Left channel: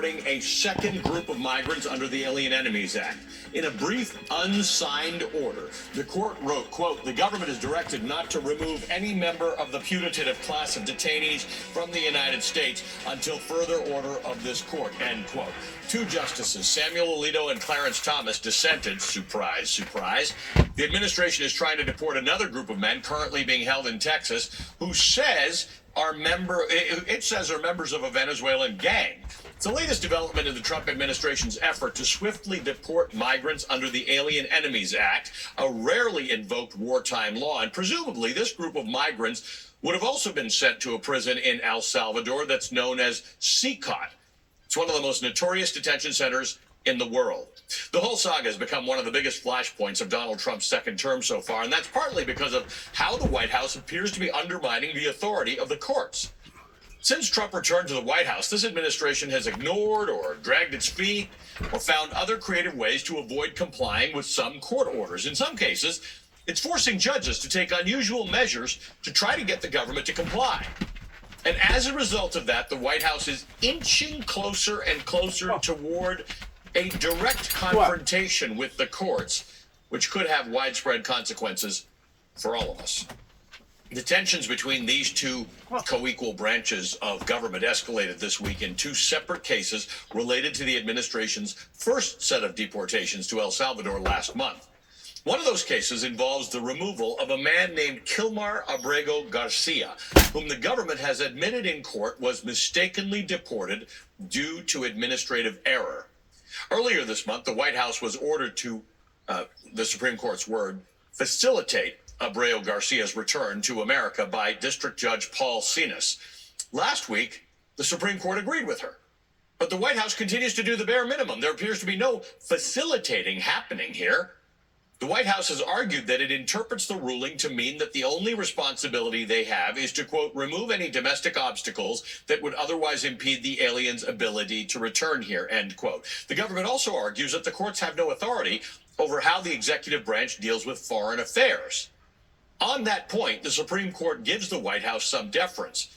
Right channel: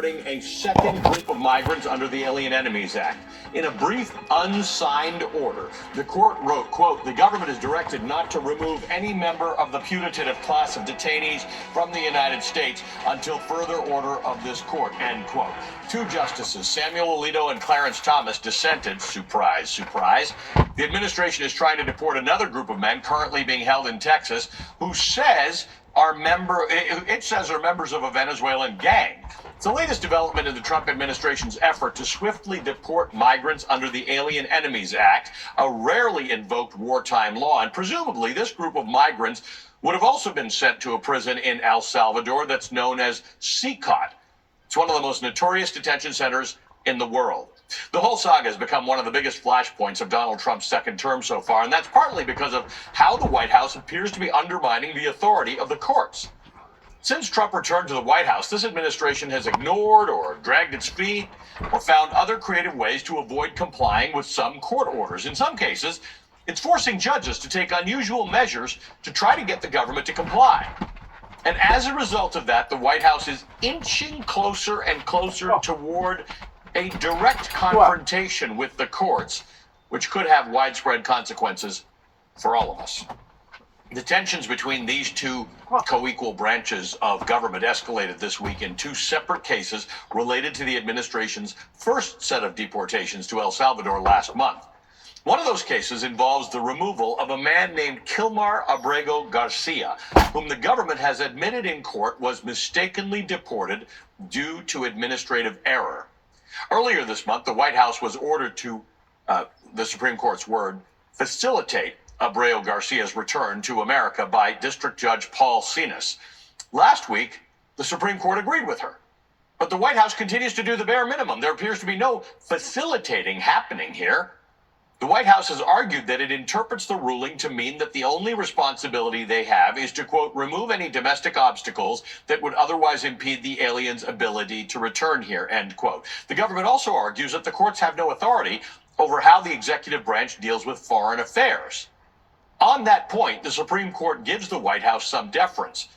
deporting a second group of migrants under the Alien Enemies Act. In a brief, unsigned order, the court wrote, quote, "The government is directed not to remove any member of the putative class of detainees from the United States until further order of this court," end quote. Two justices, Samuel Alito and Clarence Thomas, dissented. Surprise, surprise. The administration is trying to deport another group of men currently being held in Texas who says are members of a Venezuelan gang. It's the latest development in the Trump administration's effort to swiftly deport migrants under the Alien Enemies Act, a rarely invoked wartime law. And presumably, this group of migrants would have also been sent to a prison in El Salvador that's known as CCOT. It's one of the most notorious detention centers in the world. The whole saga has become one of the biggest flashpoints of Donald Trump's second term so far, and that's partly because of how the White House appears to be undermining the authority of the courts. Since Trump returned to the White House, this administration has ignored or dragged its feet or found other creative ways to avoid complying with some court orders. In some cases, it's forcing judges to take unusual measures to try to get the government to comply. And as a result of that, the White House is inching closer and closer toward a direct confrontation with the courts, which could have widespread consequences for all of us. The tensions between these two co-equal branches of government escalated this week in two separate cases related to the administration's first set of deportations to El Salvador last month. One of those cases involves the removal of a man named Kilmar Abrego Garcia, whom the government has admitted in court was mistakenly deported due to administrative error. Earlier this month, the White House was ordered to, the Supreme Court's word, facilitate Abrego Garcia's return to America by District Judge Paul Sinas. Last week, the Supreme Court agreed with her. But the White House continues to do the bare minimum. There appears to be no facilitating happening here. The White House has argued that it interprets the ruling to mean that the only responsibility they have is to, quote, remove any domestic obstacles that would otherwise impede the aliens' ability to return here, end quote. The government also argues that the courts have no authority over how the executive branch deals with foreign affairs. On that point, the Supreme Court gives the White House some deference.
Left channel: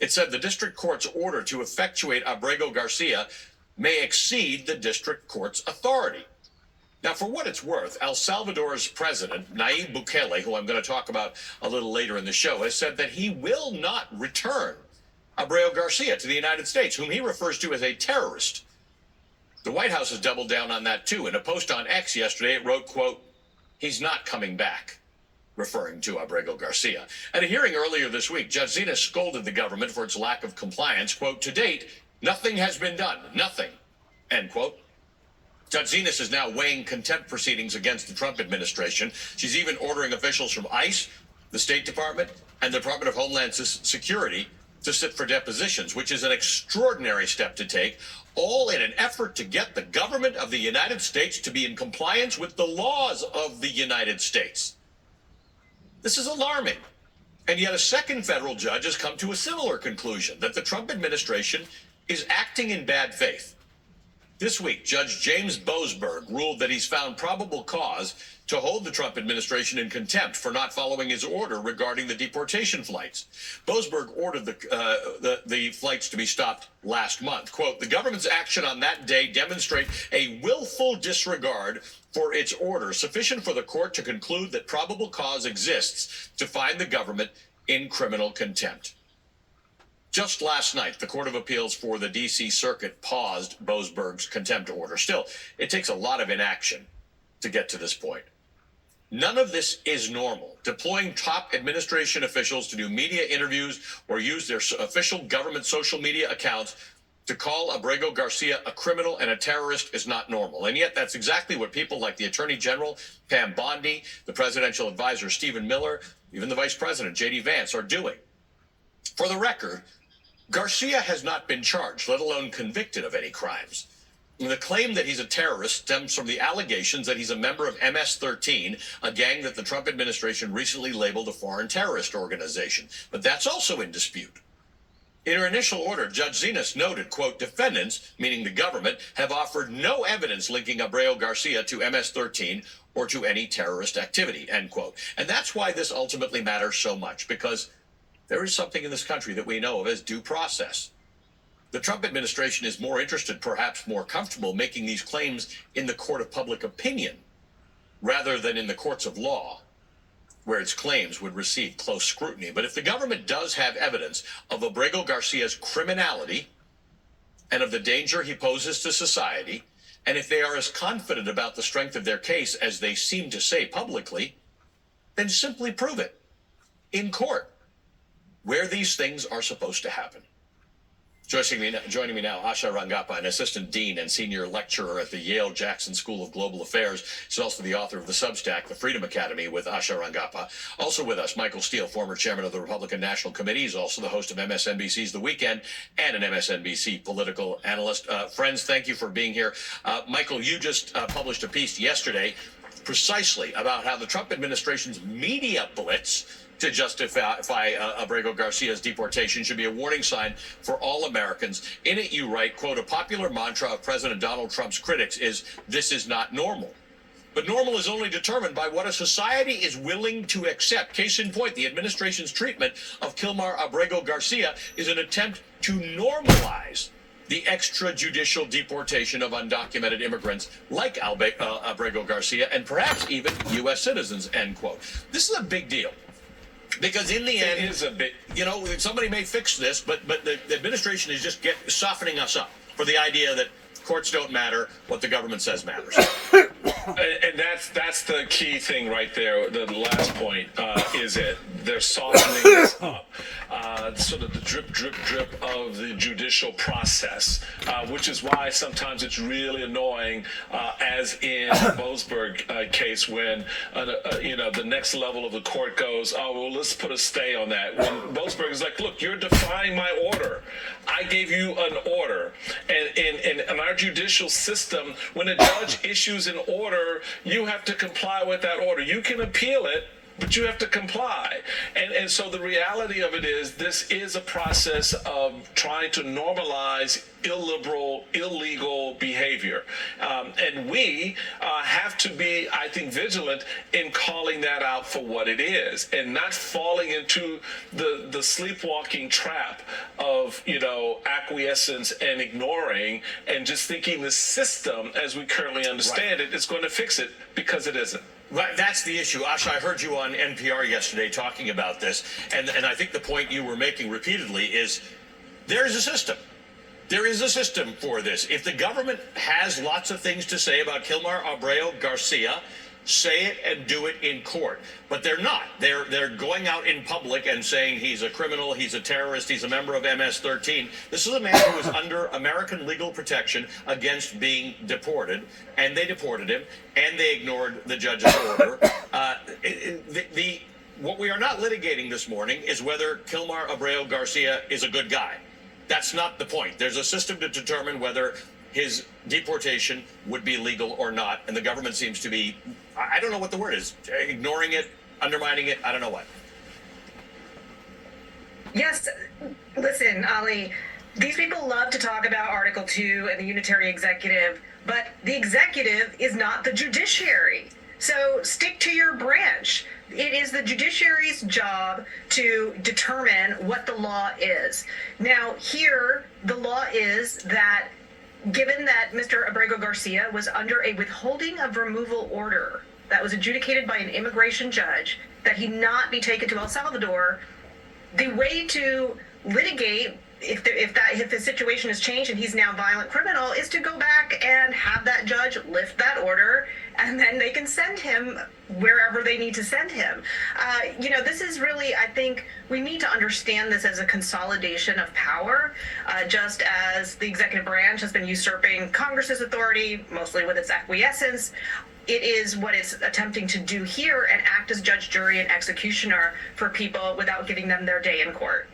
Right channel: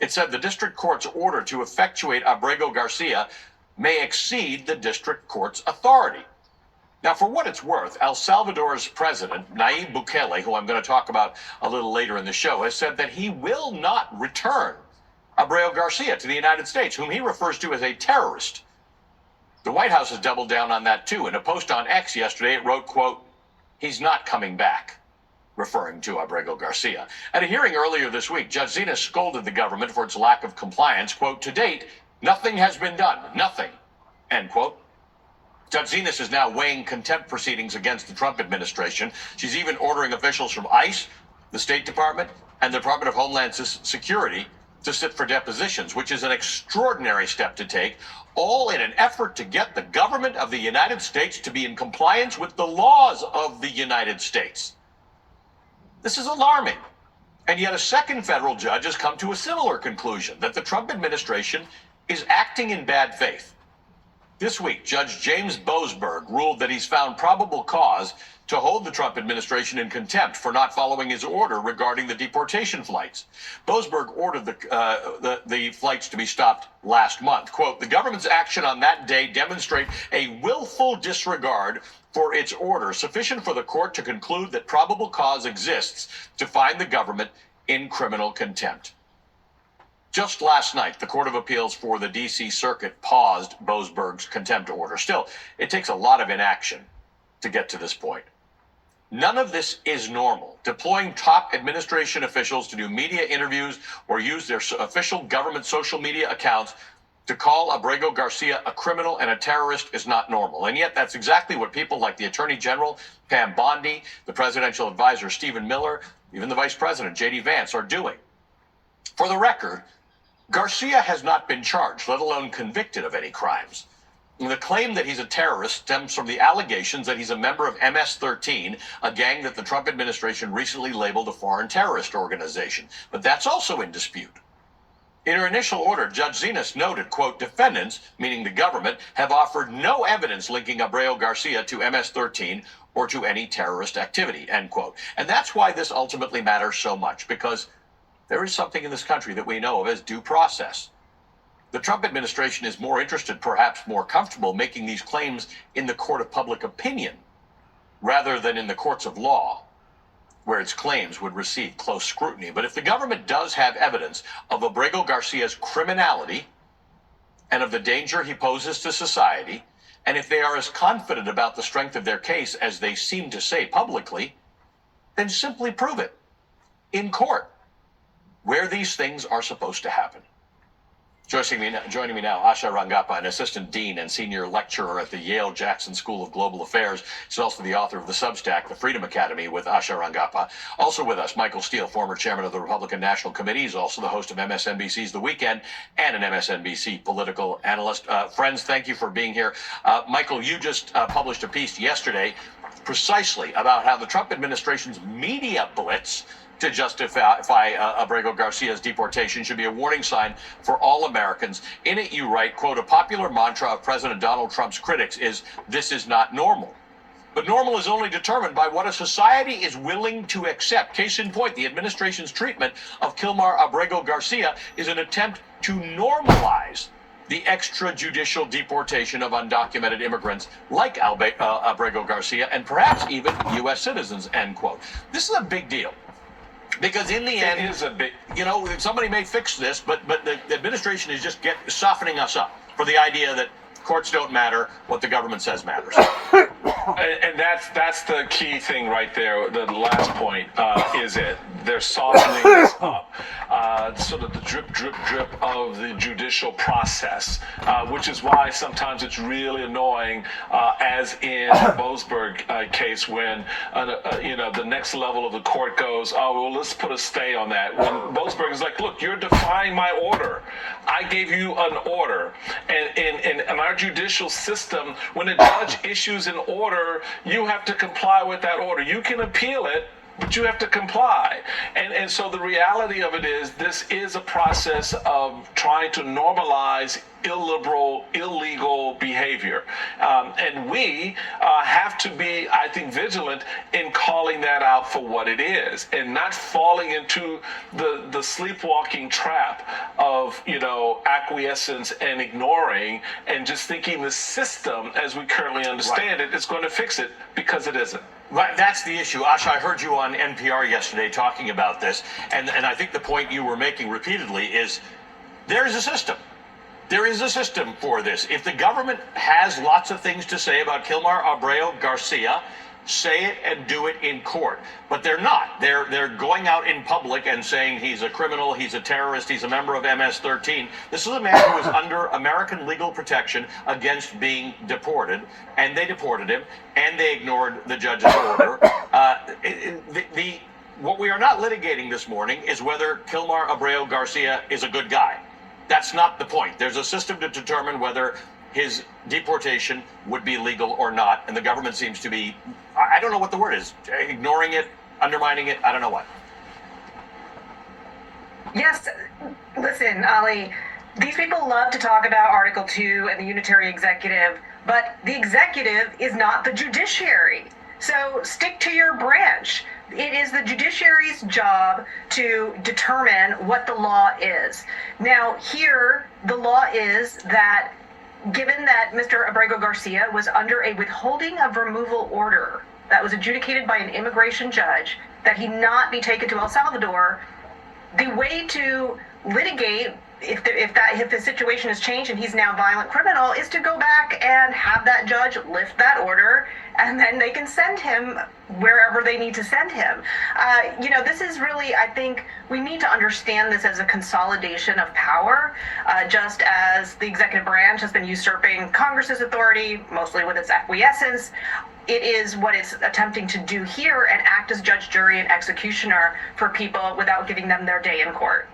It said the district court's order to effectuate Abrego Garcia may exceed the district court's authority. Now, for what it's worth, El Salvador's president, Nayib Bukele, who I'm going to talk about a little later in the show, has said that he will not return Abrego Garcia to the United States, whom he refers to as a terrorist. The White House has doubled down on that, too. In a post on X yesterday, it wrote, quote, "He's not coming back," referring to Abrego Garcia. At a hearing earlier this week, Judge Zina scolded the government for its lack of compliance. Quote, "To date, nothing has been done. Nothing," end quote. Judge Zinas is now weighing contempt proceedings against the Trump administration. She's even ordering officials from ICE, the State Department, and the Department of Homeland Security to sit for depositions, which is an extraordinary step to take, all in an effort to get the government of the United States to be in compliance with the laws of the United States. This is alarming. And yet a second federal judge has come to a similar conclusion, that the Trump administration is acting in bad faith. This week, Judge James Boasberg ruled that he's found probable cause to hold the Trump administration in contempt for not following his order regarding the deportation flights. Boasberg ordered the flights to be stopped last month. Quote, "The government's action on that day demonstrate a willful disregard for its order, sufficient for the court to conclude that probable cause exists to find the government in criminal contempt." Just last night, the Court of Appeals for the D.C. Circuit paused Boasberg's contempt order. Still, it takes a lot of inaction to get to this point. None of this is normal. Deploying top administration officials to do media interviews or use their official government social media accounts to call Abrego Garcia a criminal and a terrorist is not normal. And yet that's exactly what people like the Attorney General, Pam Bondi, the presidential advisor, Stephen Miller, even the Vice President, J.D. Vance, are doing. For the record, Garcia has not been charged, let alone convicted of any crimes. The claim that he's a terrorist stems from the allegations that he's a member of MS-13, a gang that the Trump administration recently labeled a foreign terrorist organization. But that's also in dispute. In her initial order, Judge Zinas noted, quote, "Defendants, meaning the government, have offered no evidence linking Abrego Garcia to MS-13 or to any terrorist activity," end quote. And that's why this ultimately matters so much, because there is something in this country that we know of as due process. The Trump administration is more interested, perhaps more comfortable, making these claims in the court of public opinion rather than in the courts of law, where its claims would receive close scrutiny. But if the government does have evidence of Abrego Garcia's criminality and of the danger he poses to society, and if they are as confident about the strength of their case as they seem to say publicly, then simply prove it in court, where these things are supposed to happen. Joining me now, Asha Rangappa, an assistant dean and senior lecturer at the Yale Jackson School of Global Affairs. She's also the author of the Substack, The Freedom Academy with Asha Rangappa. Also with us, Michael Steele, former chairman of the Republican National Committee. He's also the host of MSNBC's The Weekend and an MSNBC political analyst. Friends, thank you for being here. Michael, you just published a piece yesterday precisely about how the Trump administration's media blitz to justify Abrego Garcia's deportation should be a warning sign for all Americans. In it, you write, quote, a popular mantra of President Donald Trump's critics is, this is not normal. But normal is only determined by what a society is willing to accept. Case in point, the administration's treatment of Kilmar Abrego Garcia is an attempt to normalize the extrajudicial deportation of undocumented immigrants like Abrego Garcia and perhaps even U.S. citizens, end quote. This is a big deal. Because in the end, it is a big, somebody may fix this, but the administration is just softening us up for the idea that courts don't matter, what the government says matters. And that's the key thing right there. The last point is they're softening us up. Sort of the drip, drip, drip of the judicial process, which is why sometimes it's really annoying, as in the Boasberg case, when the next level of the court goes, oh, well, let's put a stay on that. When Boasberg is like, look, you're defying my order. I gave you an order. And in our judicial system, when a judge issues an order, you have to comply with that order. You can appeal it, but you have to comply. And so the reality of it is, this is a process of trying to normalize illiberal, illegal behavior. And we have to be, I think, vigilant in calling that out for what it is and not falling into the sleepwalking trap of, acquiescence and ignoring and just thinking the system, as we currently understand it, is going to fix it, because it isn't. Right, that's the issue. Asha, I heard you on NPR yesterday talking about this, and I think the point you were making repeatedly is there is a system. There is a system for this. If the government has lots of things to say about Kilmar Abrego Garcia, say it and do it in court. But they're not. They're going out in public and saying he's a criminal, he's a terrorist, he's a member of MS-13. This is a man who is under American legal protection against being deported, and they deported him, and they ignored the judge's order. What we are not litigating this morning is whether Kilmar Abrego Garcia is a good guy. That's not the point. There's a system to determine whether his deportation would be legal or not, and the government seems to be, I don't know what the word is, ignoring it, undermining it, I don't know what. Yes, listen, Ali, these people love to talk about Article 2 and the unitary executive, but the executive is not the judiciary. So stick to your branch. It is the judiciary's job to determine what the law is. Now, here, the law is that given that Mr. Abrego Garcia was under a withholding of removal order that was adjudicated by an immigration judge, that he not be taken to El Salvador, the way to litigate if the situation has changed and he's now a violent criminal is to go back and have that judge lift that order, and then they can send him wherever they need to send him. This is really, I think, we need to understand this as a consolidation of power, just as the executive branch has been usurping Congress's authority, mostly with its acquiescence. It is what it's attempting to do here and act as judge, jury, and executioner for people without giving them their day in court.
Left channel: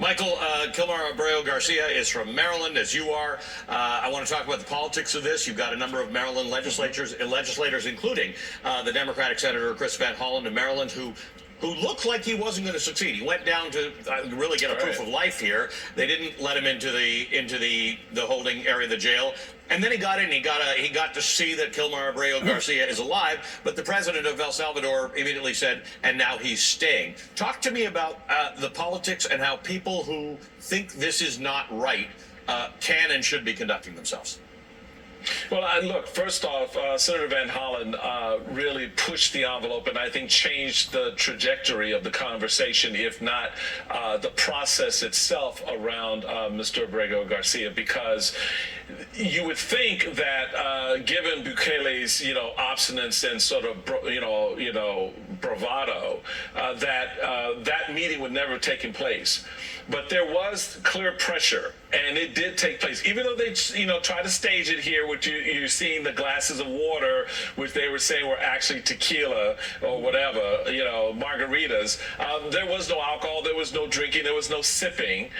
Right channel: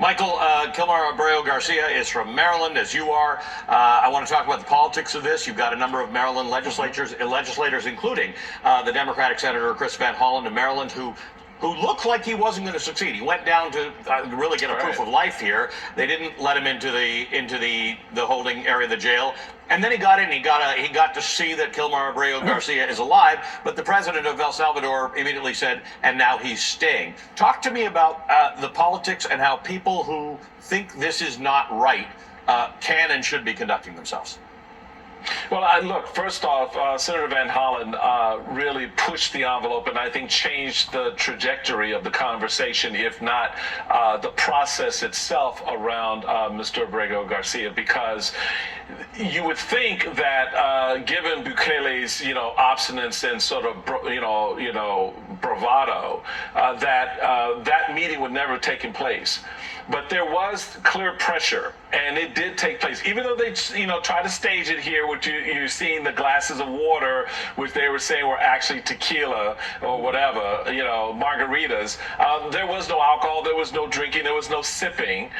Michael, Kilmar Abrego Garcia is from Maryland, as you are. I want to talk about the politics of this. You've got a number of Maryland legislators, including the Democratic Senator Chris Van Hollen of Maryland, who looked like he wasn't going to succeed. He went down to really get a proof of life here. They didn't let him into the holding area of the jail. And then he got in. He got to see that Kilmar Abrego Garcia is alive. But the president of El Salvador immediately said, and now he's staying. Talk to me about the politics and how people who think this is not right can and should be conducting themselves? Well, look, first off, Senator Van Hollen really pushed the envelope and I think changed the trajectory of the conversation, if not the process itself around Mr. Abrego Garcia, because you would think that given Bukele's, obstinance and sort of, bravado, that meeting would never have taken place. But there was clear pressure, and it did take place. Even though they, tried to stage it here, which you're seeing the glasses of water, which they were saying were actually tequila or whatever, margaritas. There was no alcohol, there was no drinking, there was no sipping,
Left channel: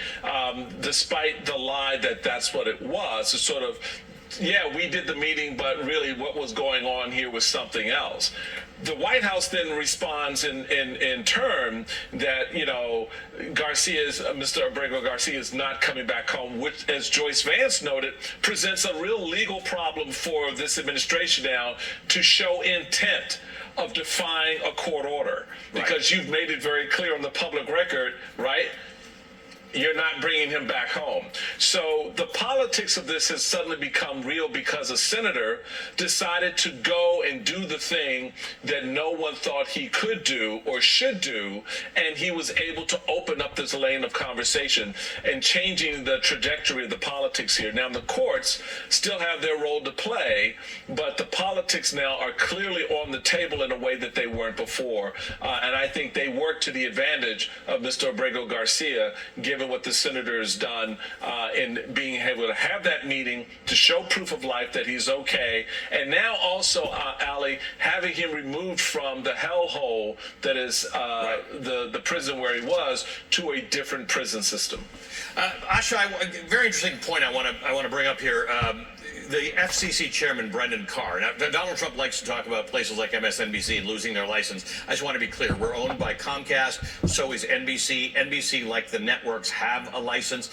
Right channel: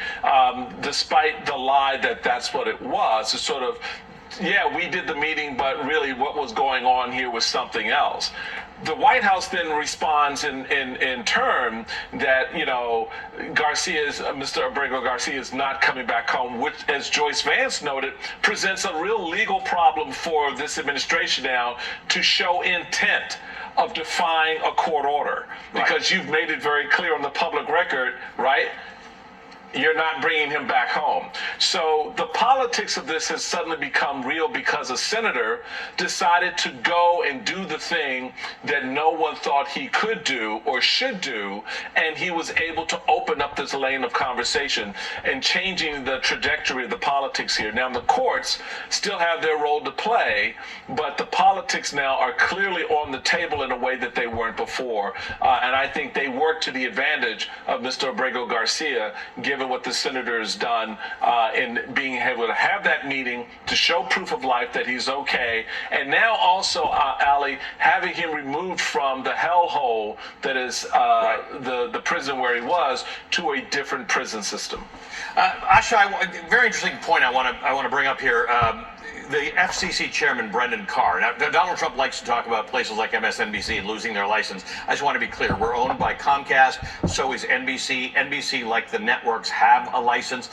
despite the lie that that's what it was. It's sort of, yeah, we did the meeting, but really what was going on here was something else. The White House then responds in turn that, Mr. Abrego Garcia is not coming back home, which, as Joyce Vance noted, presents a real legal problem for this administration now to show intent of defying a court order. Because you've made it very clear on the public record, right? You're not bringing him back home. So the politics of this has suddenly become real because a senator decided to go and do the thing that no one thought he could do or should do, and he was able to open up this lane of conversation and changing the trajectory of the politics here. Now, the courts still have their role to play, but the politics now are clearly on the table in a way that they weren't before, and I think they work to the advantage of Mr. Abrego Garcia, given what the senator has done in being able to have that meeting to show proof of life that he's okay, and now also, Ali, having him removed from the hellhole that is the prison where he was to a different prison system. Asha, very interesting point I want to bring up here. The FCC chairman, Brendan Carr. Now, Donald Trump likes to talk about places like MSNBC and losing their license. I just want to be clear. We're owned by Comcast. So is NBC. NBC, like the networks, have a license.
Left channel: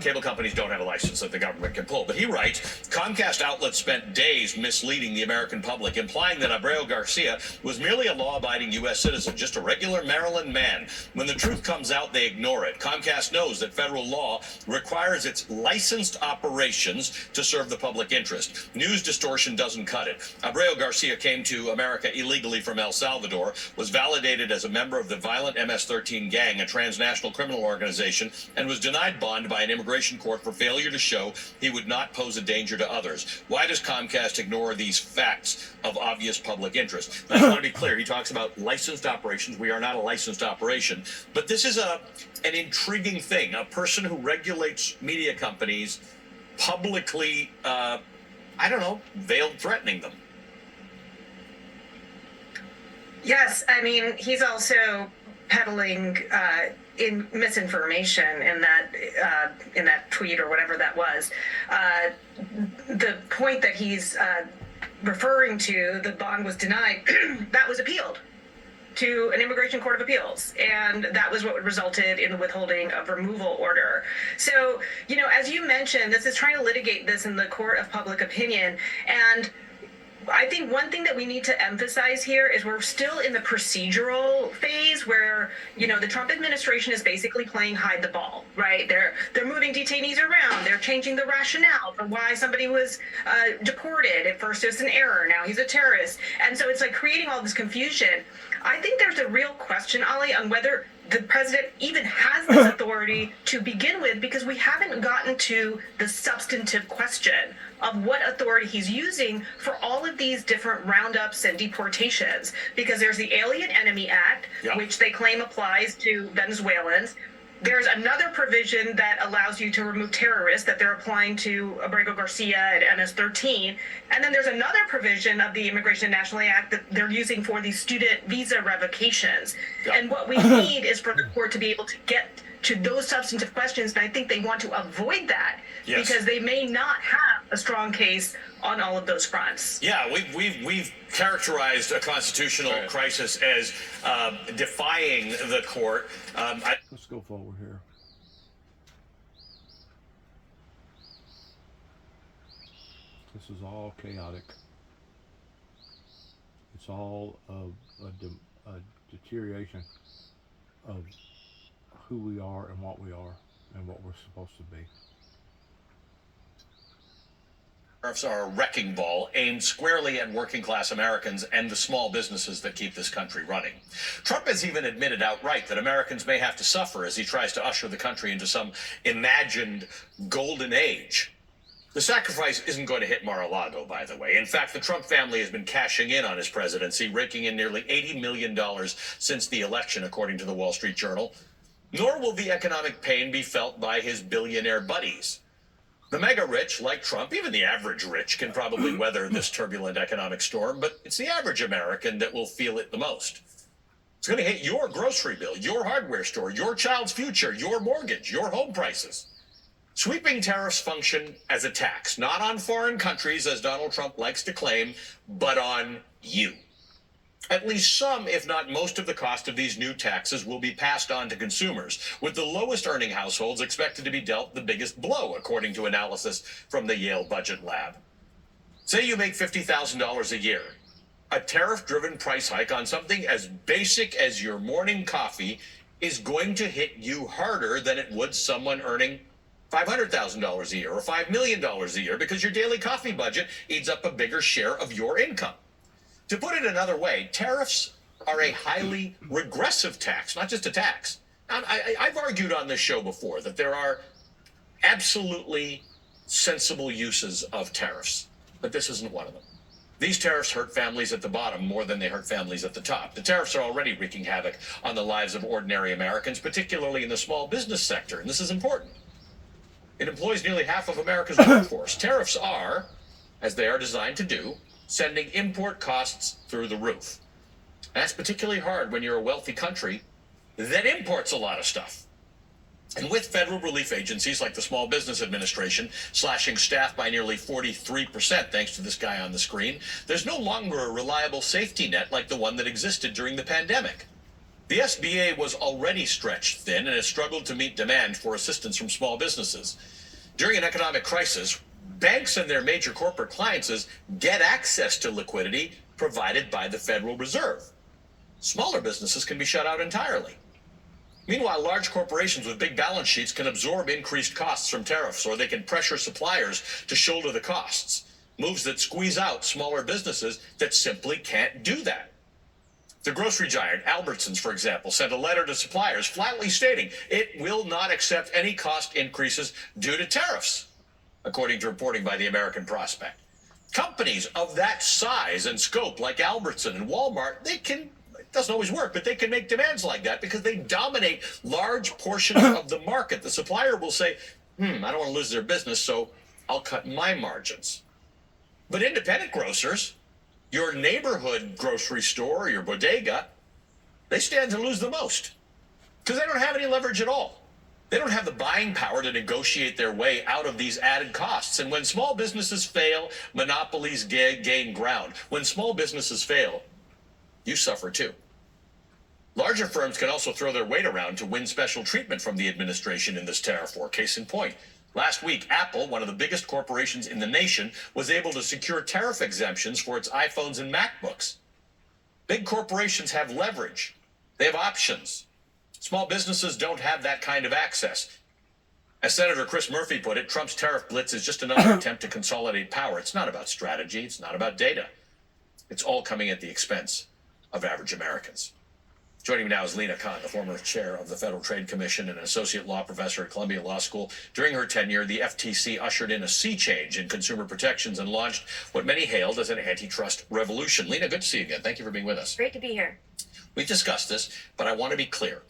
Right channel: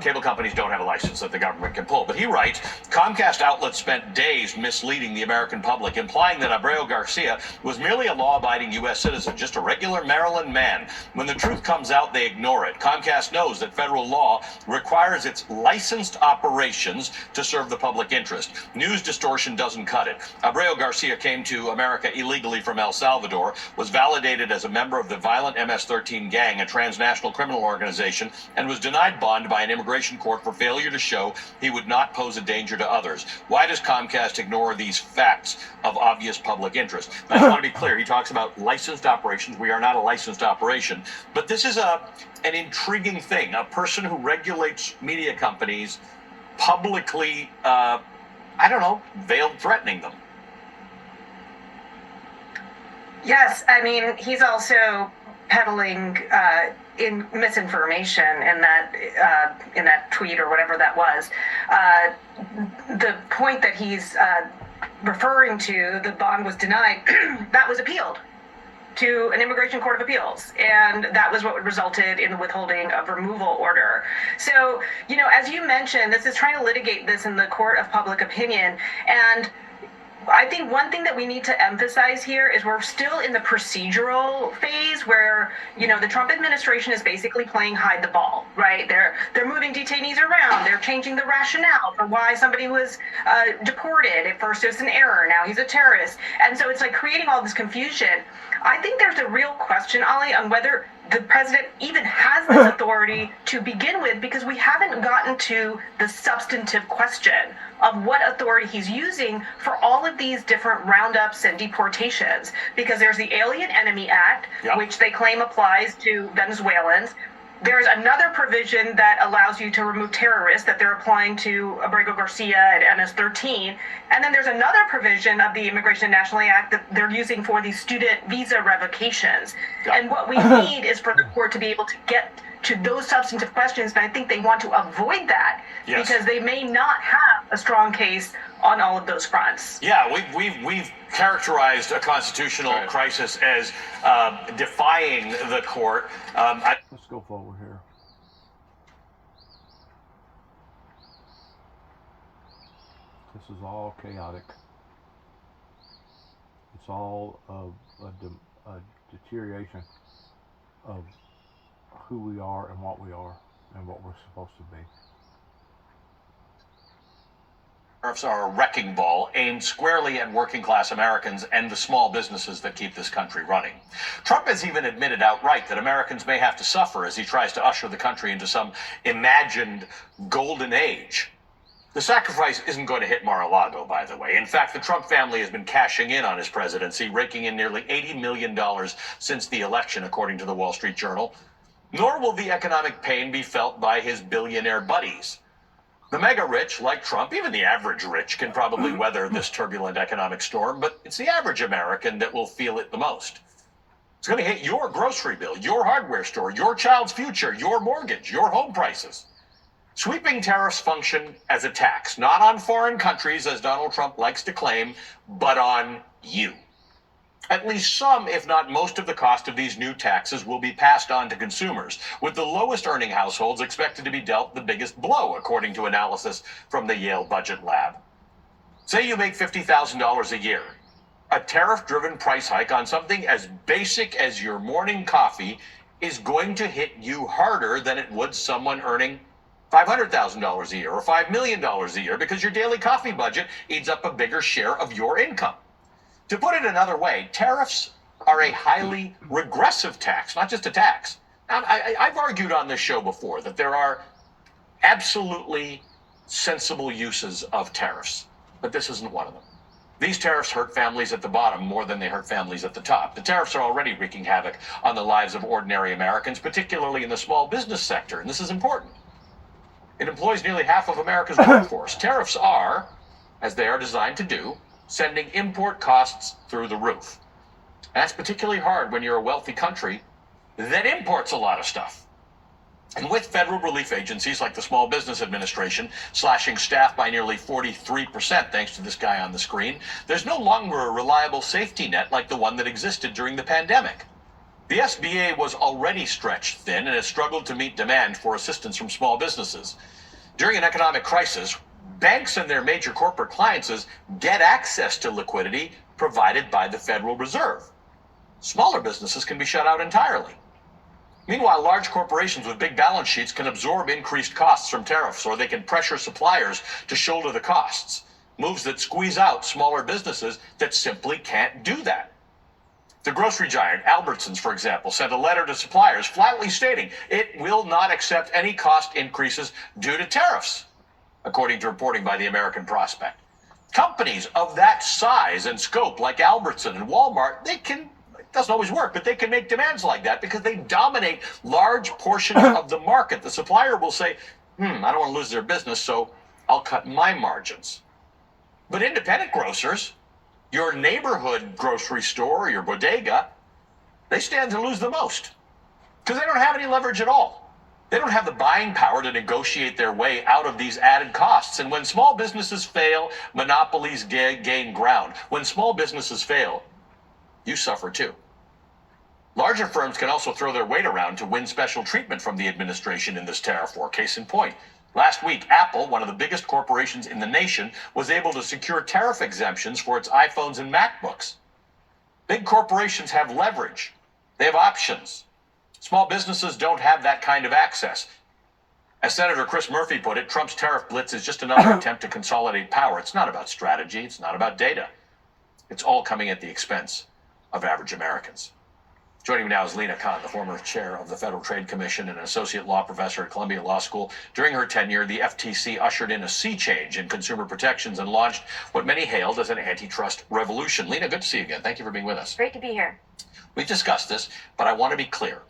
Cable companies don't have a license that the government can pull. But he writes, Comcast outlets spent days misleading the American public, implying that Abrego Garcia was merely a law-abiding U.S. citizen, just a regular Maryland man. When the truth comes out, they ignore it. Comcast knows that federal law requires its licensed operations to serve the public interest. News distortion doesn't cut it. Abrego Garcia came to America illegally from El Salvador, was validated as a member of the violent MS-13 gang, a transnational criminal organization, and was denied bond by an immigration court for failure to show he would not pose a danger to others. Why does Comcast ignore these facts of obvious public interest? I just want to be clear. He talks about licensed operations. We are not a licensed operation. But this is an intriguing thing. A person who regulates media companies publicly, veiled threatening them. Yes, I mean, he's also peddling in misinformation in that tweet or whatever that was. The point that he's referring to, the bond was denied, that was appealed to an immigration court of appeals, and that was what resulted in the withholding of removal order. So, as you mentioned, this is trying to litigate this in the court of public opinion, and I think one thing that we need to emphasize here is we're still in the procedural phase where, the Trump administration is basically playing hide the ball, right? They're moving detainees around. They're changing the rationale for why somebody was deported. At first it was an error. Now he's a terrorist. And so it's like creating all this confusion. I think there's a real question, Ali, on whether the president even has this authority to begin with, because we haven't gotten to the substantive question of what authority he's using for all of these different roundups and deportations. Because there's the Alien Enemy Act, which they claim applies to Venezuelans. There's another provision that allows you to remove terrorists that they're applying to Abrego Garcia at MS-13. And then there's another provision of the Immigration and Nationality Act that they're using for these student visa revocations. And what we need is for the court to be able to get to those substantive questions, and I think they want to avoid that because they may not have a strong case on all of those fronts. Yeah, we've characterized a constitutional crisis as defying the court. Let's go forward here. This is all chaotic. It's all a deterioration of who we are and what we are and what we're supposed to be. Tariffs are a wrecking ball aimed squarely at working class Americans and the small businesses that keep this country running. Trump has even admitted outright that Americans may have to suffer as he tries to usher the country into some imagined golden age. The sacrifice isn't going to hit Mar-a-Lago, by the way. In fact, the Trump family has been cashing in on his presidency, raking in nearly $80 million since the election, according to the Wall Street Journal. Nor will the economic pain be felt by his billionaire buddies. The mega rich, like Trump, even the average rich, can probably weather this turbulent economic storm, but it's the average American that will feel it the most. It's going to hit your grocery bill, your hardware store, your child's future, your mortgage, your home prices. Sweeping tariffs function as a tax, not on foreign countries, as Donald Trump likes to claim, but on you. At least some, if not most, of the cost of these new taxes will be passed on to consumers, with the lowest earning households expected to be dealt the biggest blow, according to analysis from the Yale Budget Lab. Say you make $50,000 a year. A tariff-driven price hike on something as basic as your morning coffee is going to hit you harder than it would someone earning $500,000 a year or $5 million a year, because your daily coffee budget eats up a bigger share of your income. To put it another way, tariffs are a highly regressive tax, not just a tax. Now, I've argued on this show before that there are absolutely sensible uses of tariffs, but this isn't one of them. These tariffs hurt families at the bottom more than they hurt families at the top. The tariffs are already wreaking havoc on the lives of ordinary Americans, particularly in the small business sector, and this is important. It employs nearly half of America's workforce. Tariffs are, as they are designed to do, sending import costs through the roof. And that's particularly hard when you're a wealthy country that imports a lot of stuff. And with federal relief agencies like the Small Business Administration slashing staff by nearly 43%, thanks to this guy on the screen, there's no longer a reliable safety net like the one that existed during the pandemic. The SBA was already stretched thin and has struggled to meet demand for assistance from small businesses. During an economic crisis, banks and their major corporate clients get access to liquidity provided by the Federal Reserve. Smaller businesses can be shut out entirely. Meanwhile, large corporations with big balance sheets can absorb increased costs from tariffs, or they can pressure suppliers to shoulder the costs, moves that squeeze out smaller businesses that simply can't do that. The grocery giant, Albertsons, for example, sent a letter to suppliers flatly stating it will not accept any cost increases due to tariffs, according to reporting by the American Prospect. Companies of that size and scope, like Albertson and Walmart, it doesn't always work, but they can make demands like that because they dominate large portions of the market. The supplier will say, I don't want to lose their business, so I'll cut my margins. But independent grocers, your neighborhood grocery store, your bodega, they stand to lose the most because they don't have any leverage at all. They don't have the buying power to negotiate their way out of these added costs. And when small businesses fail, monopolies gain ground. When small businesses fail, you suffer too. Larger firms can also throw their weight around to win special treatment from the administration in this tariff war. Case in point, last week, Apple, one of the biggest corporations in the nation, was able to secure tariff exemptions for its iPhones and MacBooks. Big corporations have leverage. They have options. Small businesses don't have that kind of access. As Senator Chris Murphy put it, Trump's tariff blitz is just another attempt to consolidate power. It's not about strategy. It's not about data. It's all coming at the expense of average Americans. Joining me now is Lina Khan, the former chair of the Federal Trade Commission and an associate law professor at Columbia Law School. During her tenure, the FTC ushered in a sea change in consumer protections and launched what many hailed as an antitrust revolution. Lina, good to see you again. Thank you for being with us. Great to be here. We've discussed this, but I want to be clear.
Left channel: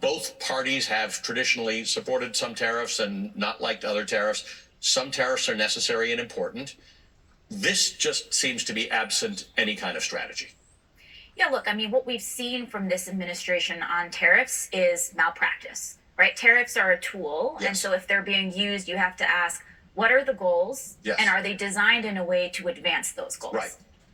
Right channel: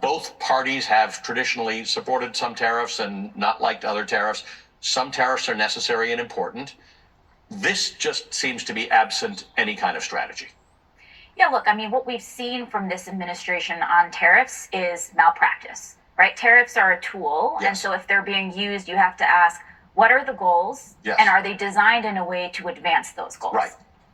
Both parties have traditionally supported some tariffs and not liked other tariffs. Some tariffs are necessary and important. This just seems to be absent any kind of strategy. Yeah, look, I mean, what we've seen from this administration on tariffs is malpractice, right? Tariffs are a tool. Yes. And so if they're being used, you have to ask, what are the goals? Yes. And are they designed in a way to advance those goals? Right.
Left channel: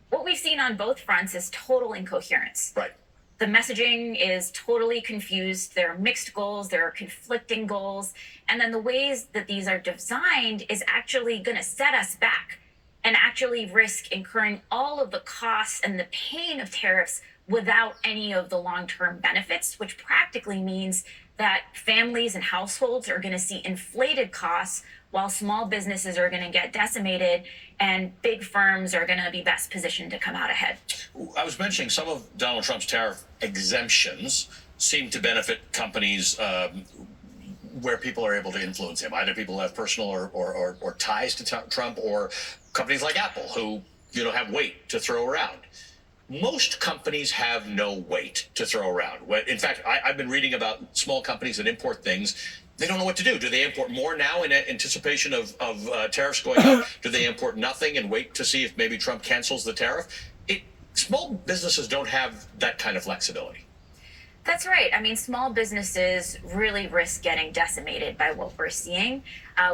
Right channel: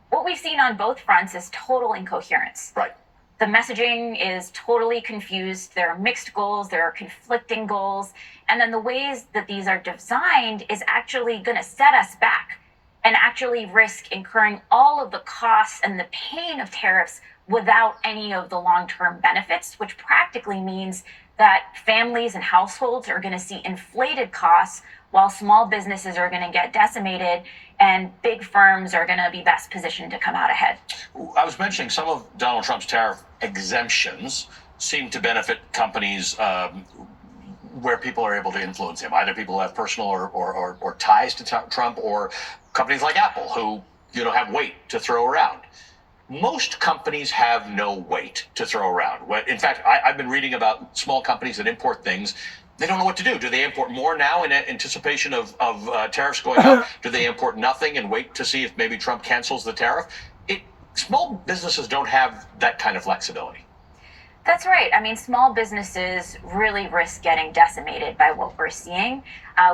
What we've seen on both fronts is total incoherence. Right. The messaging is totally confused. There are mixed goals, there are conflicting goals. And then the ways that these are designed is actually going to set us back and actually risk incurring all of the costs and the pain of tariffs without any of the long-term benefits, which practically means that families and households are going to see inflated costs while small businesses are going to get decimated and big firms are going to be best positioned to come out ahead. I was mentioning some of Donald Trump's tariff exemptions seem to benefit companies where people are able to influence him. Either people who have personal or ties to Trump, or companies like Apple who have weight to throw around. Most companies have no weight to throw around. In fact, I've been reading about small companies that import things. They don't know what to do. Do they import more now in anticipation of tariffs going up? Do they import nothing and wait to see if maybe Trump cancels the tariff? Small businesses don't have that kind of flexibility. That's right. I mean, small businesses really risk getting decimated by what we're seeing.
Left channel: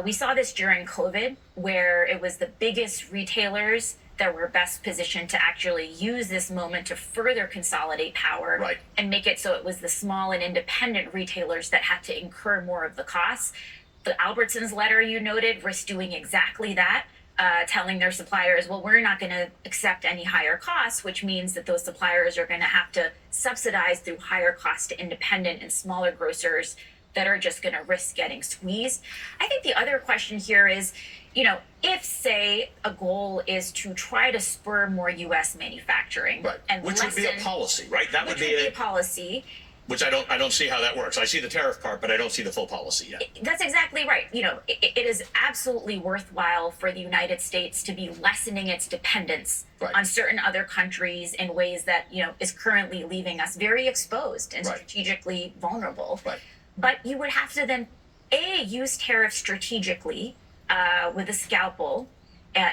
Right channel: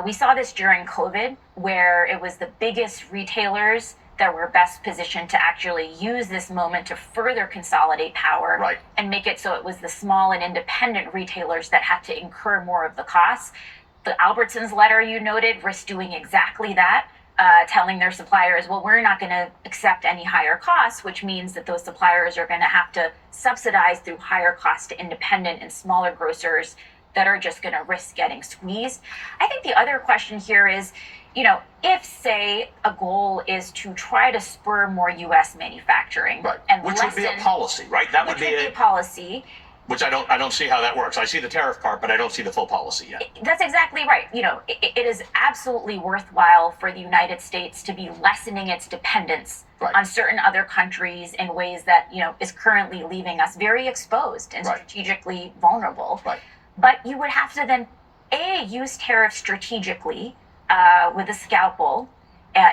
We saw this during COVID, where it was the biggest retailers that were best positioned to actually use this moment to further consolidate power, Right. and make it so it was the small and independent retailers that had to incur more of the costs. The Albertsons letter you noted risked doing exactly that. Telling their suppliers, well, we're not going to accept any higher costs, which means that those suppliers are going to have to subsidize through higher costs to independent and smaller grocers that are just going to risk getting squeezed. I think the other question here is, if, say, a goal is to try to spur more U.S. manufacturing, Right. and Which would be a policy, right? That would be a policy. Which I don't see how that works. I see the tariff part, but I don't see the full policy yet. That's exactly right. It is absolutely worthwhile for the United States to be lessening its dependence Right. on certain other countries in ways that, is currently leaving us very exposed and Right. strategically vulnerable. Right. But you would have to then, use tariffs strategically with a scalpel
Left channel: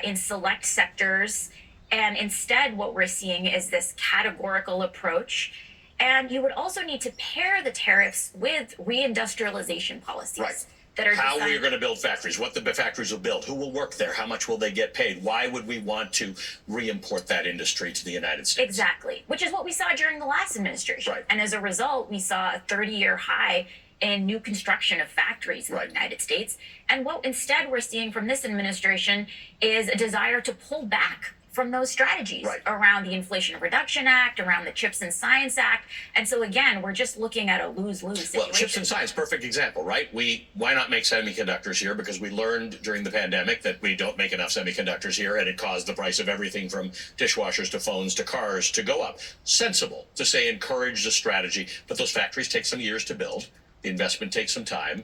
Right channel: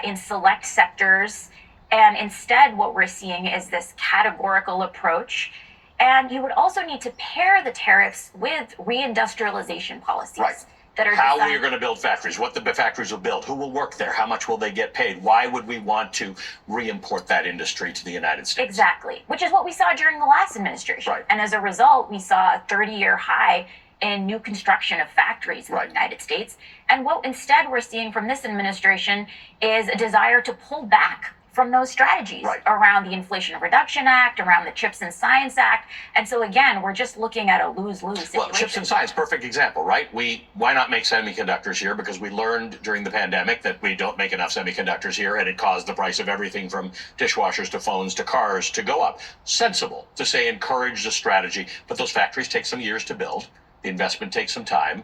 in select sectors. And instead, what we're seeing is this categorical approach. And you would also need to pair the tariffs with reindustrialization policies Right. that are How designed. we're going to build factories, what the factories will build, who will work there, how much will they get paid, why would we want to re-import that industry to the United States? Exactly, which is what we saw during the last administration. Right. And as a result, we saw a 30-year high in new construction of factories in Right. the United States. And what instead we're seeing from this administration is a desire to pull back from those strategies Right. around the Inflation Reduction Act, around the Chips and Science Act. And so again, we're just looking at a lose-lose situation. Well, chips and science, perfect example, right? Why not make semiconductors here? Because we learned during the pandemic that we don't make enough semiconductors here, and it caused the price of everything from dishwashers to phones to cars to go up. Sensible to say encourage the strategy, but those factories take some years to build. The investment takes some time.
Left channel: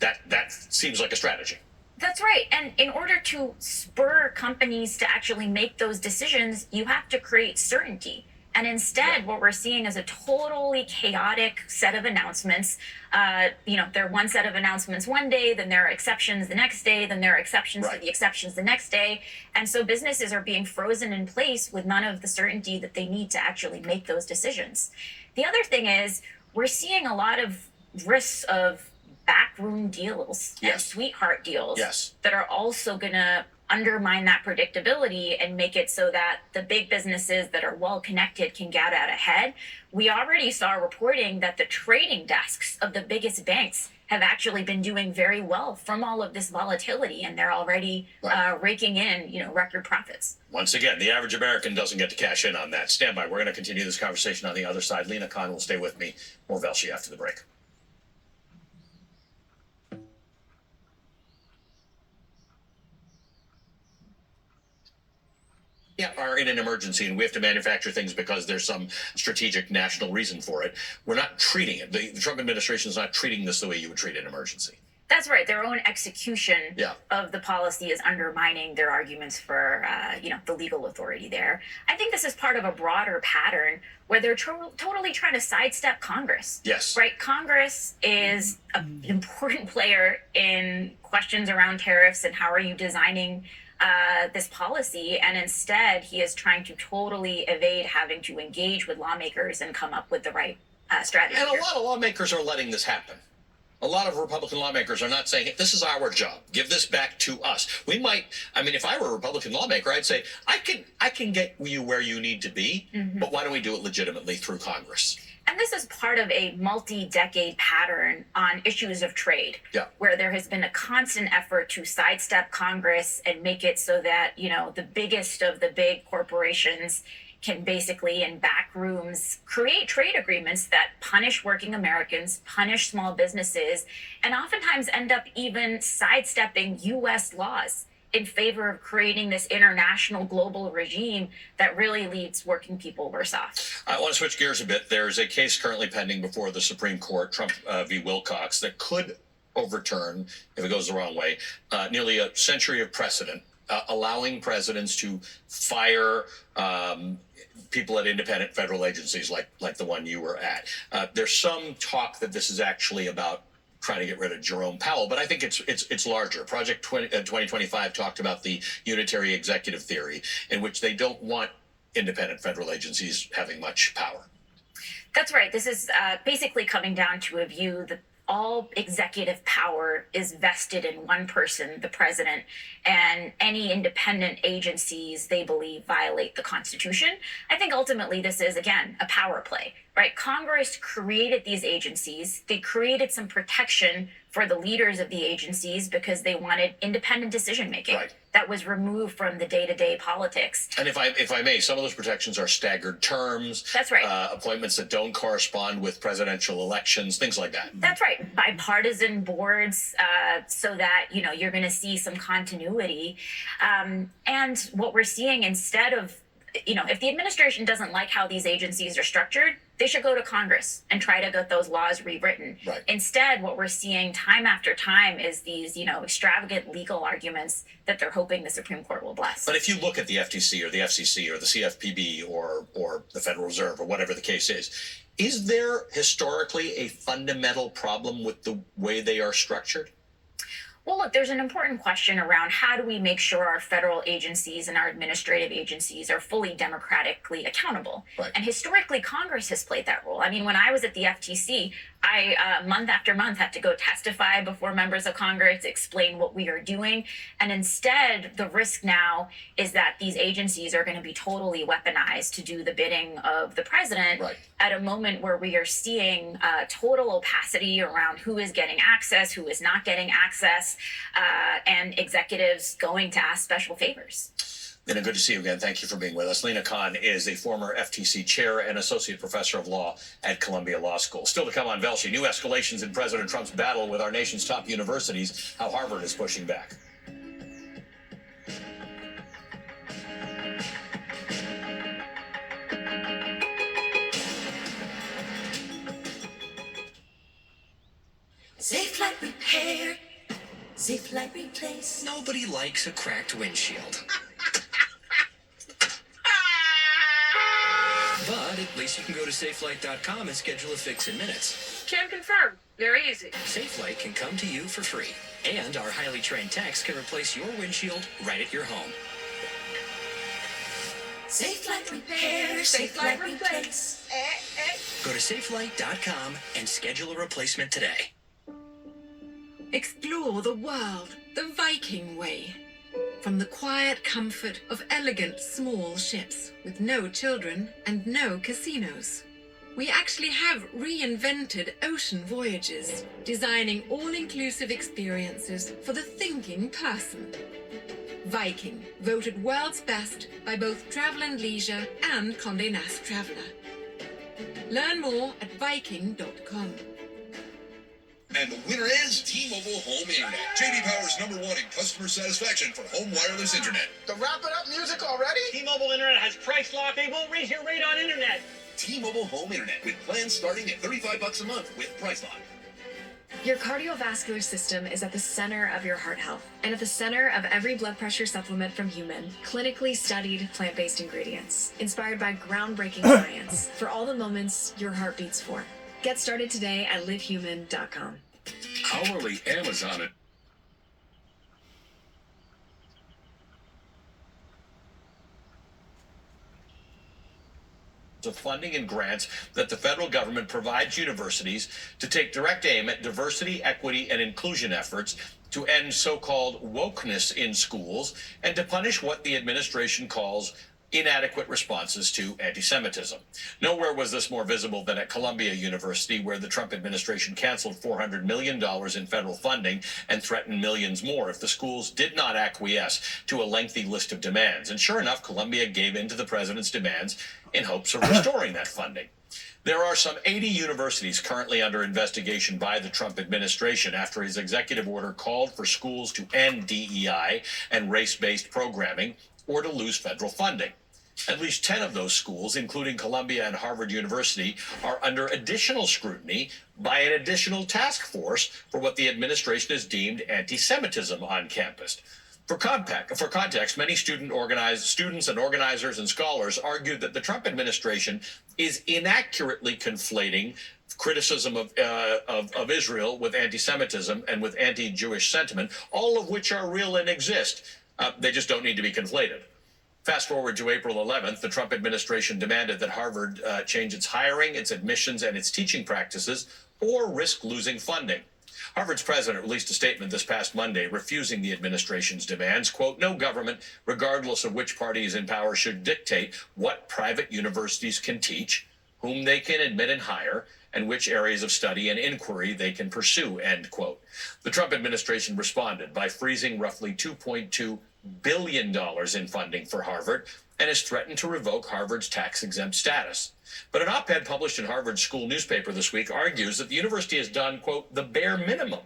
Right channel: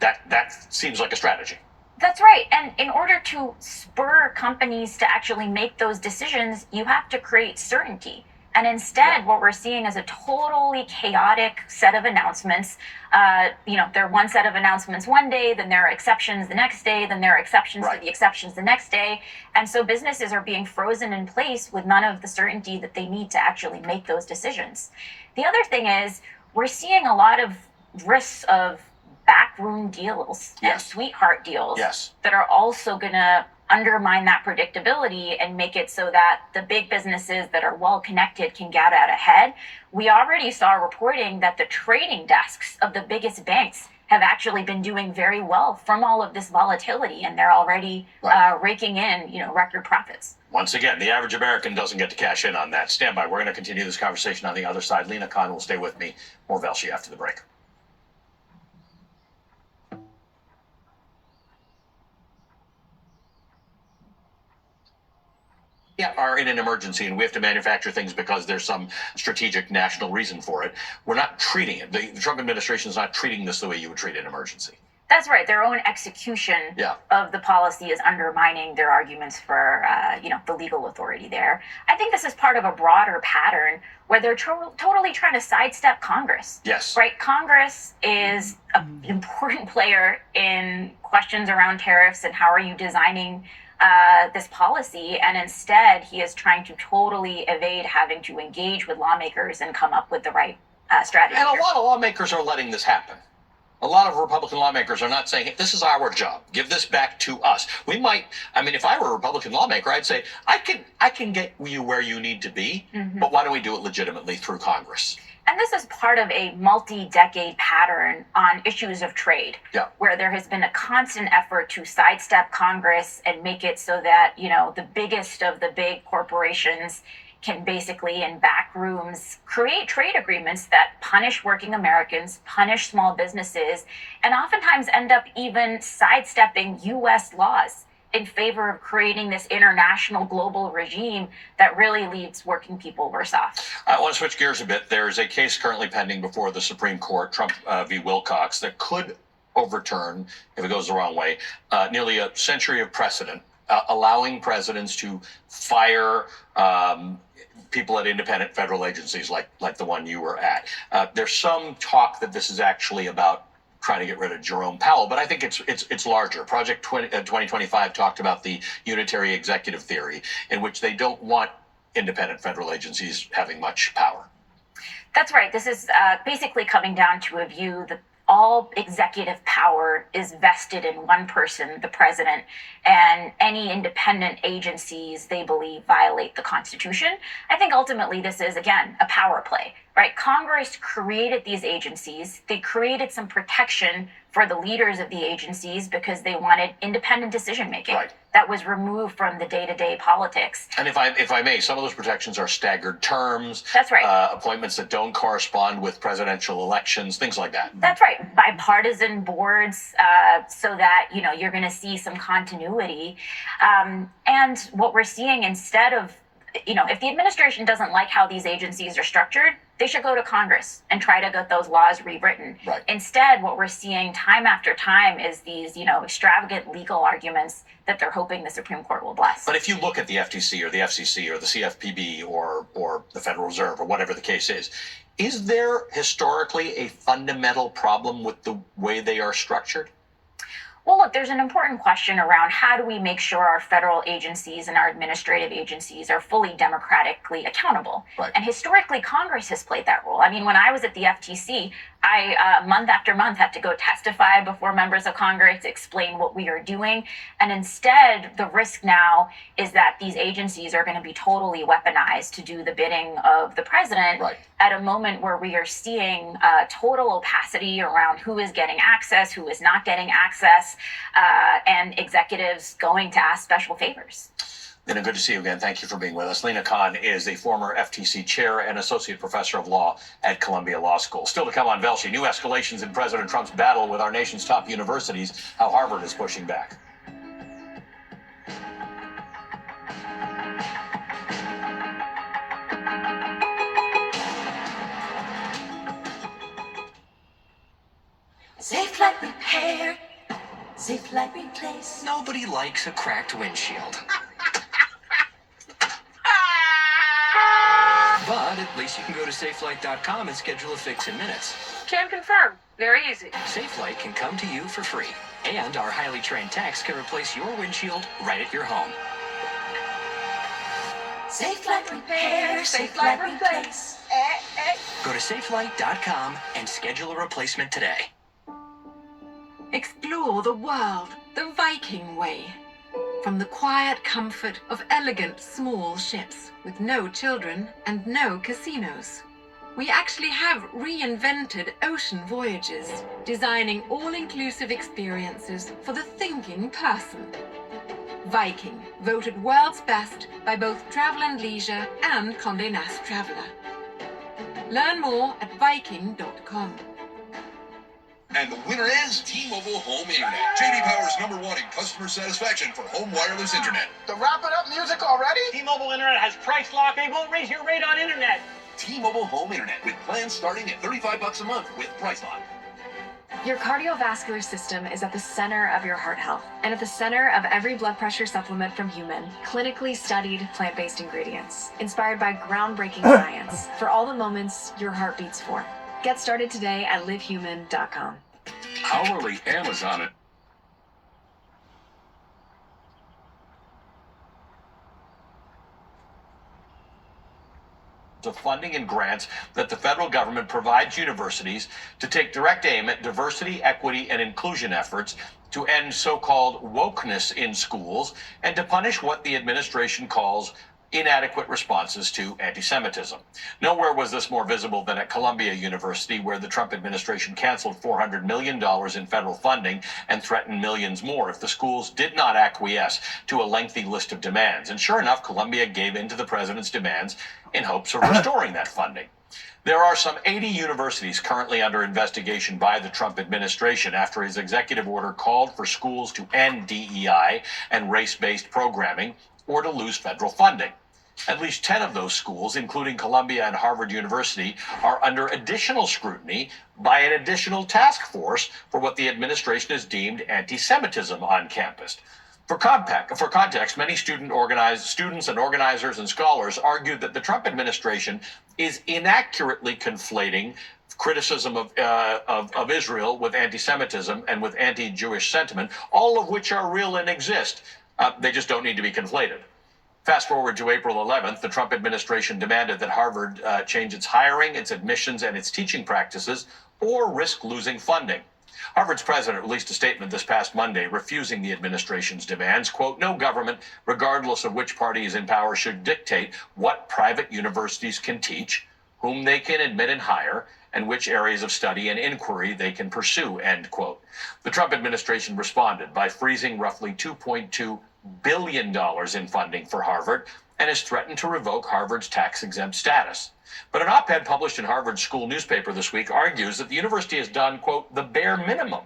That seems like a strategy. That's right. And in order to spur companies to actually make those decisions, you have to create certainty. And instead, what we're seeing is a totally chaotic set of announcements. There are one set of announcements one day, then there are exceptions the next day, then there are exceptions Right. to the exceptions the next day. And so businesses are being frozen in place with none of the certainty that they need to actually make those decisions. The other thing is, we're seeing a lot of risks of backroom deals and Yes. sweetheart deals Yes. that are also going to undermine that predictability and make it so that the big businesses that are well connected can get out ahead. We already saw reporting that the trading desks of the biggest banks have actually been doing very well from all of this volatility, and they're already Right. raking in, record profits. Once again, the average American doesn't get to cash in on that. Stand by. We're going to continue this conversation on the other side. Lena Khan will stay with me. More Velshi after the break. Are in an emergency and we have to manufacture things because there's some strategic national reason for it. We're not treating it. The Trump administration is not treating this the way you would treat an emergency. That's right. Their own execution Yeah. of the policy is undermining their arguments for, the legal authority there. I think this is part of a broader pattern where they're totally trying to sidestep Congress. Yes. Right. Congress is an important player in questions around tariffs and how are you designing this policy, and instead he is trying to totally evade having to engage with lawmakers and come up with the right strategy. And a here. lot of lawmakers are letting this happen. A lot of Republican lawmakers are not saying, hey, this is our job. Give this back to us. We might, if I were a Republican lawmaker, I'd say, I can get you where you need to be, but why don't we do it legitimately through Congress? And this is part of a multi-decade pattern on issues of trade, Yeah. where there has been a constant effort to sidestep Congress and make it so that, the biggest of the big corporations can basically, in back rooms, create trade agreements that punish working Americans, punish small businesses, and oftentimes end up even sidestepping US laws in favor of creating this international global regime that really leaves working people worse off. I want to switch gears a bit. There's a case currently pending before the Supreme Court, Trump v. Wilcox, that could overturn, if it goes the wrong way, nearly a century of precedent, allowing presidents to fire people at independent federal agencies like the one you were at. There's some talk that this is actually about trying to get rid of Jerome Powell, but I think it's larger. Project 2025 talked about the unitary executive theory, in which they don't want independent federal agencies having much power. That's right. This is basically coming down to a view that all executive power is vested in one person, the president, and any independent agencies they believe violate the Constitution. I think ultimately this is, again, a power play, right? Congress created these agencies. They created some protection for the leaders of the agencies because they wanted independent decision making. Right. That was removed from the day-to-day politics. And if I may, some of those protections are staggered terms. That's right. Appointments that don't correspond with presidential elections, things like that. That's right. Bipartisan boards, so that, you're going to see some continuity. And what we're seeing, instead of, if the administration doesn't like how these agencies are structured, they should go to Congress and try to get those laws rewritten. Right. Instead, what we're seeing time after time is these, extravagant legal arguments that they're hoping the Supreme Court will bless. But if you look at the FTC or the FCC or the CFPB or the Federal Reserve or whatever the case is there historically a fundamental problem with the way they are structured? Well, look, there's an important question around how do we make sure our federal agencies and our administrative agencies are fully democratically accountable? Right. And historically, Congress has played that role. I mean, when I was at the FTC, I, month after month, had to go testify before members of Congress, explain what we are doing. And instead, the risk now is that these agencies are going to be totally weaponized to do the bidding of the president. Right. At a moment where we are seeing total opacity around who is getting access, who is not getting access, and executives going to ask special favors. Lena, good to see you again. Thank you for being with us. Lena Khan is a former FTC chair and associate professor of law at Columbia Law School. Still to come on Velshi, new escalations in President Trump's battle with our nation's top universities, how Harvard is pushing back. Safe Light Repair. Safe Light Replace. Nobody likes a cracked windshield. But at least you can go to SafeLight.com and schedule a fix in minutes. Can confirm. Very easy. SafeLight can come to you for free. And our highly trained techs can replace your windshield right at your home. Safe Light Repair. Safe Light Replace. Go to SafeLight.com and schedule a replacement today. Explore the world the Viking way. From the quiet comfort of elegant small ships with no children and no casinos. We actually have reinvented ocean voyages, designing all-inclusive experiences for the thinking person. Viking, voted world's best by both Travel and Leisure and Condé Nast Traveler. Learn more at Viking.com. And the winner is T-Mobile Home Internet. J.D. Power's #1 in customer satisfaction for home wireless internet. The wrap it up music already? T-Mobile Internet has price lock. They won't raise your rate on internet. T-Mobile Home Internet with plans starting at $35 a month with price lock. Your cardiovascular system is at the center of your heart health and at the center of every blood pressure supplement from Human, clinically studied plant-based ingredients, inspired by groundbreaking science for all the moments your heart beats for. Get started today at livehuman.com. Hourly Amazon. Of funding and grants that the federal government provides universities to take direct aim at diversity, equity, and inclusion efforts to end so-called wokeness in schools and to punish what the administration calls inadequate responses to anti-Semitism. Nowhere was this more visible than at Columbia University, where the Trump administration canceled $400 million in federal funding and threatened millions more if the schools did not acquiesce to a lengthy list of demands. And sure enough, Columbia gave in to the president's demands in hopes of restoring that funding. There are some 80 universities currently under investigation by the Trump administration after his executive order called for schools to end DEI and race-based programming or to lose federal funding. At least 10 of those schools, including Columbia and Harvard University, are under additional scrutiny by an additional task force for what the administration has deemed anti-Semitism on campus. For context, many students and organizers and scholars argued that the Trump administration is inaccurately conflating criticism of Israel with anti-Semitism and with anti-Jewish sentiment, all of which are real and exist. They just don't need to be conflated. Fast forward to April 11th, the Trump administration demanded that Harvard change its hiring, its admissions, and its teaching practices, or risk losing funding. Harvard's president released a statement this past Monday refusing the administration's demands. Quote, no government, regardless of which party is in power, should dictate what private universities can teach, whom they can admit and hire, and which areas of study and inquiry they can pursue, end quote. The Trump administration responded by freezing roughly $2.2 billion in funding for Harvard and has threatened to revoke Harvard's tax-exempt status. But an op-ed published in Harvard's school newspaper this week argues that the university has done, quote, the bare minimum.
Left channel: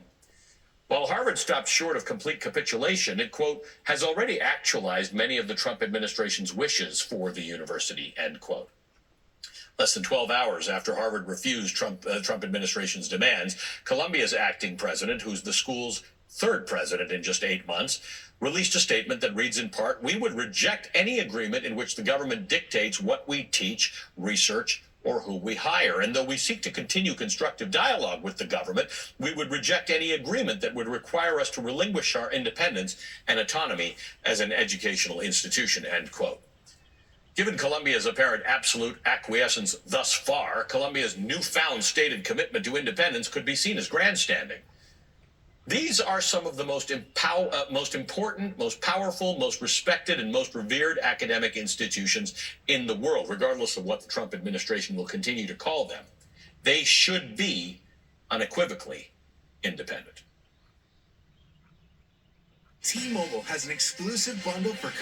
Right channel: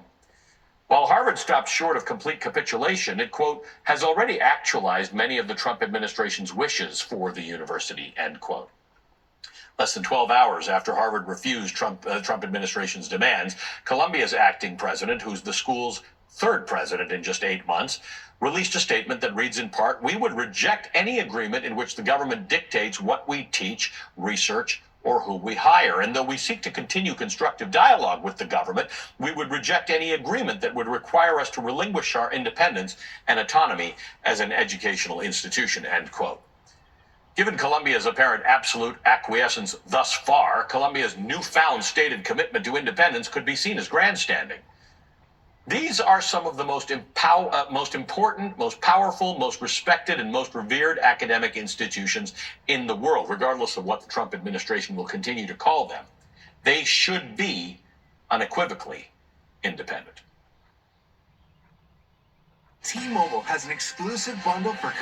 While Harvard stopped short of complete capitulation, it, quote, has already actualized many of the Trump administration's wishes for the university, end quote. Less than 12 hours after Harvard refused Trump administration's demands, Columbia's acting president, who's the school's third president in just 8 months, released a statement that reads in part, we would reject any agreement in which the government dictates what we teach, research, or who we hire. And though we seek to continue constructive dialogue with the government, we would reject any agreement that would require us to relinquish our independence and autonomy as an educational institution, end quote. Given Columbia's apparent absolute acquiescence thus far, Columbia's newfound stated commitment to independence could be seen as grandstanding. These are some of the most important, most powerful, most respected, and most revered academic institutions in the world, regardless of what the Trump administration will continue to call them. They should be unequivocally independent. T-Mobile has an exclusive bundle for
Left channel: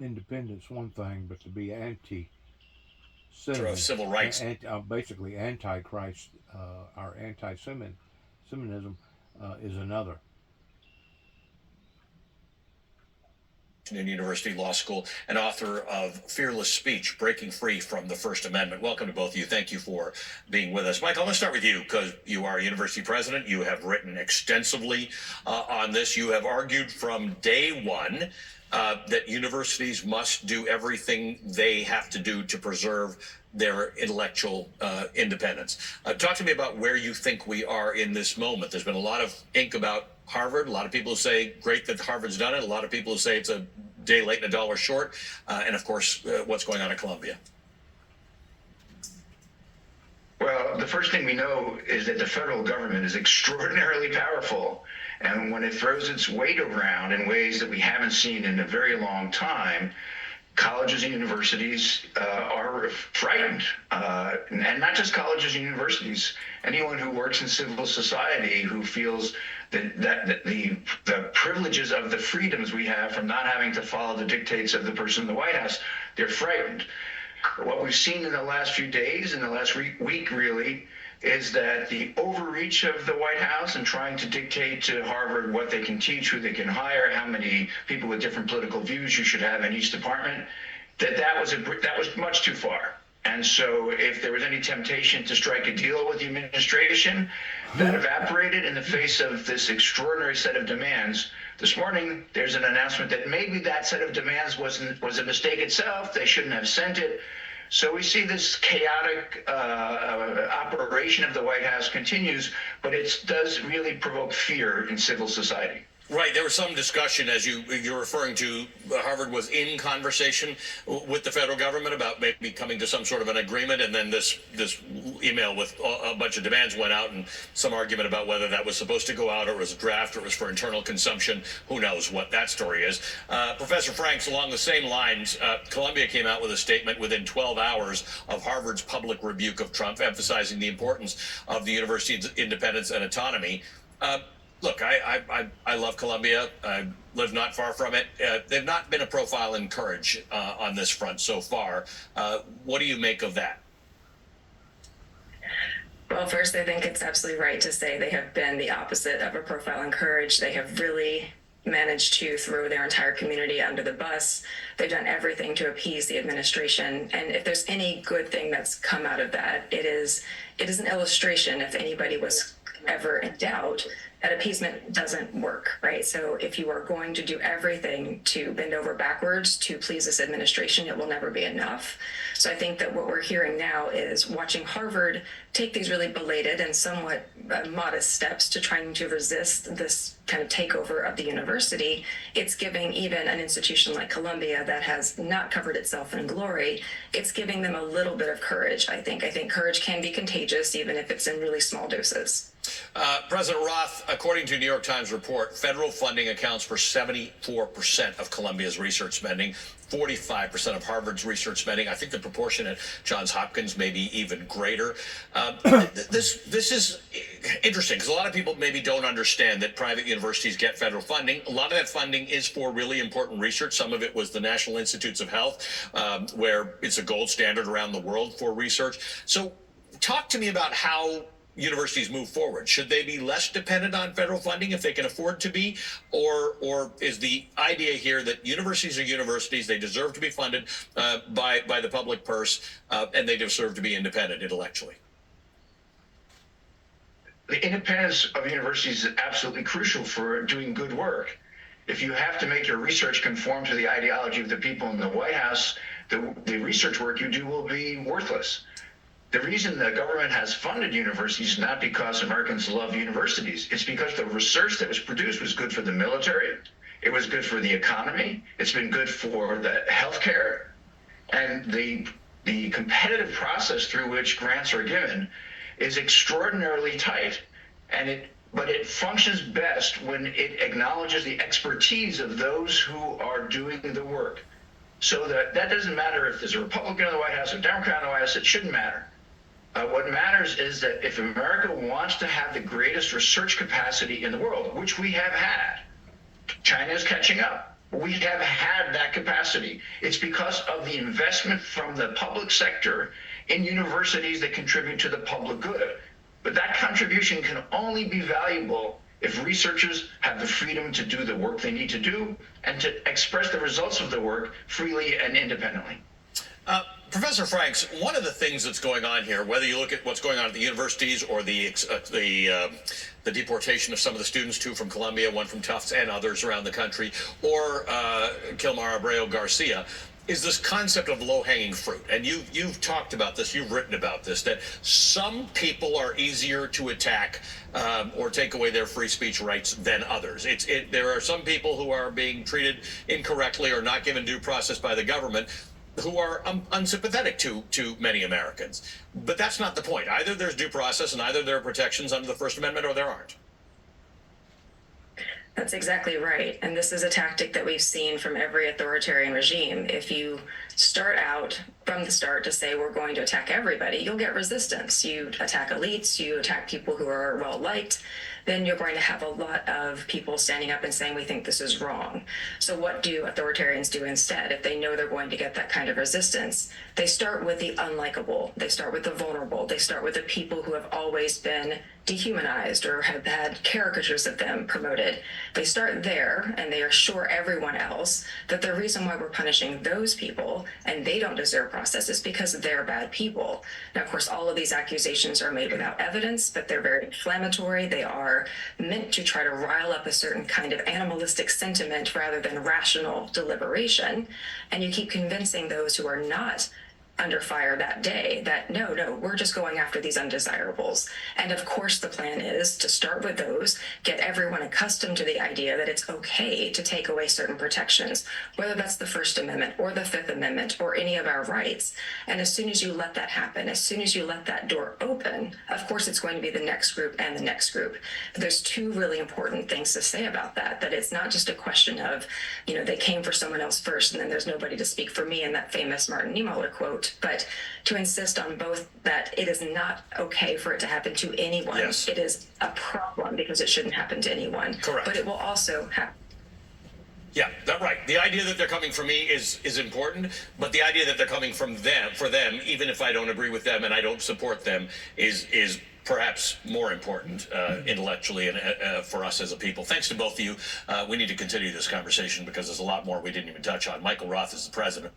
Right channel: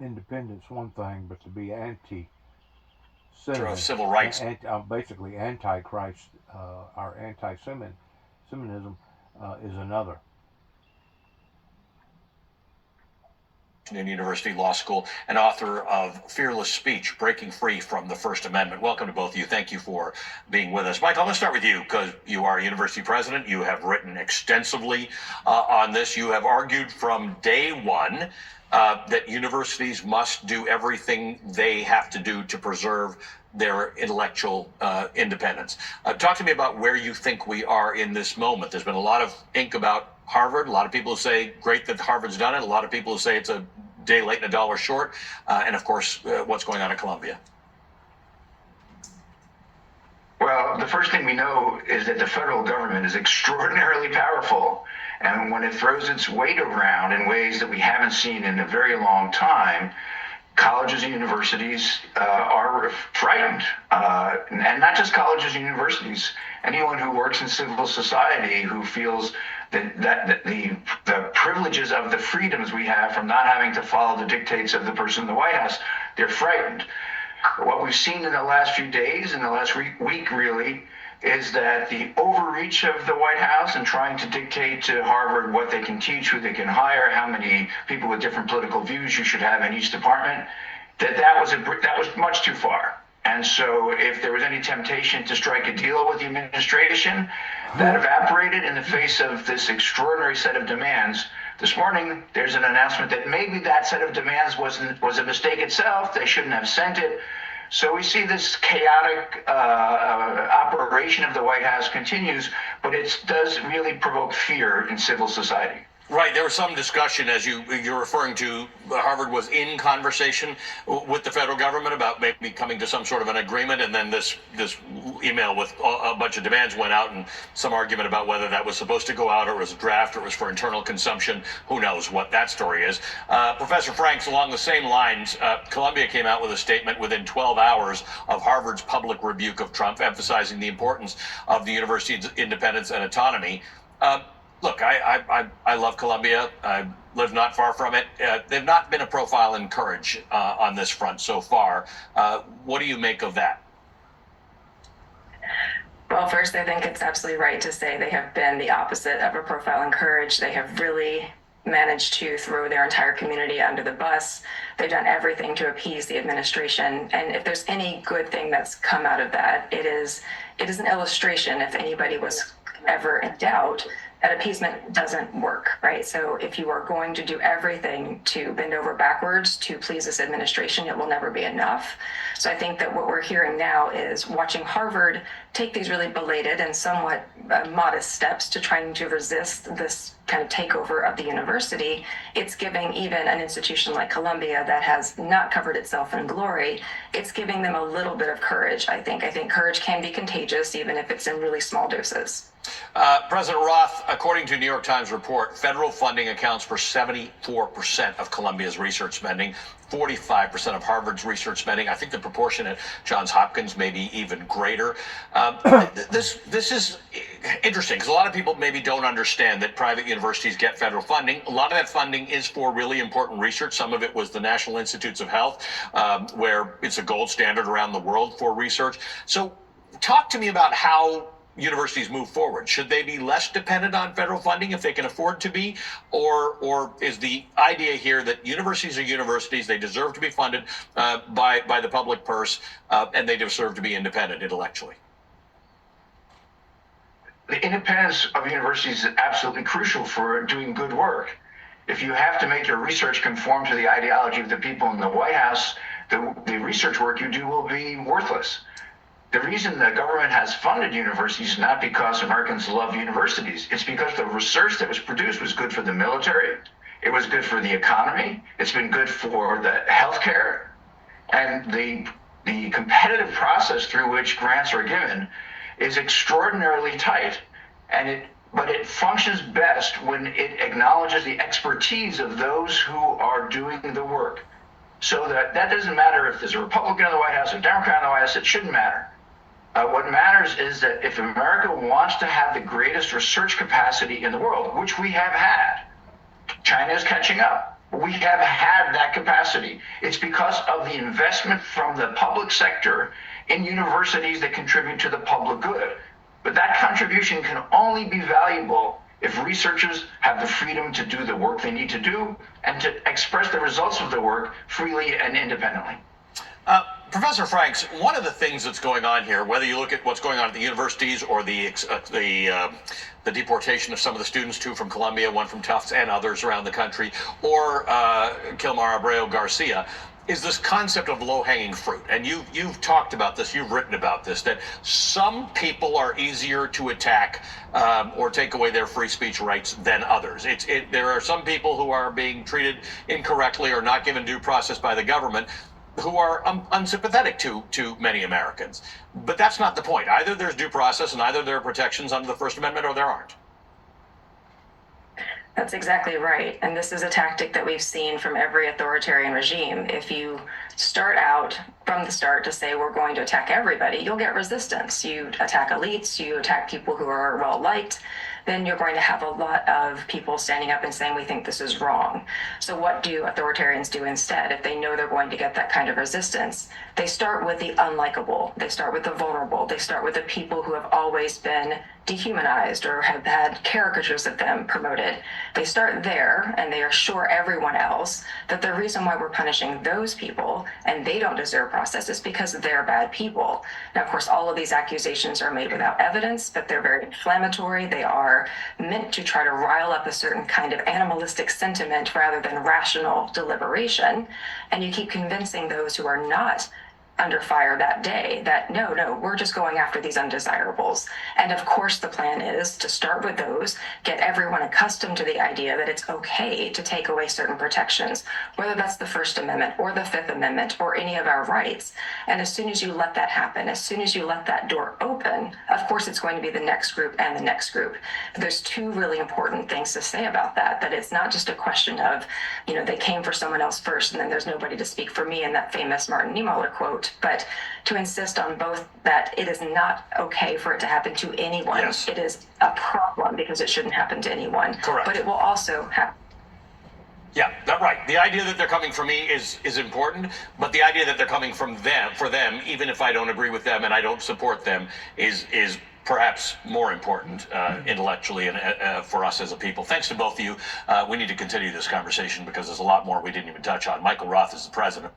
Independence one thing, but to be anti-Semitism, civil rights, basically anti-Christ, our anti-Semitism is another. University Law School and author of Fearless Speech, Breaking Free from the First Amendment. Welcome to both of you. Thank you for being with us. Michael, I'm going to start with you because you are a university president. You have written extensively on this. You have argued from day one that universities must do everything they have to do to preserve their intellectual independence. Talk to me about where you think we are in this moment. There's been a lot of ink about Harvard. A lot of people say great that Harvard's done it. A lot of people say it's a day late and a dollar short. And of course, what's going on at Columbia. Well, the first thing we know is that the federal government is extraordinarily powerful. And when it throws its weight around in ways that we haven't seen in a very long time, colleges and universities are frightened. And not just colleges and universities. Anyone who works in civil society who feels that the privileges of the freedoms we have from not having to follow the dictates of the person in the White House, they're frightened. What we've seen in the last few days, in the last week really, is that the overreach of the White House in trying to dictate to Harvard what they can teach, who they can hire, how many people with different political views you should have in each department, that was much too far. And so if there was any temptation to strike a deal with the administration, that evaporated in the face of this extraordinary set of demands. This morning, there's an announcement that maybe that set of demands was a mistake itself. They shouldn't have sent it. So we see this chaotic operation of the White House continues, but it does really provoke fear in civil society. Right, there was some discussion, as you're referring to, Harvard was in conversation with the federal government about maybe coming to some sort of an agreement, and then this email with a bunch of demands went out, and some argument about whether that was supposed to go out, or it was a draft, or it was for internal consumption. Who knows what that story is. Professor Franks, along the same lines, Columbia came out with a statement within 12 hours of Harvard's public rebuke of Trump, emphasizing the importance of the university's independence and autonomy. Look, I love Columbia. I live not far from it. They've not been a profile in courage on this front so far. What do you make of that? Well, first, I think it's absolutely right to say they have been the opposite of a profile in courage. They have really managed to throw their entire community under the bus. They've done everything to appease the administration. And if there's any good thing that's come out of that, it is an illustration, if anybody was ever in doubt, that appeasement doesn't work, right? So if you are going to do everything to bend over backwards to please this administration, it will never be enough. So I think that what we're hearing now is watching Harvard take these really belated and somewhat modest steps to trying to resist this kind of takeover of the university. It's giving even an institution like Columbia that has not covered itself in glory, it's giving them a little bit of courage, I think. I think courage can be contagious, even if it's in really small doses. President Roth, according to a New York Times report, federal funding accounts for 74% of Columbia's research spending, 45% of Harvard's research spending. I think the proportion at Johns Hopkins may be even greater. This is interesting because a lot of people maybe don't understand that private universities get federal funding. A lot of that funding is for really important research. Some of it was the National Institutes of Health, where it's a gold standard around the world for research. So talk to me about how universities move forward. Should they be less dependent on federal funding if they can afford to be? Or is the idea here that universities are universities, they deserve to be funded by the public purse, and they deserve to be independent intellectually? The independence of universities is absolutely crucial for doing good work. If you have to make your research conform to the ideology of the people in the White House, the research work you do will be worthless. The reason the government has funded universities is not because Americans love universities. It's because the research that was produced was good for the military. It was good for the economy. It's been good for the healthcare. And the competitive process through which grants are given is extraordinarily tight. But it functions best when it acknowledges the expertise of those who are doing the work. So that doesn't matter if there's a Republican in the White House, a Democrat in the White House, it shouldn't matter. What matters is that if America wants to have the greatest research capacity in the world, which we have had, China is catching up. We have had that capacity. It's because of the investment from the public sector in universities that contribute to the public good. But that contribution can only be valuable if researchers have the freedom to do the work they need to do and to express the results of the work freely and independently. Professor Franks, one of the things that's going on here, whether you look at what's going on at the universities or the deportation of some of the students, two from Columbia, one from Tufts, and others around the country, or Kilmar Abreu Garcia, is this concept of low-hanging fruit. And you've talked about this, you've written about this, that some people are easier to attack or take away their free speech rights than others. There are some people who are being treated incorrectly or not given due process by the government who are unsympathetic to many Americans. But that's not the point. Either there's due process and either there are protections under the First Amendment or there aren't. That's exactly right. And this is a tactic that we've seen from every authoritarian regime. If you start out from the start to say we're going to attack everybody, you'll get resistance. You attack elites, you attack people who are well liked, then you're going to have a lot of people standing up and saying, we think this is wrong. So what do authoritarians do instead? If they know they're going to get that kind of resistance, they start with the unlikable. They start with the vulnerable. They start with the people who have always been dehumanized or have had caricatures of them promoted. They start there and they assure everyone else that the reason why we're punishing those people and they don't deserve process is because they're bad people. Now, of course, all of these accusations are made without evidence, but they're very inflammatory. They are meant to try to rile up a certain kind of animalistic sentiment rather than rational deliberation. And you keep convincing those who are not under fire that day that no, we're just going after these undesirables. And of course, the plan is to start with those, get everyone accustomed to the idea that it's okay to take away certain protections, whether that's the First Amendment or the Fifth Amendment or any of our rights. And as soon as you let that happen, as soon as you let that door open, of course, it's going to be the next group and the next group. But there's two really important things to say about that it's not just a question of, they came for someone else first and then there's nobody to speak for me in that famous Martin Niemöller quote, but to insist on both that it is not okay for it to happen to anyone. Yes. It is a problem because it shouldn't happen to anyone. Correct. But it will also happen. Yeah, that's right. The idea that they're coming for me is important, but the idea that they're coming for them, even if I don't agree with them and I don't support them, is perhaps more important intellectually and for us as a people. Thanks to both of you. We need to continue this conversation because there's a lot more we didn't even touch on. Michael Roth is the president.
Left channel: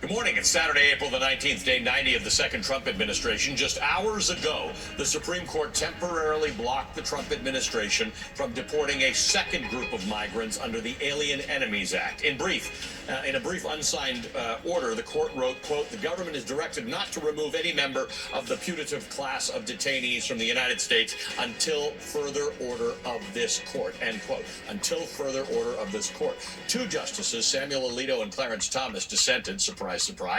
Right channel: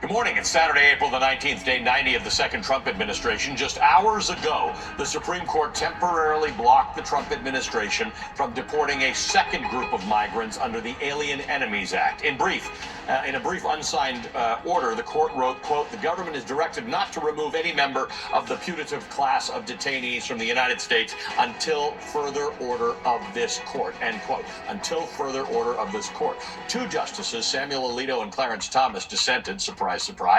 Good morning. It's Saturday, April the 19th, day 90 of the second Trump administration. Just hours ago, the Supreme Court temporarily blocked the Trump administration from deporting a second group of migrants under the Alien Enemies Act. In a brief unsigned order, the court wrote, quote, the government is directed not to remove any member of the putative class of detainees from the United States until further order of this court, end quote. Until further order of this court. Two justices, Samuel Alito and Clarence Thomas, dissented, surprise, surprise.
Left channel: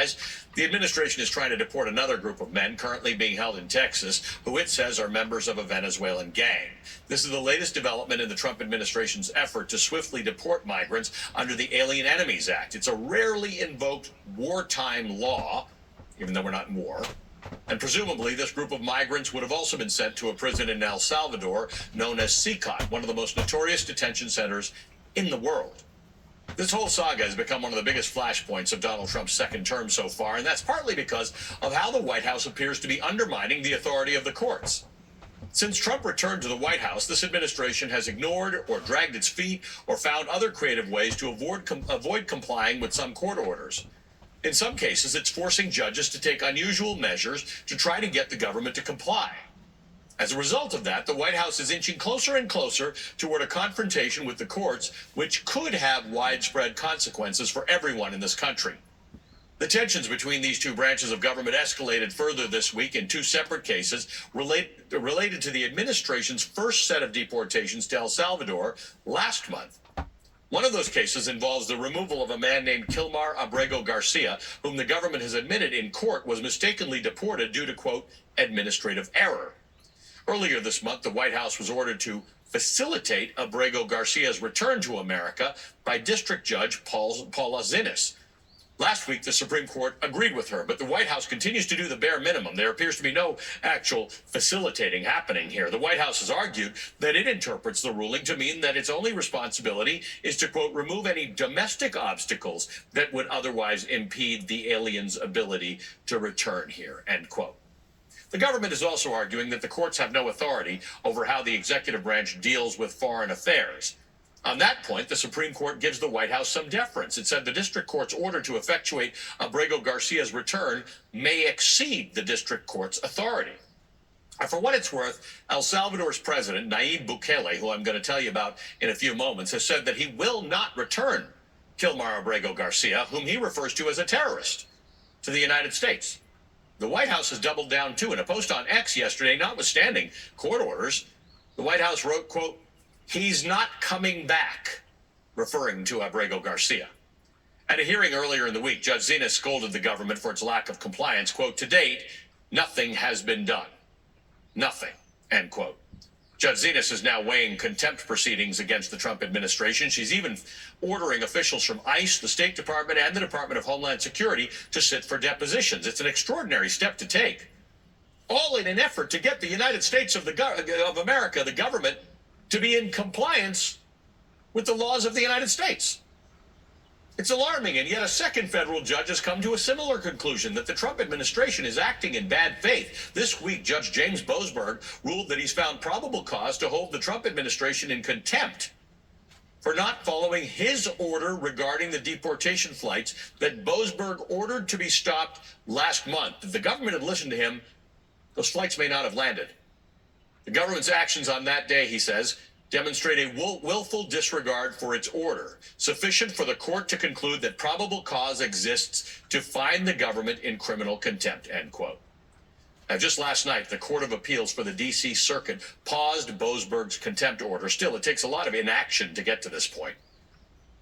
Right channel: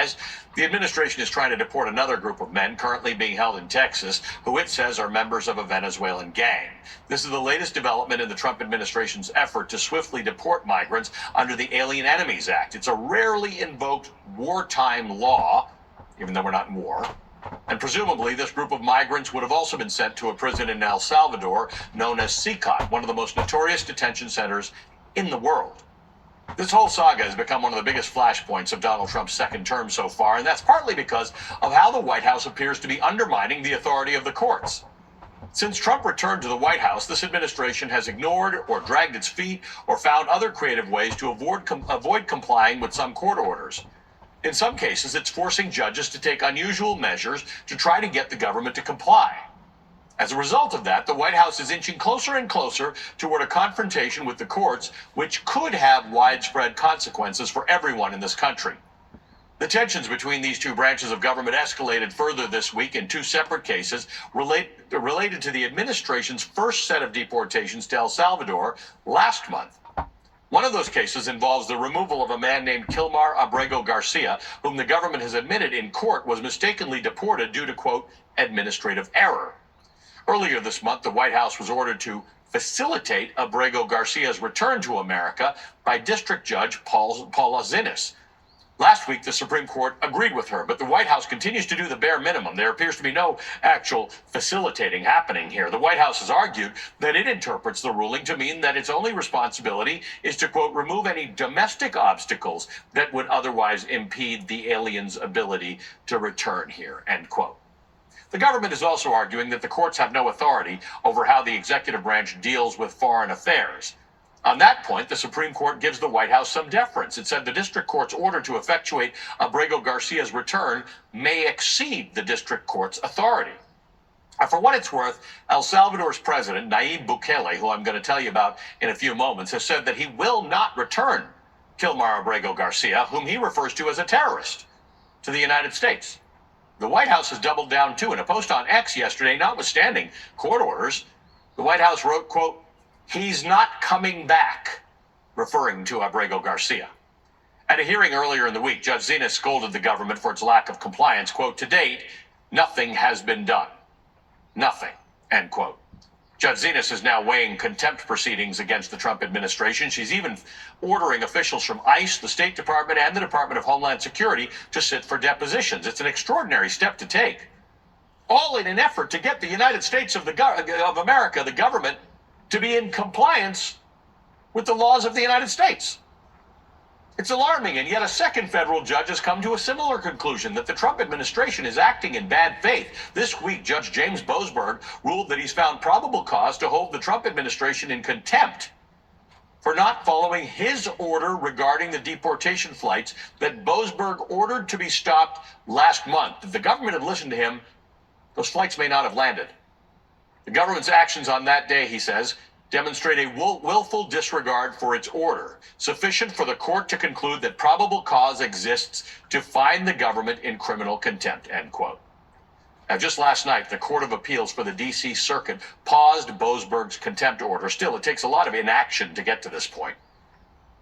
The administration is trying to deport another group of men currently being held in Texas, who it says are members of a Venezuelan gang. This is the latest development in the Trump administration's effort to swiftly deport migrants under the Alien Enemies Act. It's a rarely invoked wartime law, even though we're not in war. And presumably, this group of migrants would have also been sent to a prison in El Salvador known as CICOT, one of the most notorious detention centers in the world. This whole saga has become one of the biggest flashpoints of Donald Trump's second term so far, and that's partly because of how the White House appears to be undermining the authority of the courts. Since Trump returned to the White House, this administration has ignored or dragged its feet or found other creative ways to avoid complying with some court orders. In some cases, it's forcing judges to take unusual measures to try to get the government to comply. As a result of that, the White House is inching closer and closer toward a confrontation with the courts, which could have widespread consequences for everyone in this country. The tensions between these two branches of government escalated further this week in two separate cases related to the administration's first set of deportations to El Salvador last month. One of those cases involves the removal of a man named Kilmar Abrego Garcia, whom the government has admitted in court was mistakenly deported due to, quote, administrative error. Earlier this month, the White House was ordered to facilitate Abrego Garcia's return to America by District Judge Paula Zinnes. Last week, the Supreme Court agreed with her, but the White House continues to do the bare minimum. There appears to be no actual facilitating happening here. The White House has argued that it interprets the ruling to mean that its only responsibility is to, quote, remove any domestic obstacles that would otherwise impede the aliens' ability to return here, end quote. The government is also arguing that the courts have no authority over how the executive branch deals with foreign affairs. On that point, the Supreme Court gives the White House some deference. It said the district court's order to effectuate Abrego Garcia's return may exceed the district court's authority. For what it's worth, El Salvador's president, Nayib Bukele, who I'm going to tell you about in a few moments, has said that he will not return Kilmar Abrego Garcia, whom he refers to as a terrorist, to the United States. The White House has doubled down, too. In a post on X yesterday, notwithstanding court orders, the White House wrote, quote, he's not coming back, referring to Abrego Garcia. At a hearing earlier in the week, Judge Zinnes scolded the government for its lack of compliance. Quote, to date, nothing has been done. Nothing, end quote. Judge Zinnes is now weighing contempt proceedings against the Trump administration. She's even ordering officials from ICE, the State Department, and the Department of Homeland Security to sit for depositions. It's an extraordinary step to take, all in an effort to get the United States of America, the government, to be in compliance with the laws of the United States. It's alarming, and yet a second federal judge has come to a similar conclusion, that the Trump administration is acting in bad faith. This week, Judge James Boasberg ruled that he's found probable cause to hold the Trump administration in contempt for not following his order regarding the deportation flights that Boasberg ordered to be stopped last month. If the government had listened to him, those flights may not have landed. The government's actions on that day, he says, demonstrate a willful disregard for its order, sufficient for the court to conclude that probable cause exists to find the government in criminal contempt, end quote. Now, just last night, the Court of Appeals for the D.C. Circuit paused Boasberg's contempt order. Still, it takes a lot of inaction to get to this point.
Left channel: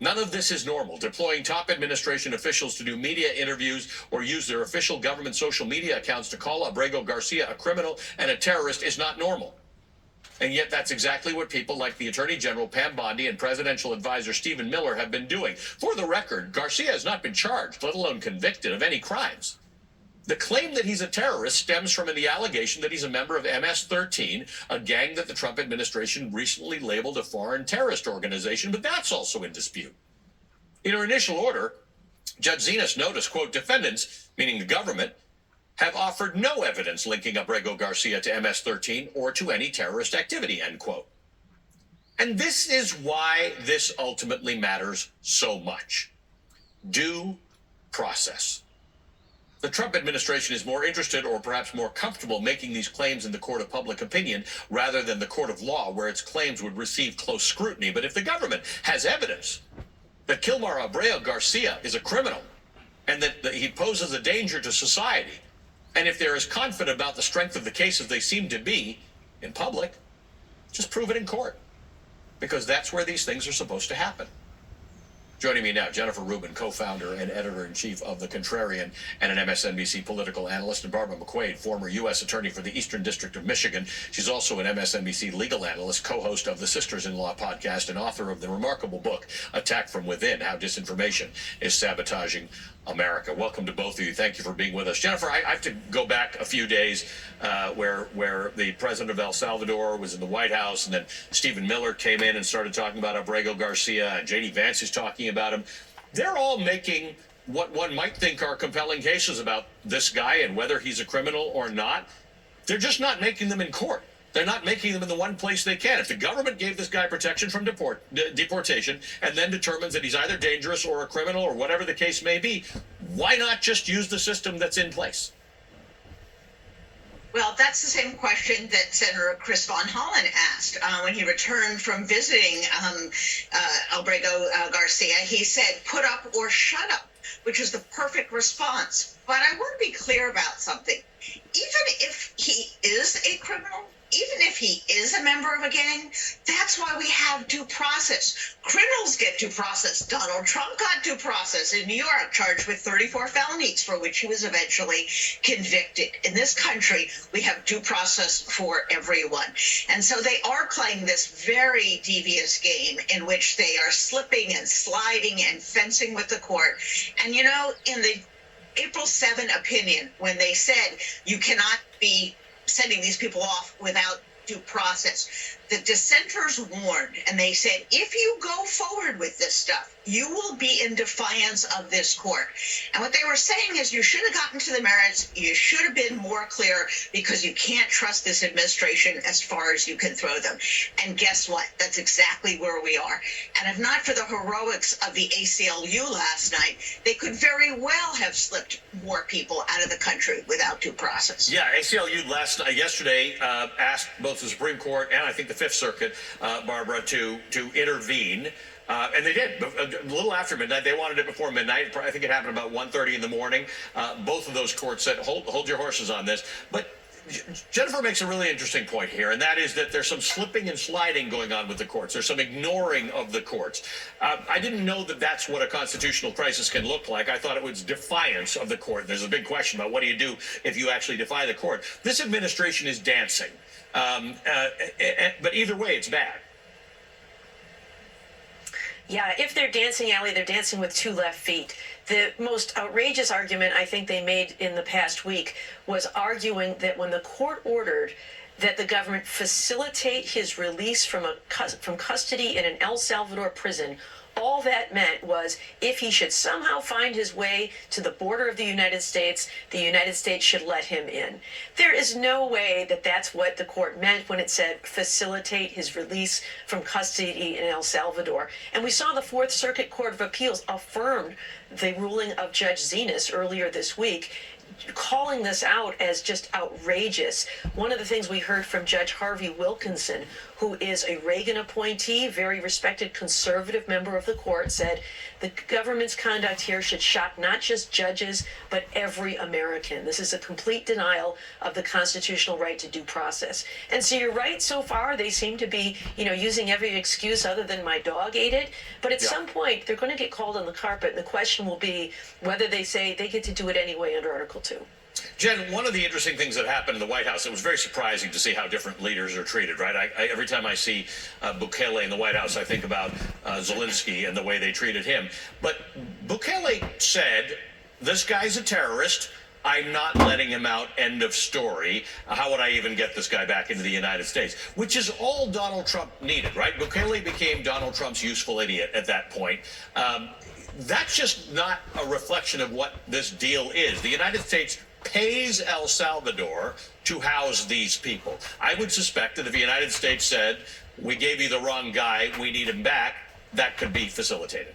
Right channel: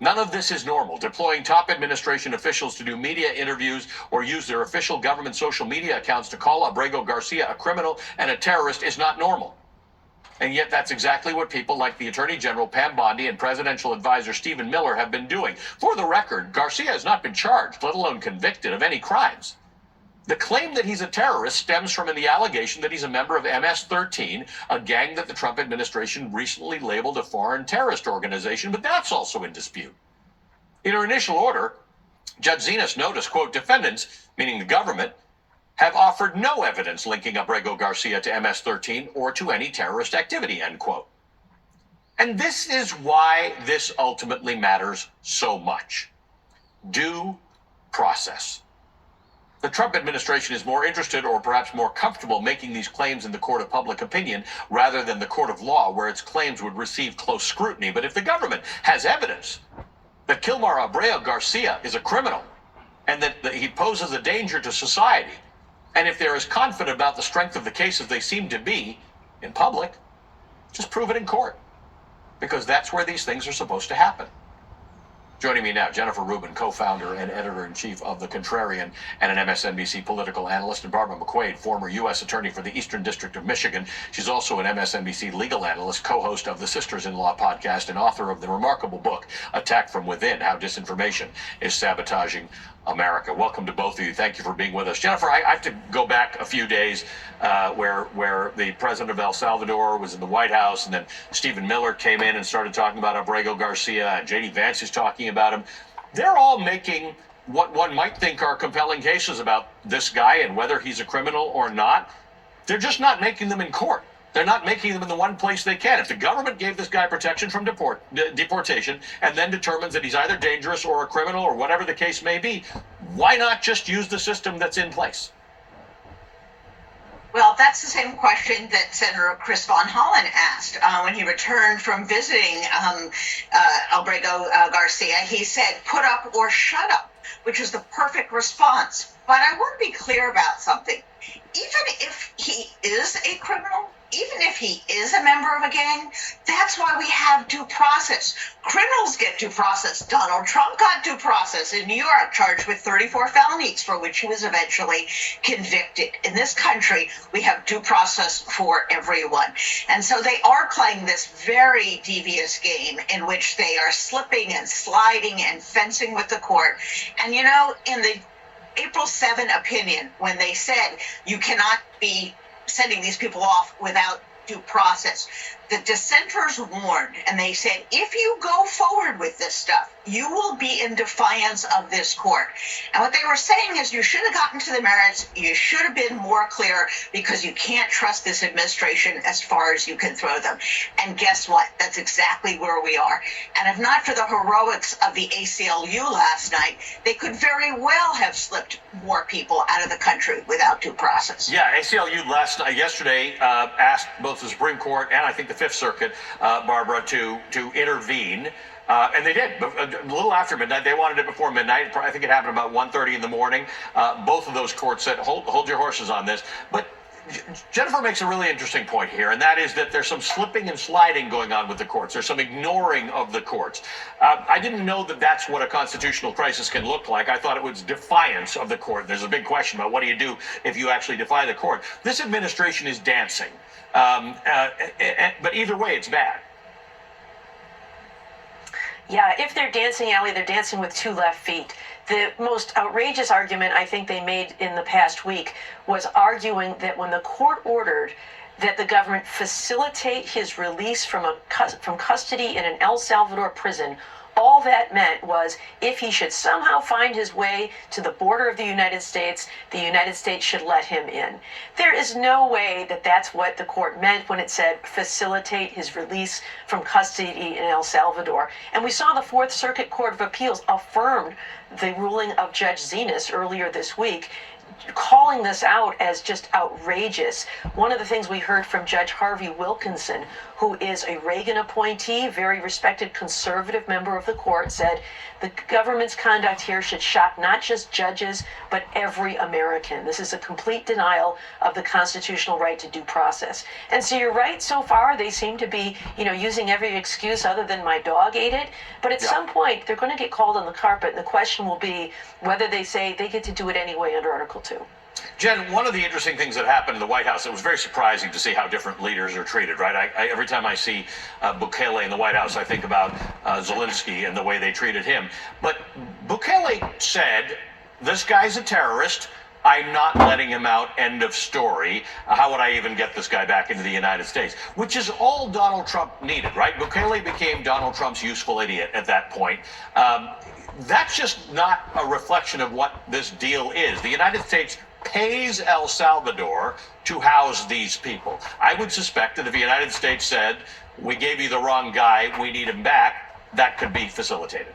None of this is normal. Deploying top administration officials to do media interviews or use their official government social media accounts to call Abrego Garcia a criminal and a terrorist is not normal. And yet that's exactly what people like the Attorney General Pam Bondi and Presidential Advisor Stephen Miller have been doing. For the record, Garcia has not been charged, let alone convicted of any crimes. The claim that he's a terrorist stems from the allegation that he's a member of MS-13, a gang that the Trump administration recently labeled a foreign terrorist organization, but that's also in dispute. In her initial order, Judge Zenas noticed, quote, defendants, meaning the government, have offered no evidence linking Abrego Garcia to MS-13 or to any terrorist activity, end quote. And this is why this ultimately matters so much. Due process. The Trump administration is more interested or perhaps more comfortable making these claims in the court of public opinion rather than the court of law, where its claims would receive close scrutiny. But if the government has evidence that Kilmar Abrego Garcia is a criminal and that he poses a danger to society, and if they're as confident about the strength of the case as they seem to be in public, just prove it in court, because that's where these things are supposed to happen. Joining me now, Jennifer Rubin, co-founder and editor-in-chief of The Contrarian and an MSNBC political analyst, and Barbara McQuade, former U.S. attorney for the Eastern District of Michigan. She's also an MSNBC legal analyst, co-host of the Sisters-in-Law podcast, and author of the remarkable book, Attack from Within, How Disinformation is Sabotaging America. Welcome to both of you. Thank you for being with us. Jennifer, I have to go back a few days where the president of El Salvador was in the White House, and then Stephen Miller came in and started talking about Abrego Garcia, and J.D. Vance is talking about him. They're all making what one might think are compelling cases about this guy and whether he's a criminal or not. They're just not making them in court. They're not making them in the one place they can. If the government gave this guy protection from deportation and then determines that he's either dangerous or a criminal or whatever the case may be, why not just use the system that's in place? Well, that's the same question that Senator Chris Von Hollen asked when he returned from visiting Abrego Garcia. He said, put up or shut up, which is the perfect response. But I want to be clear about something. Even if he is a criminal, even if he is a member of a gang, that's why we have due process. Criminals get due process. Donald Trump got due process in New York, charged with 34 felonies for which he was eventually convicted. In this country, we have due process for everyone. And so they are playing this very devious game in which they are slipping and sliding and fencing with the court. And, you know, in the April 7 opinion, when they said you cannot be sending these people off without due process, the dissenters warned, and they said, if you go forward with this stuff, you will be in defiance of this court. And what they were saying is you should have gotten to the merits, you should have been more clear, because you can't trust this administration as far as you can throw them. And guess what? That's exactly where we are. And if not for the heroics of the ACLU last night, they could very well have slipped more people out of the country without due process. Yeah, ACLU yesterday asked both the Supreme Court and I think the Fifth Circuit, Barbara, to intervene. And they did. A little after midnight. They wanted it before midnight. I think it happened about 1:30 in the morning. Both of those courts said, hold your horses on this. But Jennifer makes a really interesting point here, and that is that there's some slipping and sliding going on with the courts. There's some ignoring of the courts. I didn't know that that's what a constitutional crisis can look like. I thought it was defiance of the court. There's a big question about what do you do if you actually defy the court. This administration is dancing. But either way, it's bad. Yeah, if they're dancing, Allie, they're dancing with two left feet. The most outrageous argument I think they made in the past week was arguing that when the court ordered that the government facilitate his release from custody in an El Salvador prison All that meant was if he should somehow find his way to the border of the United States should let him in. There is no way that that's what the court meant when it said facilitate his release from custody in El Salvador. And we saw the Fourth Circuit Court of Appeals affirmed the ruling of Judge Zenas earlier this week, calling this out as just outrageous. One of the things we heard from Judge Harvey Wilkinson, who is a Reagan appointee, very respected conservative member of the court, said the government's conduct here should shock not just judges, but every American. This is a complete denial of the constitutional right to due process. And so you're right, so far they seem to be, using every excuse other than my dog ate it. But at some point, they're going to get called on the carpet, and the question will be whether they say they get to do it anyway under Article 2. Jen, one of the interesting things that happened in the White House, it was very surprising to see how different leaders are treated, right? Every time I see Bukele in the White House, I think about Zelensky and the way they treated him. But Bukele said, this guy's a terrorist. I'm not letting him out, end of story. How would I even get this guy back into the United States? Which is all Donald Trump needed, right? Bukele became Donald Trump's useful idiot at that point. That's just not a reflection of what this deal is. The United States pays El Salvador to house these people. I would suspect that if the United States said, we gave you the wrong guy, we need him back, that could be facilitated.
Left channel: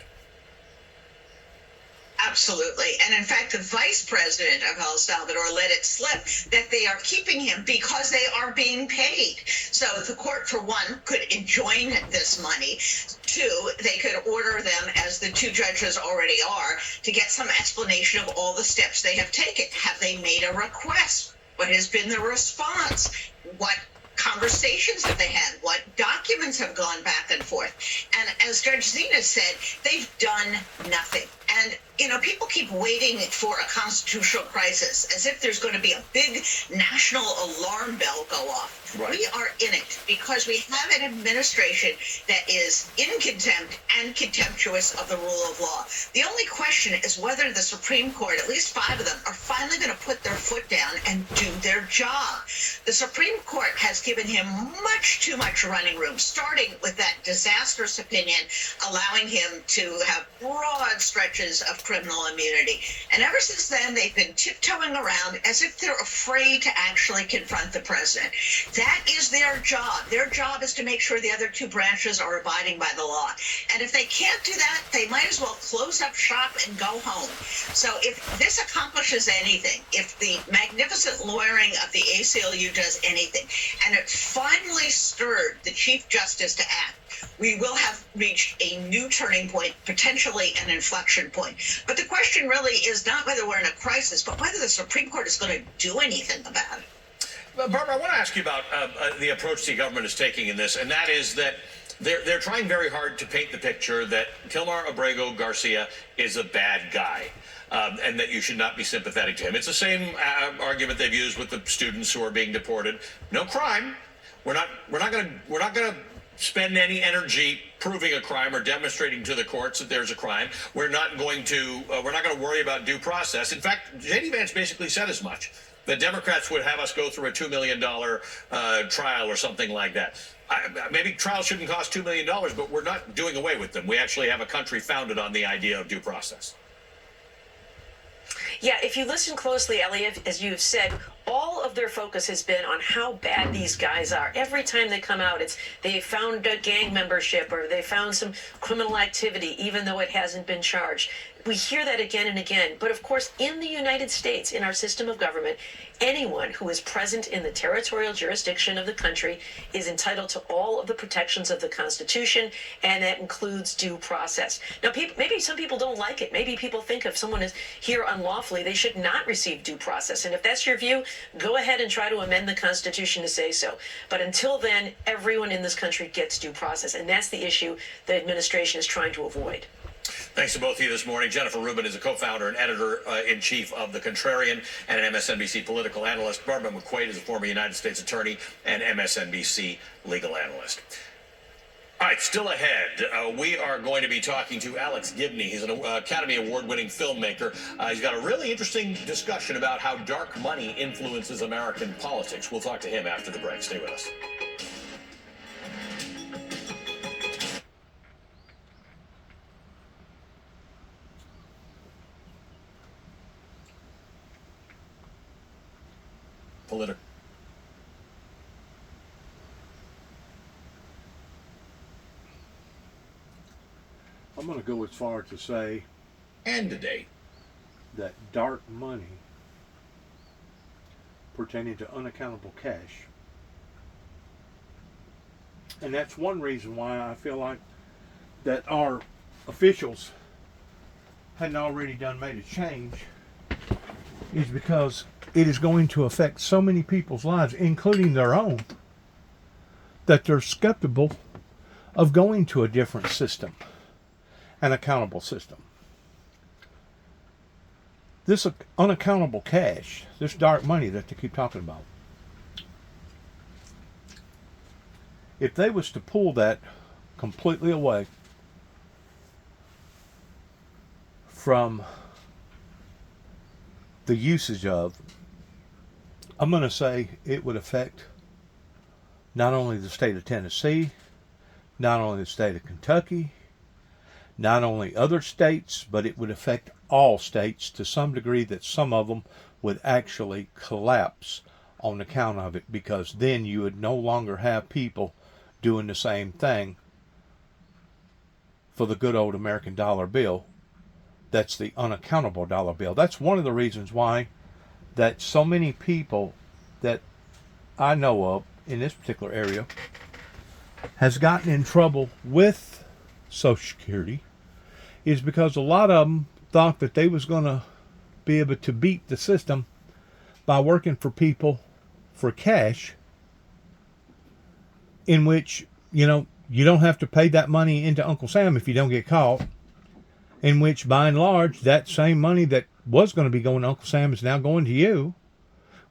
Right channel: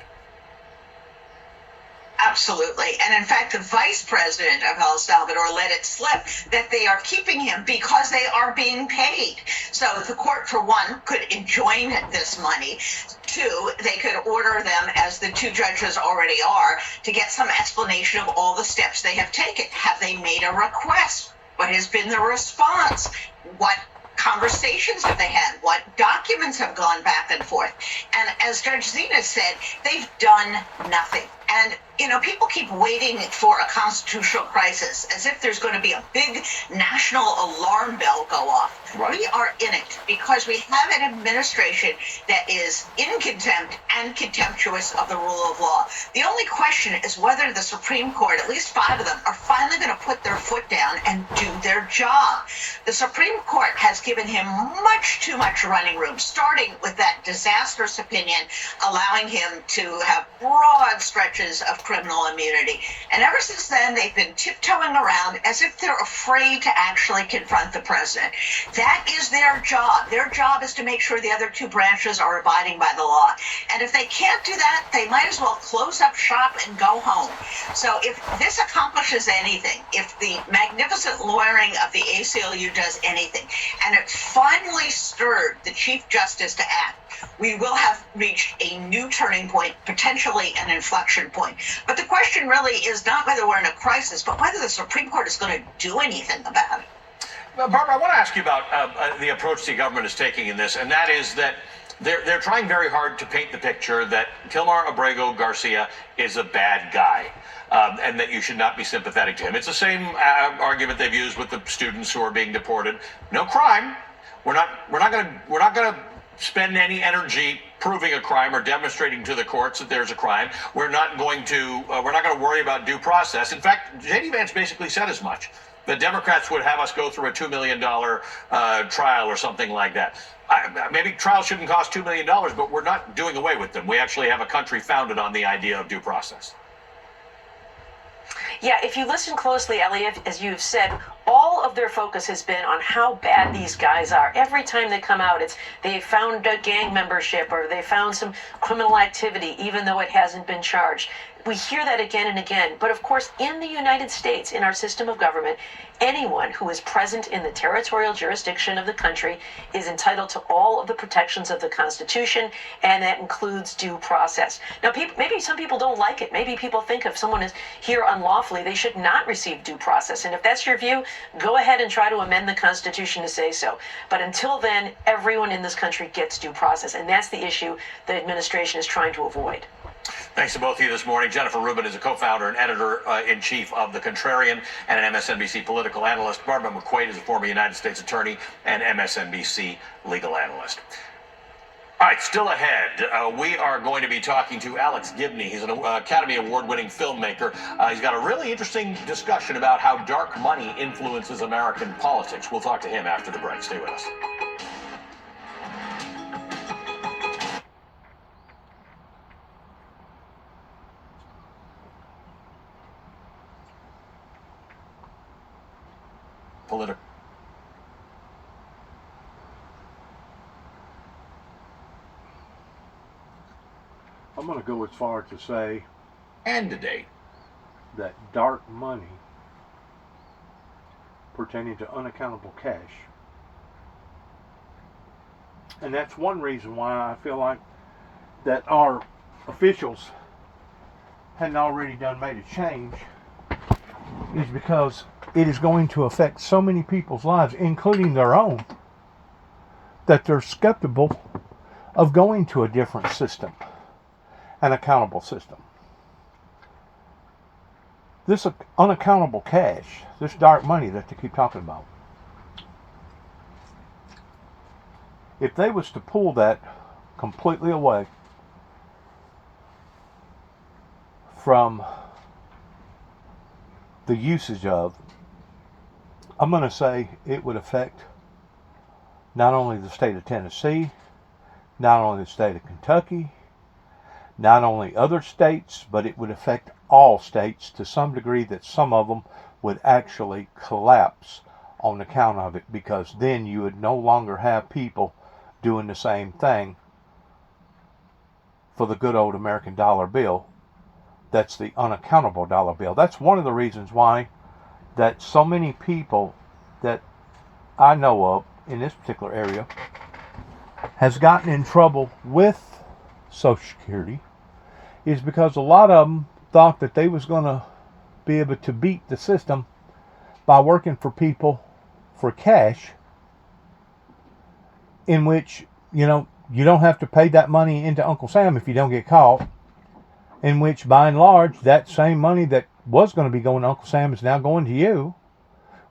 Absolutely. And in fact, the vice president of El Salvador let it slip that they are keeping him because they are being paid. So the court, for one, could enjoin this money. Two, they could order them, as the two judges already are, to get some explanation of all the steps they have taken. Have they made a request? What has been the response? What conversations have they had? What documents have gone back and forth? And as Judge Zenas said, they've done nothing. And, people keep waiting for a constitutional crisis as if there's going to be a big national alarm bell go off. Right. We are in it because we have an administration that is in contempt and contemptuous of the rule of law. The only question is whether the Supreme Court, at least 5 of them, are finally going to put their foot down and do their job. The Supreme Court has given him much too much running room, starting with that disastrous opinion allowing him to have broad stretches of criminal immunity. And ever since then, they've been tiptoeing around as if they're afraid to actually confront the president. That is their job. Their job is to make sure the other 2 branches are abiding by the law. And if they can't do that, they might as well close up shop and go home. So if this accomplishes anything, if the magnificent lawyering of the ACLU does anything, and it finally stirred the Chief Justice to act, we will have reached a new turning point, potentially an inflection point. But the question really is not whether we're in a crisis, but whether the Supreme Court is going to do anything about it. Barbara, I want to ask you about the approach the government is taking in this, and that is that they're trying very hard to paint the picture that Kilmar Abrego Garcia is a bad guy, and that you should not be sympathetic to him. It's the same argument they've used with the students who are being deported. No crime. We're not going to spend any energy proving a crime or demonstrating to the courts that there's a crime. We're not going to worry about due process. In fact, J.D. Vance basically said as much. The Democrats would have us go through a $2 million trial or something like that. Maybe trials shouldn't cost $2 million, but we're not doing away with them. We actually have a country founded on the idea of due process. Yeah, if you listen closely, Elliot, as you've said, all of their focus has been on how bad these guys are. Every time they come out, it's they found a gang membership or they found some criminal activity, even though it hasn't been charged. We hear that again and again. But of course, in the United States, in our system of government, anyone who is present in the territorial jurisdiction of the country is entitled to all of the protections of the Constitution, and that includes due process. Now, maybe some people don't like it. Maybe people think if someone is here unlawfully, they should not receive due process. And if that's your view, go ahead and try to amend the Constitution to say so. But until then, everyone in this country gets due process, and that's the issue the administration is trying to avoid. Thanks to both of you this morning. Jennifer Rubin is a co-founder and editor-in-chief of The Contrarian and an MSNBC political analyst. Barbara McQuade is a former United States attorney and MSNBC legal analyst. All right, still ahead, we are going to be talking to Alex Gibney. He's an Academy Award-winning filmmaker. He's got a really interesting discussion about how dark money influences American politics. We'll talk to him after the break. Stay with us. political. I'm going to go as far to say And today, that dark money pertaining to unaccountable cash. And that's one reason why I feel like that our officials hadn't already made a change, is because it is going to affect so many people's lives, including their own, that they're skeptical of going to a different system, an accountable system. This unaccountable cash, this dark money that they keep talking about, if they was to pull that completely away from the usage of, I'm going to say it would affect not only the state of Tennessee, not only the state of Kentucky, not only other states, but it would affect all states to some degree, that some of them would actually collapse on account of it, because then you would no longer have people doing the same thing for the good old American dollar bill. That's the unaccountable dollar bill. That's one of the reasons why that so many people that I know of in this particular area has gotten in trouble with Social Security, is because a lot of them thought that they was going to be able to beat the system by working for people for cash, in which, you don't have to pay that money into Uncle Sam if you don't get caught, in which by and large that same money that was going to be going to Uncle Sam is now going to you,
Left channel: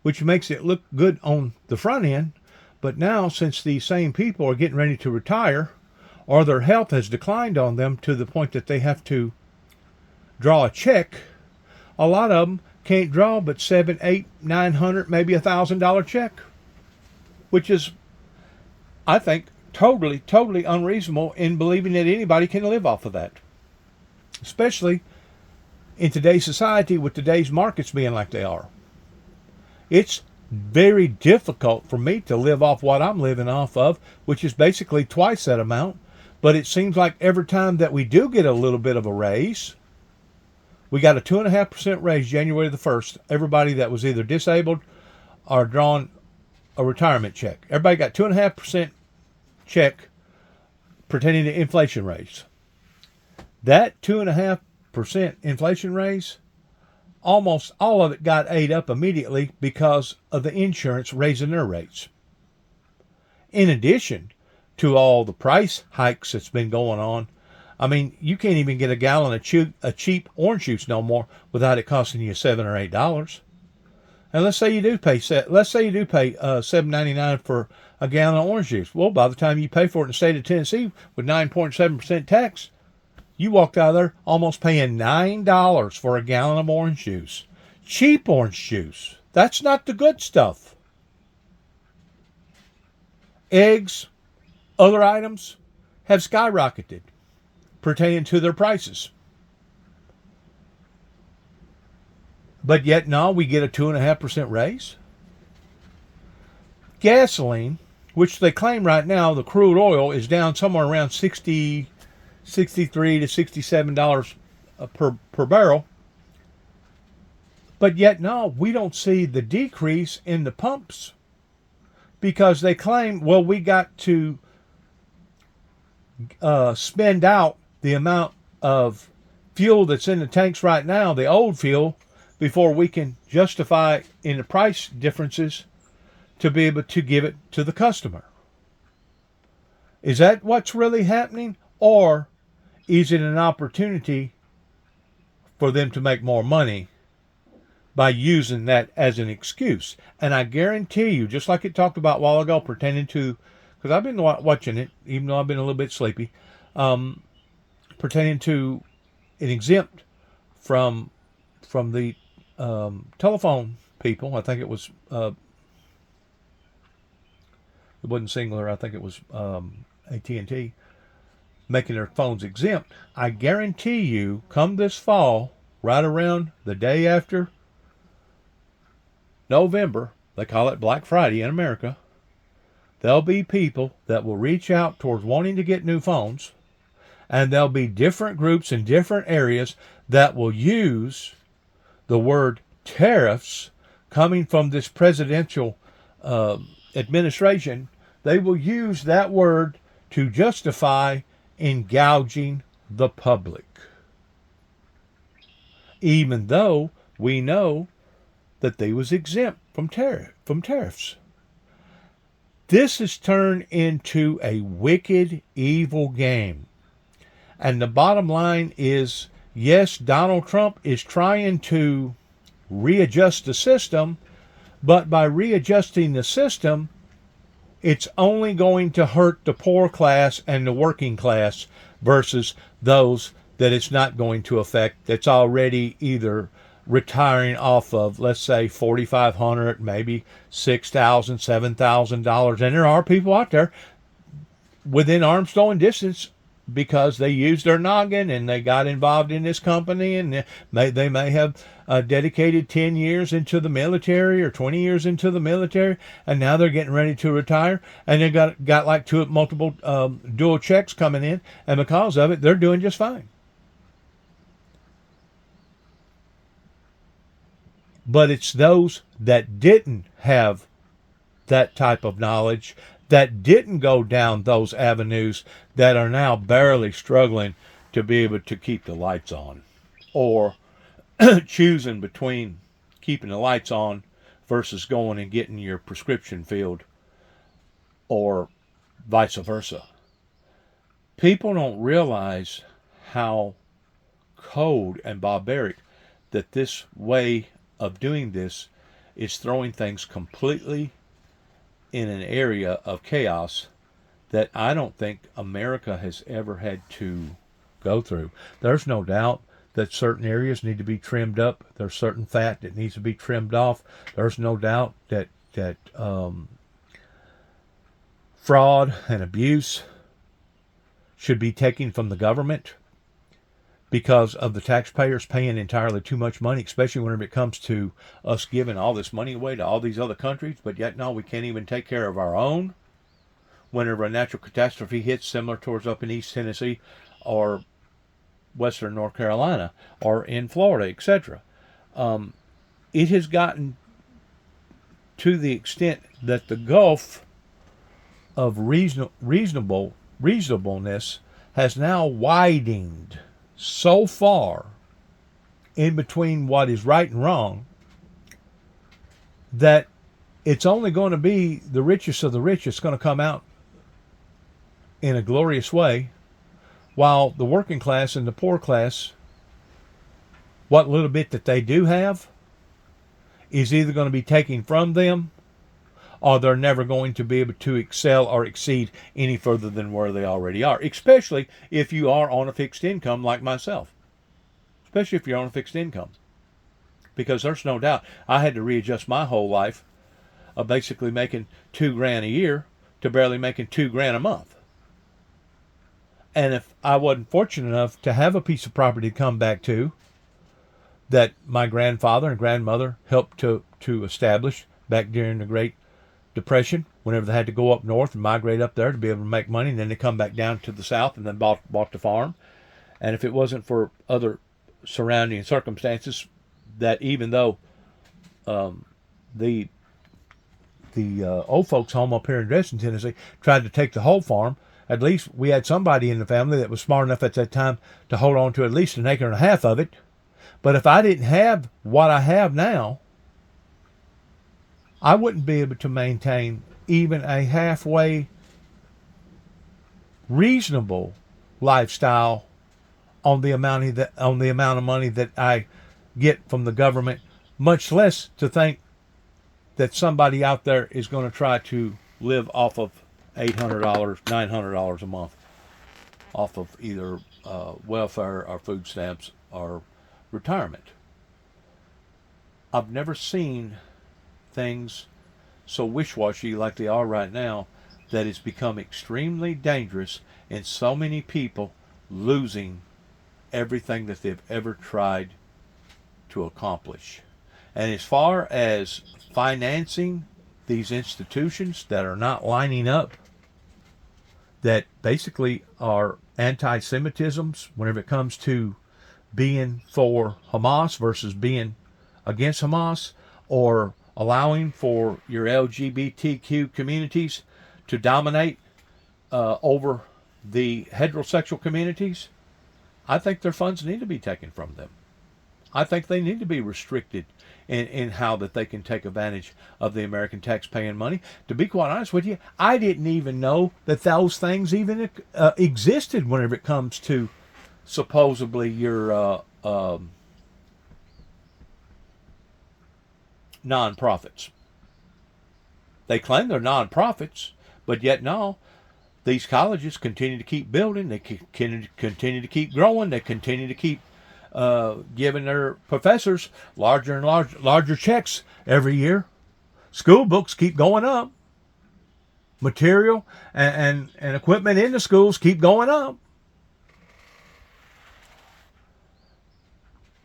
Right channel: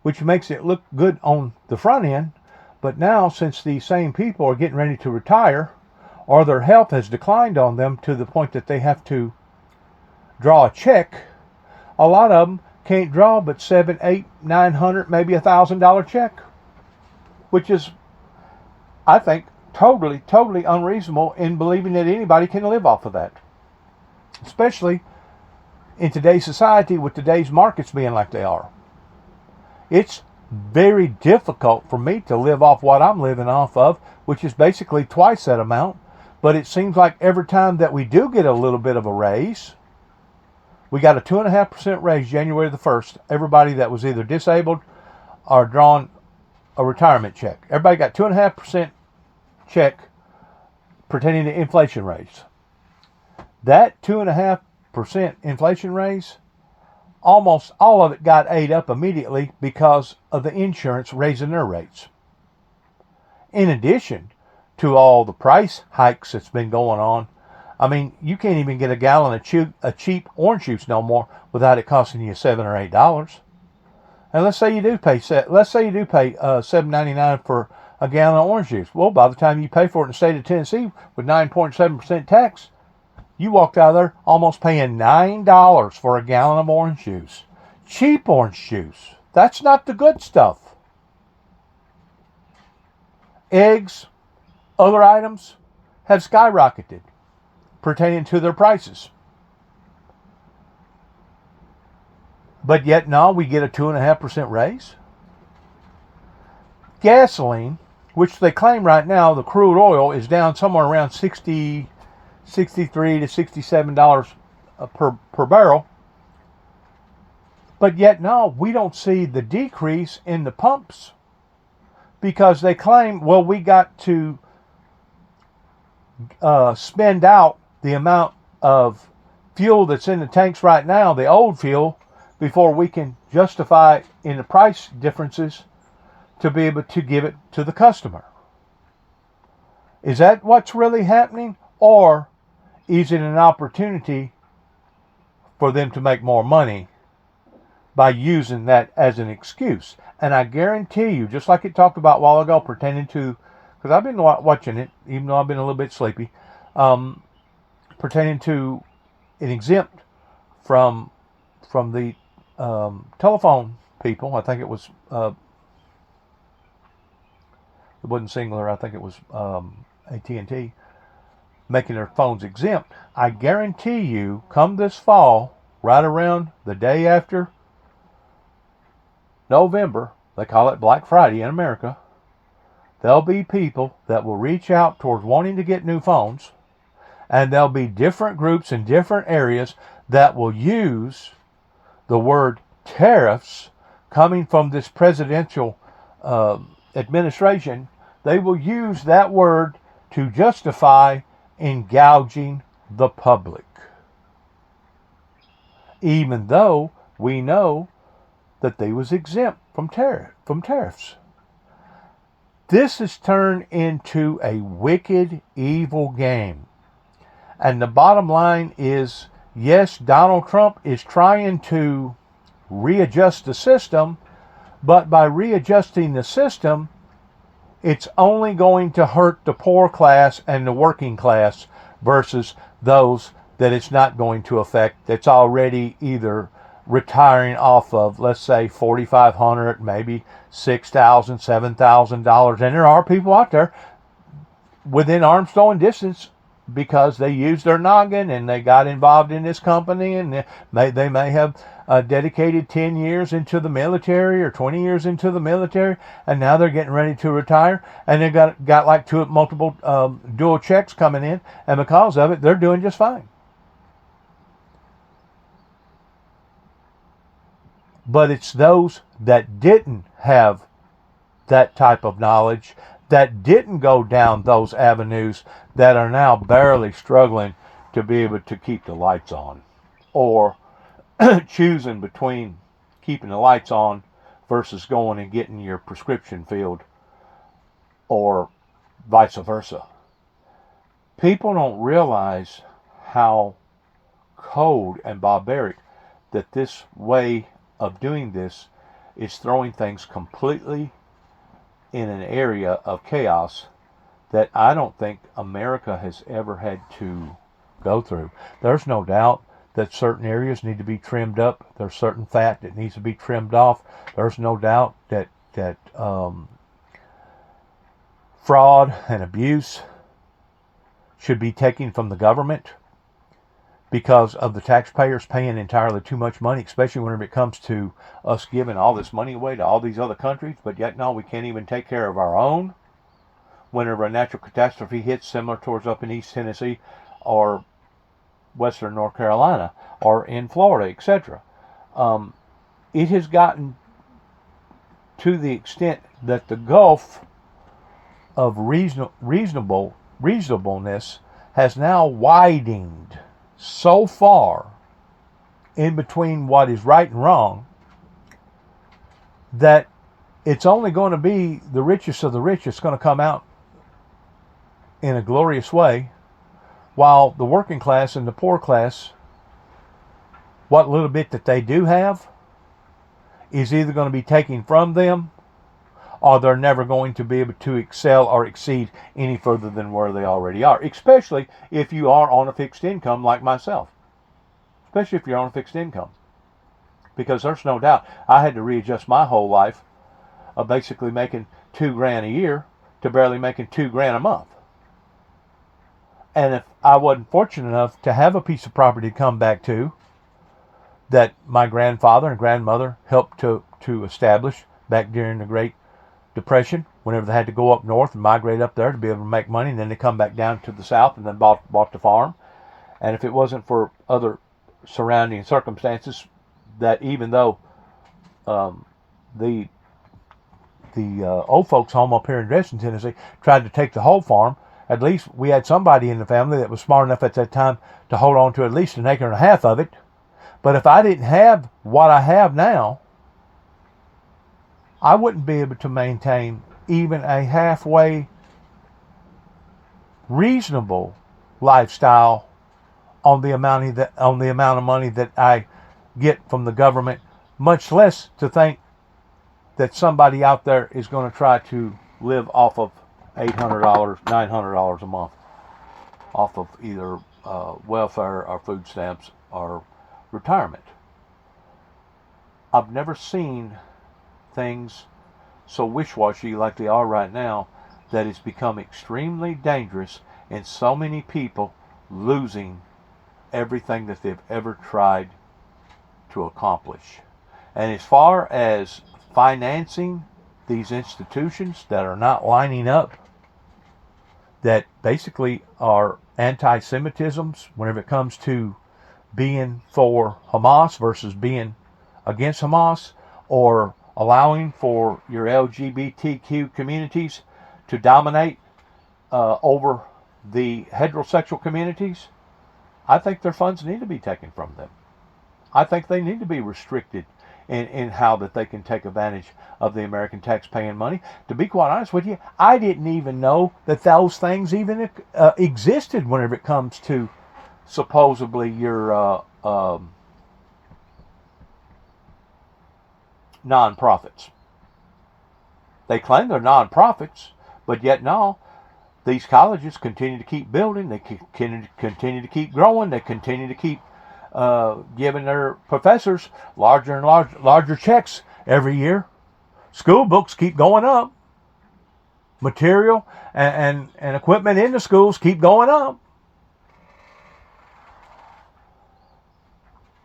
which makes it look good on the front end. But now, since these same people are getting ready to retire, or their health has declined on them to the point that they have to draw a check, a lot of them can't draw but $700, $800, $900, maybe $1,000 check, which is, I think, totally unreasonable in believing that anybody can live off of that, especially in today's society with today's markets being like they are. It's very difficult for me to live off what I'm living off of, which is basically twice that amount. But it seems like every time that we do get a little bit of a raise, we got a 2.5% raise January the 1st. Everybody that was either disabled or drawn a retirement check, everybody got 2.5% check pertaining to inflation raise. That 2.5% inflation raise, almost all of it got ate up immediately because of the insurance raising their rates. In addition to all the price hikes that's been going on, I mean, you can't even get a gallon of cheap orange juice no more without it costing you $7 or $8. And let's say you do pay $7.99 for a gallon of orange juice. Well, by the time you pay for it in the state of Tennessee with 9.7% tax, you walked out of there almost paying $9 for a gallon of orange juice. Cheap orange juice. That's not the good stuff. Eggs, other items have skyrocketed pertaining to their prices. But yet now we get a 2.5% raise. Gasoline, which they claim right now, the crude oil is down somewhere around $63 to $67 per barrel. But yet now we don't see the decrease in the pumps, because they claim, well, we got to spend out the amount of fuel that's in the tanks right now, the old fuel, before we can justify in the price differences to be able to give it to the customer. Is that what's really happening? Or is it an opportunity for them to make more money by using that as an excuse? And I guarantee you, just like it talked about a while ago pertaining to, because I've been watching it, even though I've been a little bit sleepy, pertaining to an exempt from the telephone people. I think it was, it wasn't Singular, I think it was AT&T, making their phones exempt. I guarantee you, come this fall, right around the day after November, they call it Black Friday in America, there'll be people that will reach out towards wanting to get new phones, and there'll be different groups in different areas that will use the word tariffs coming from this presidential administration. They will use that word to justify gouging the public, even though we know that they was exempt from tariffs. This has turned into a wicked, evil game. And the bottom line is, yes, Donald Trump is trying to readjust the system, but by readjusting the system, it's only going to hurt the poor class and the working class versus those that it's not going to affect, that's already either retiring off of, let's say, $4,500, maybe $6,000, $7,000. And there are people out there within arm's throwing distance because they used their noggin and they got involved in this company, and they may have dedicated 10 years into the military or 20 years into the military, and now they're getting ready to retire, and they got like multiple dual checks coming in, and because of it, they're doing just fine. But it's those that didn't have that type of knowledge, that didn't go down those avenues, that are now barely struggling to be able to keep the lights on, or choosing between keeping the lights on versus going and getting your prescription filled, or vice versa. People don't realize how cold and barbaric that this way of doing this is, throwing things completely in an area of chaos that I don't think America has ever had to go through. There's no doubt that certain areas need to be trimmed up. There's certain fat that needs to be trimmed off. There's no doubt that fraud and abuse should be taken from the government because of the taxpayers paying entirely too much money, especially whenever it comes to us giving all this money away to all these other countries. But yet, no, we can't even take care of our own whenever a natural catastrophe hits, similar towards up in East Tennessee or Western North Carolina or in Florida, etc. It has gotten to the extent that the gulf of reasonableness has now widened so far in between what is right and wrong that it's only going to be the richest of the rich that's going to come out in a glorious way, while the working class and the poor class, what little bit that they do have is either going to be taken from them, or they're never going to be able to excel or exceed any further than where they already are, especially if you are on a fixed income like myself. Especially if you're on a fixed income. Because there's no doubt I had to readjust my whole life of basically making $2,000 a year to barely making $2,000 a month. And if I wasn't fortunate enough to have a piece of property to come back to that my grandfather and grandmother helped to establish back during the Great Depression, whenever they had to go up north and migrate up there to be able to make money, and then they come back down to the south and then bought the farm. And if it wasn't for other surrounding circumstances, that even though the old folks home up here in Dresden, Tennessee, tried to take the whole farm, at least we had somebody in the family that was smart enough at that time to hold on to at least 1.5 acres of it. But if I didn't have what I have now, I wouldn't be able to maintain even a halfway reasonable lifestyle on the amount of money that I get from the government, much less to think that somebody out there is going to try to live off of $800, $900 a month off of either welfare or food stamps or retirement. I've never seen things so wish-washy like they are right now, that it's become extremely dangerous and so many people losing everything that they've ever tried to accomplish. And as far as financing these institutions that are not lining up, that basically are anti-Semitisms whenever it comes to being for Hamas versus being against Hamas, or allowing for your LGBTQ communities to dominate over the heterosexual communities, I think their funds need to be taken from them. I think they need to be restricted in how that they can take advantage of the American taxpaying money. To be quite honest with you, I didn't even know that those things even existed whenever it comes to supposedly your non-profits. They claim they're non-profits, but yet no, these colleges continue to keep building, they continue to keep growing, they continue to keep giving their professors larger and larger checks every year. School books keep going up. Material and equipment in the schools keep going up.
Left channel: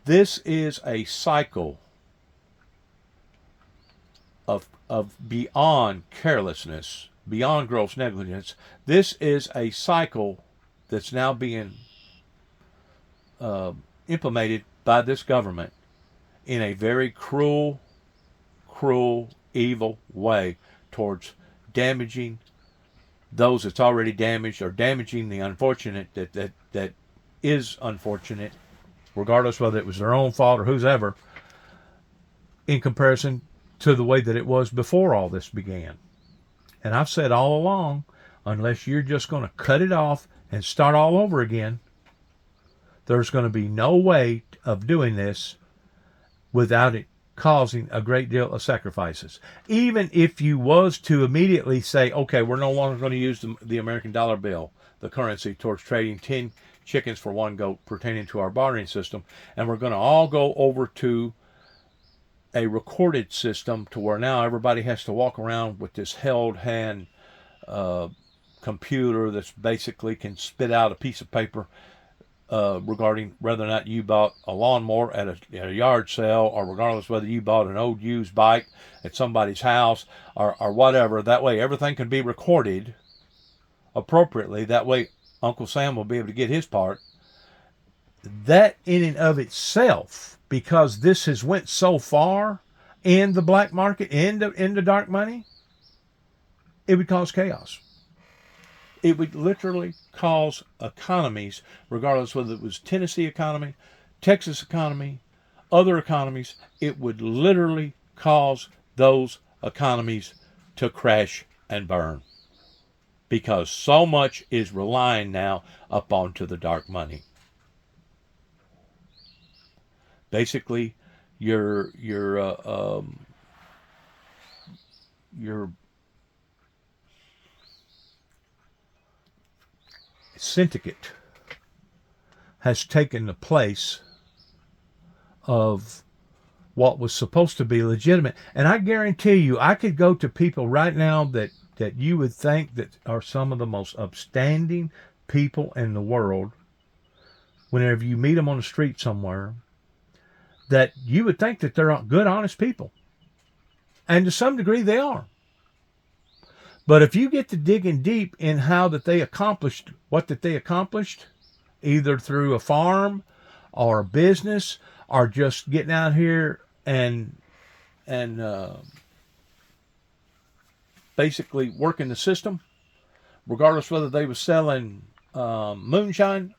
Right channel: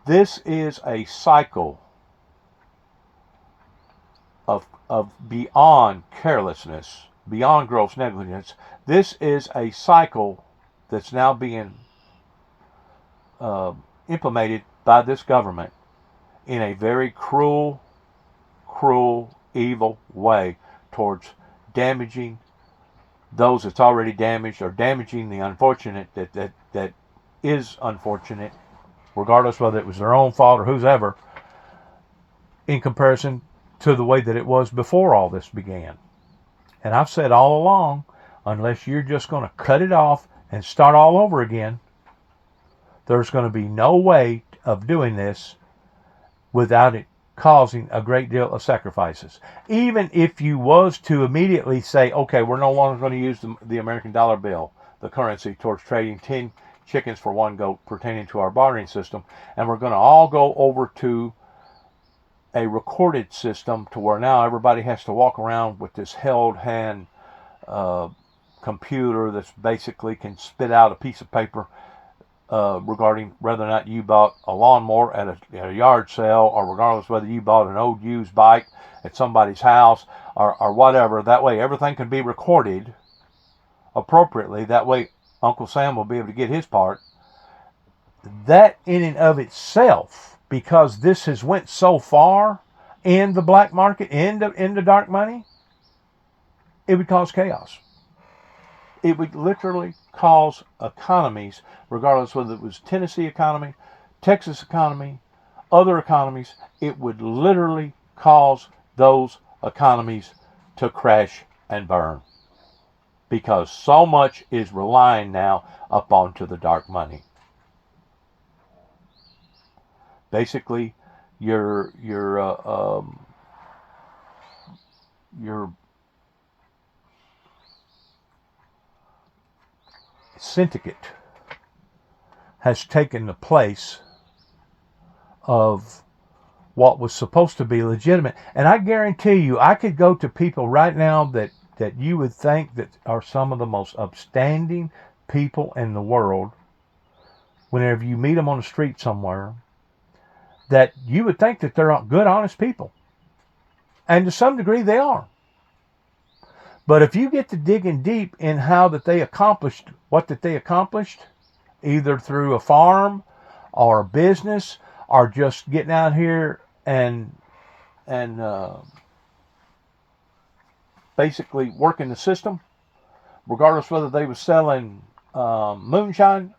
This is a cycle of beyond carelessness, beyond gross negligence. This is a cycle that's now being implemented by this government in a very cruel, evil way towards damaging those that's already damaged, or damaging the unfortunate that is unfortunate, regardless whether it was their own fault or whose ever, in comparison to the way that it was before all this began. And I've said all along, unless you're just going to cut it off and start all over again, there's going to be no way of doing this without it causing a great deal of sacrifices. Even if you was to immediately say, okay, we're no longer going to use the American dollar bill, the currency, towards trading 10 chickens for one goat pertaining to our bartering system, and we're going to all go over to a recorded system to where now everybody has to walk around with this held hand computer that's basically can spit out a piece of paper regarding whether or not you bought a lawnmower at a yard sale, or regardless whether you bought an old used bike at somebody's house, or whatever. That way everything can be recorded appropriately. That way Uncle Sam will be able to get his part. That in and of itself, because this has went so far in the black market, in the dark money, it would cause chaos. It would literally cause economies, regardless whether it was Tennessee economy, Texas economy, other economies, it would literally cause those economies to crash and burn. Because so much is relying now upon to the dark money. Basically, your syndicate has taken the place of what was supposed to be legitimate. And I guarantee you, I could go to people right now that you would think that are some of the most upstanding people in the world. Whenever you meet them on the street somewhere, that you would think that they're good, honest people. And to some degree they are. But if you get to digging deep in how that they accomplished what that they accomplished, either through a farm or a business, or just getting out here and basically working the system, regardless whether they were selling moonshine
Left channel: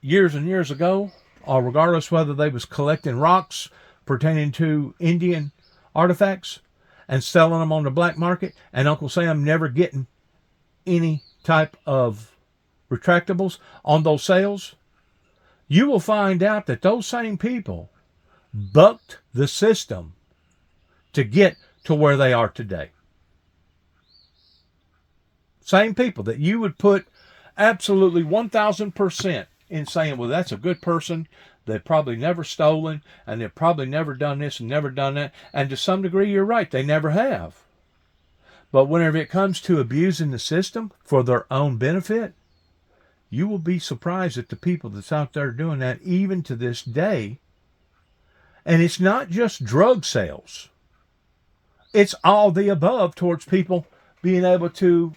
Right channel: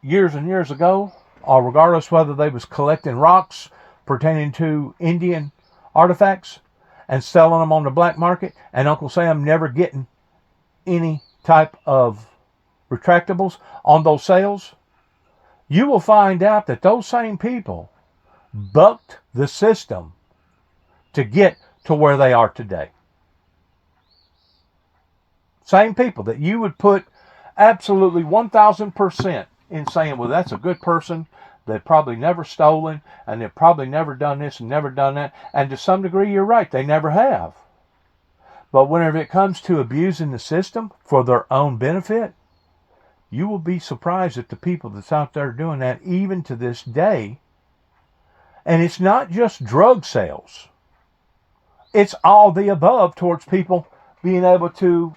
years and years ago, or regardless whether they was collecting rocks pertaining to Indian artifacts and selling them on the black market, and Uncle Sam never getting any type of retractables on those sales, you will find out that those same people bucked the system to get to where they are today. Same people that you would put absolutely 1,000% in saying, well, that's a good person. They've probably never stolen, and they've probably never done this and never done that. And to some degree, you're right. They never have. But whenever it comes to abusing the system for their own benefit, you will be surprised at the people that's out there doing that even to this day. And it's not just drug sales. it's all the above towards people being able to,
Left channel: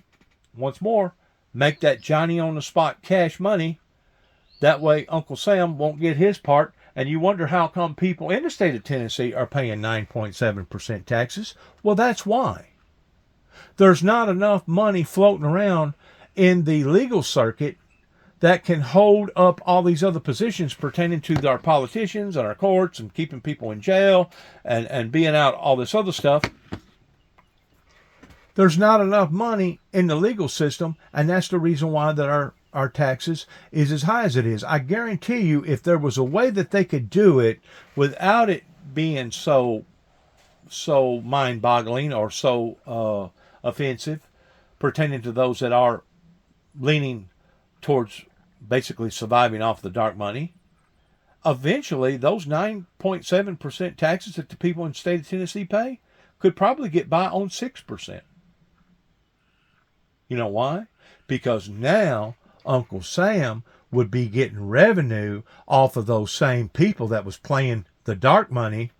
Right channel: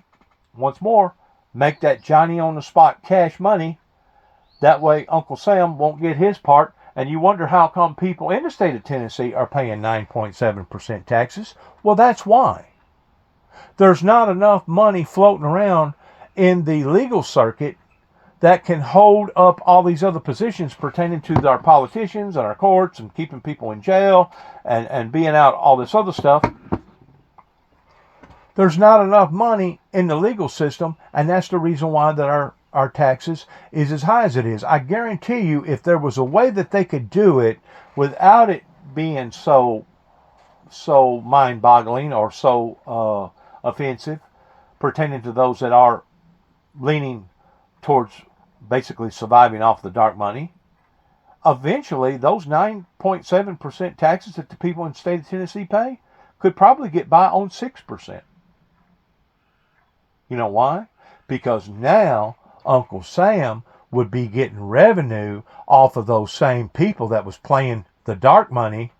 once more, make that Johnny on the spot cash money. That way Uncle Sam won't get his part. And you wonder how come people in the state of Tennessee are paying 9.7% taxes. Well, that's why. There's not enough money floating around in the legal circuit that can hold up all these other positions pertaining to our politicians and our courts and keeping people in jail and being out all this other stuff. There's not enough money in the legal system, and that's the reason why that our taxes is as high as it is. I guarantee you, if there was a way that they could do it without it being so mind-boggling or so offensive, pertaining to those that are leaning towards basically surviving off the dark money, eventually those 9.7% taxes that the people in the state of Tennessee pay could probably get by on 6%. You know why? Because now Uncle Sam would be getting revenue off of those same people that was playing the dark money.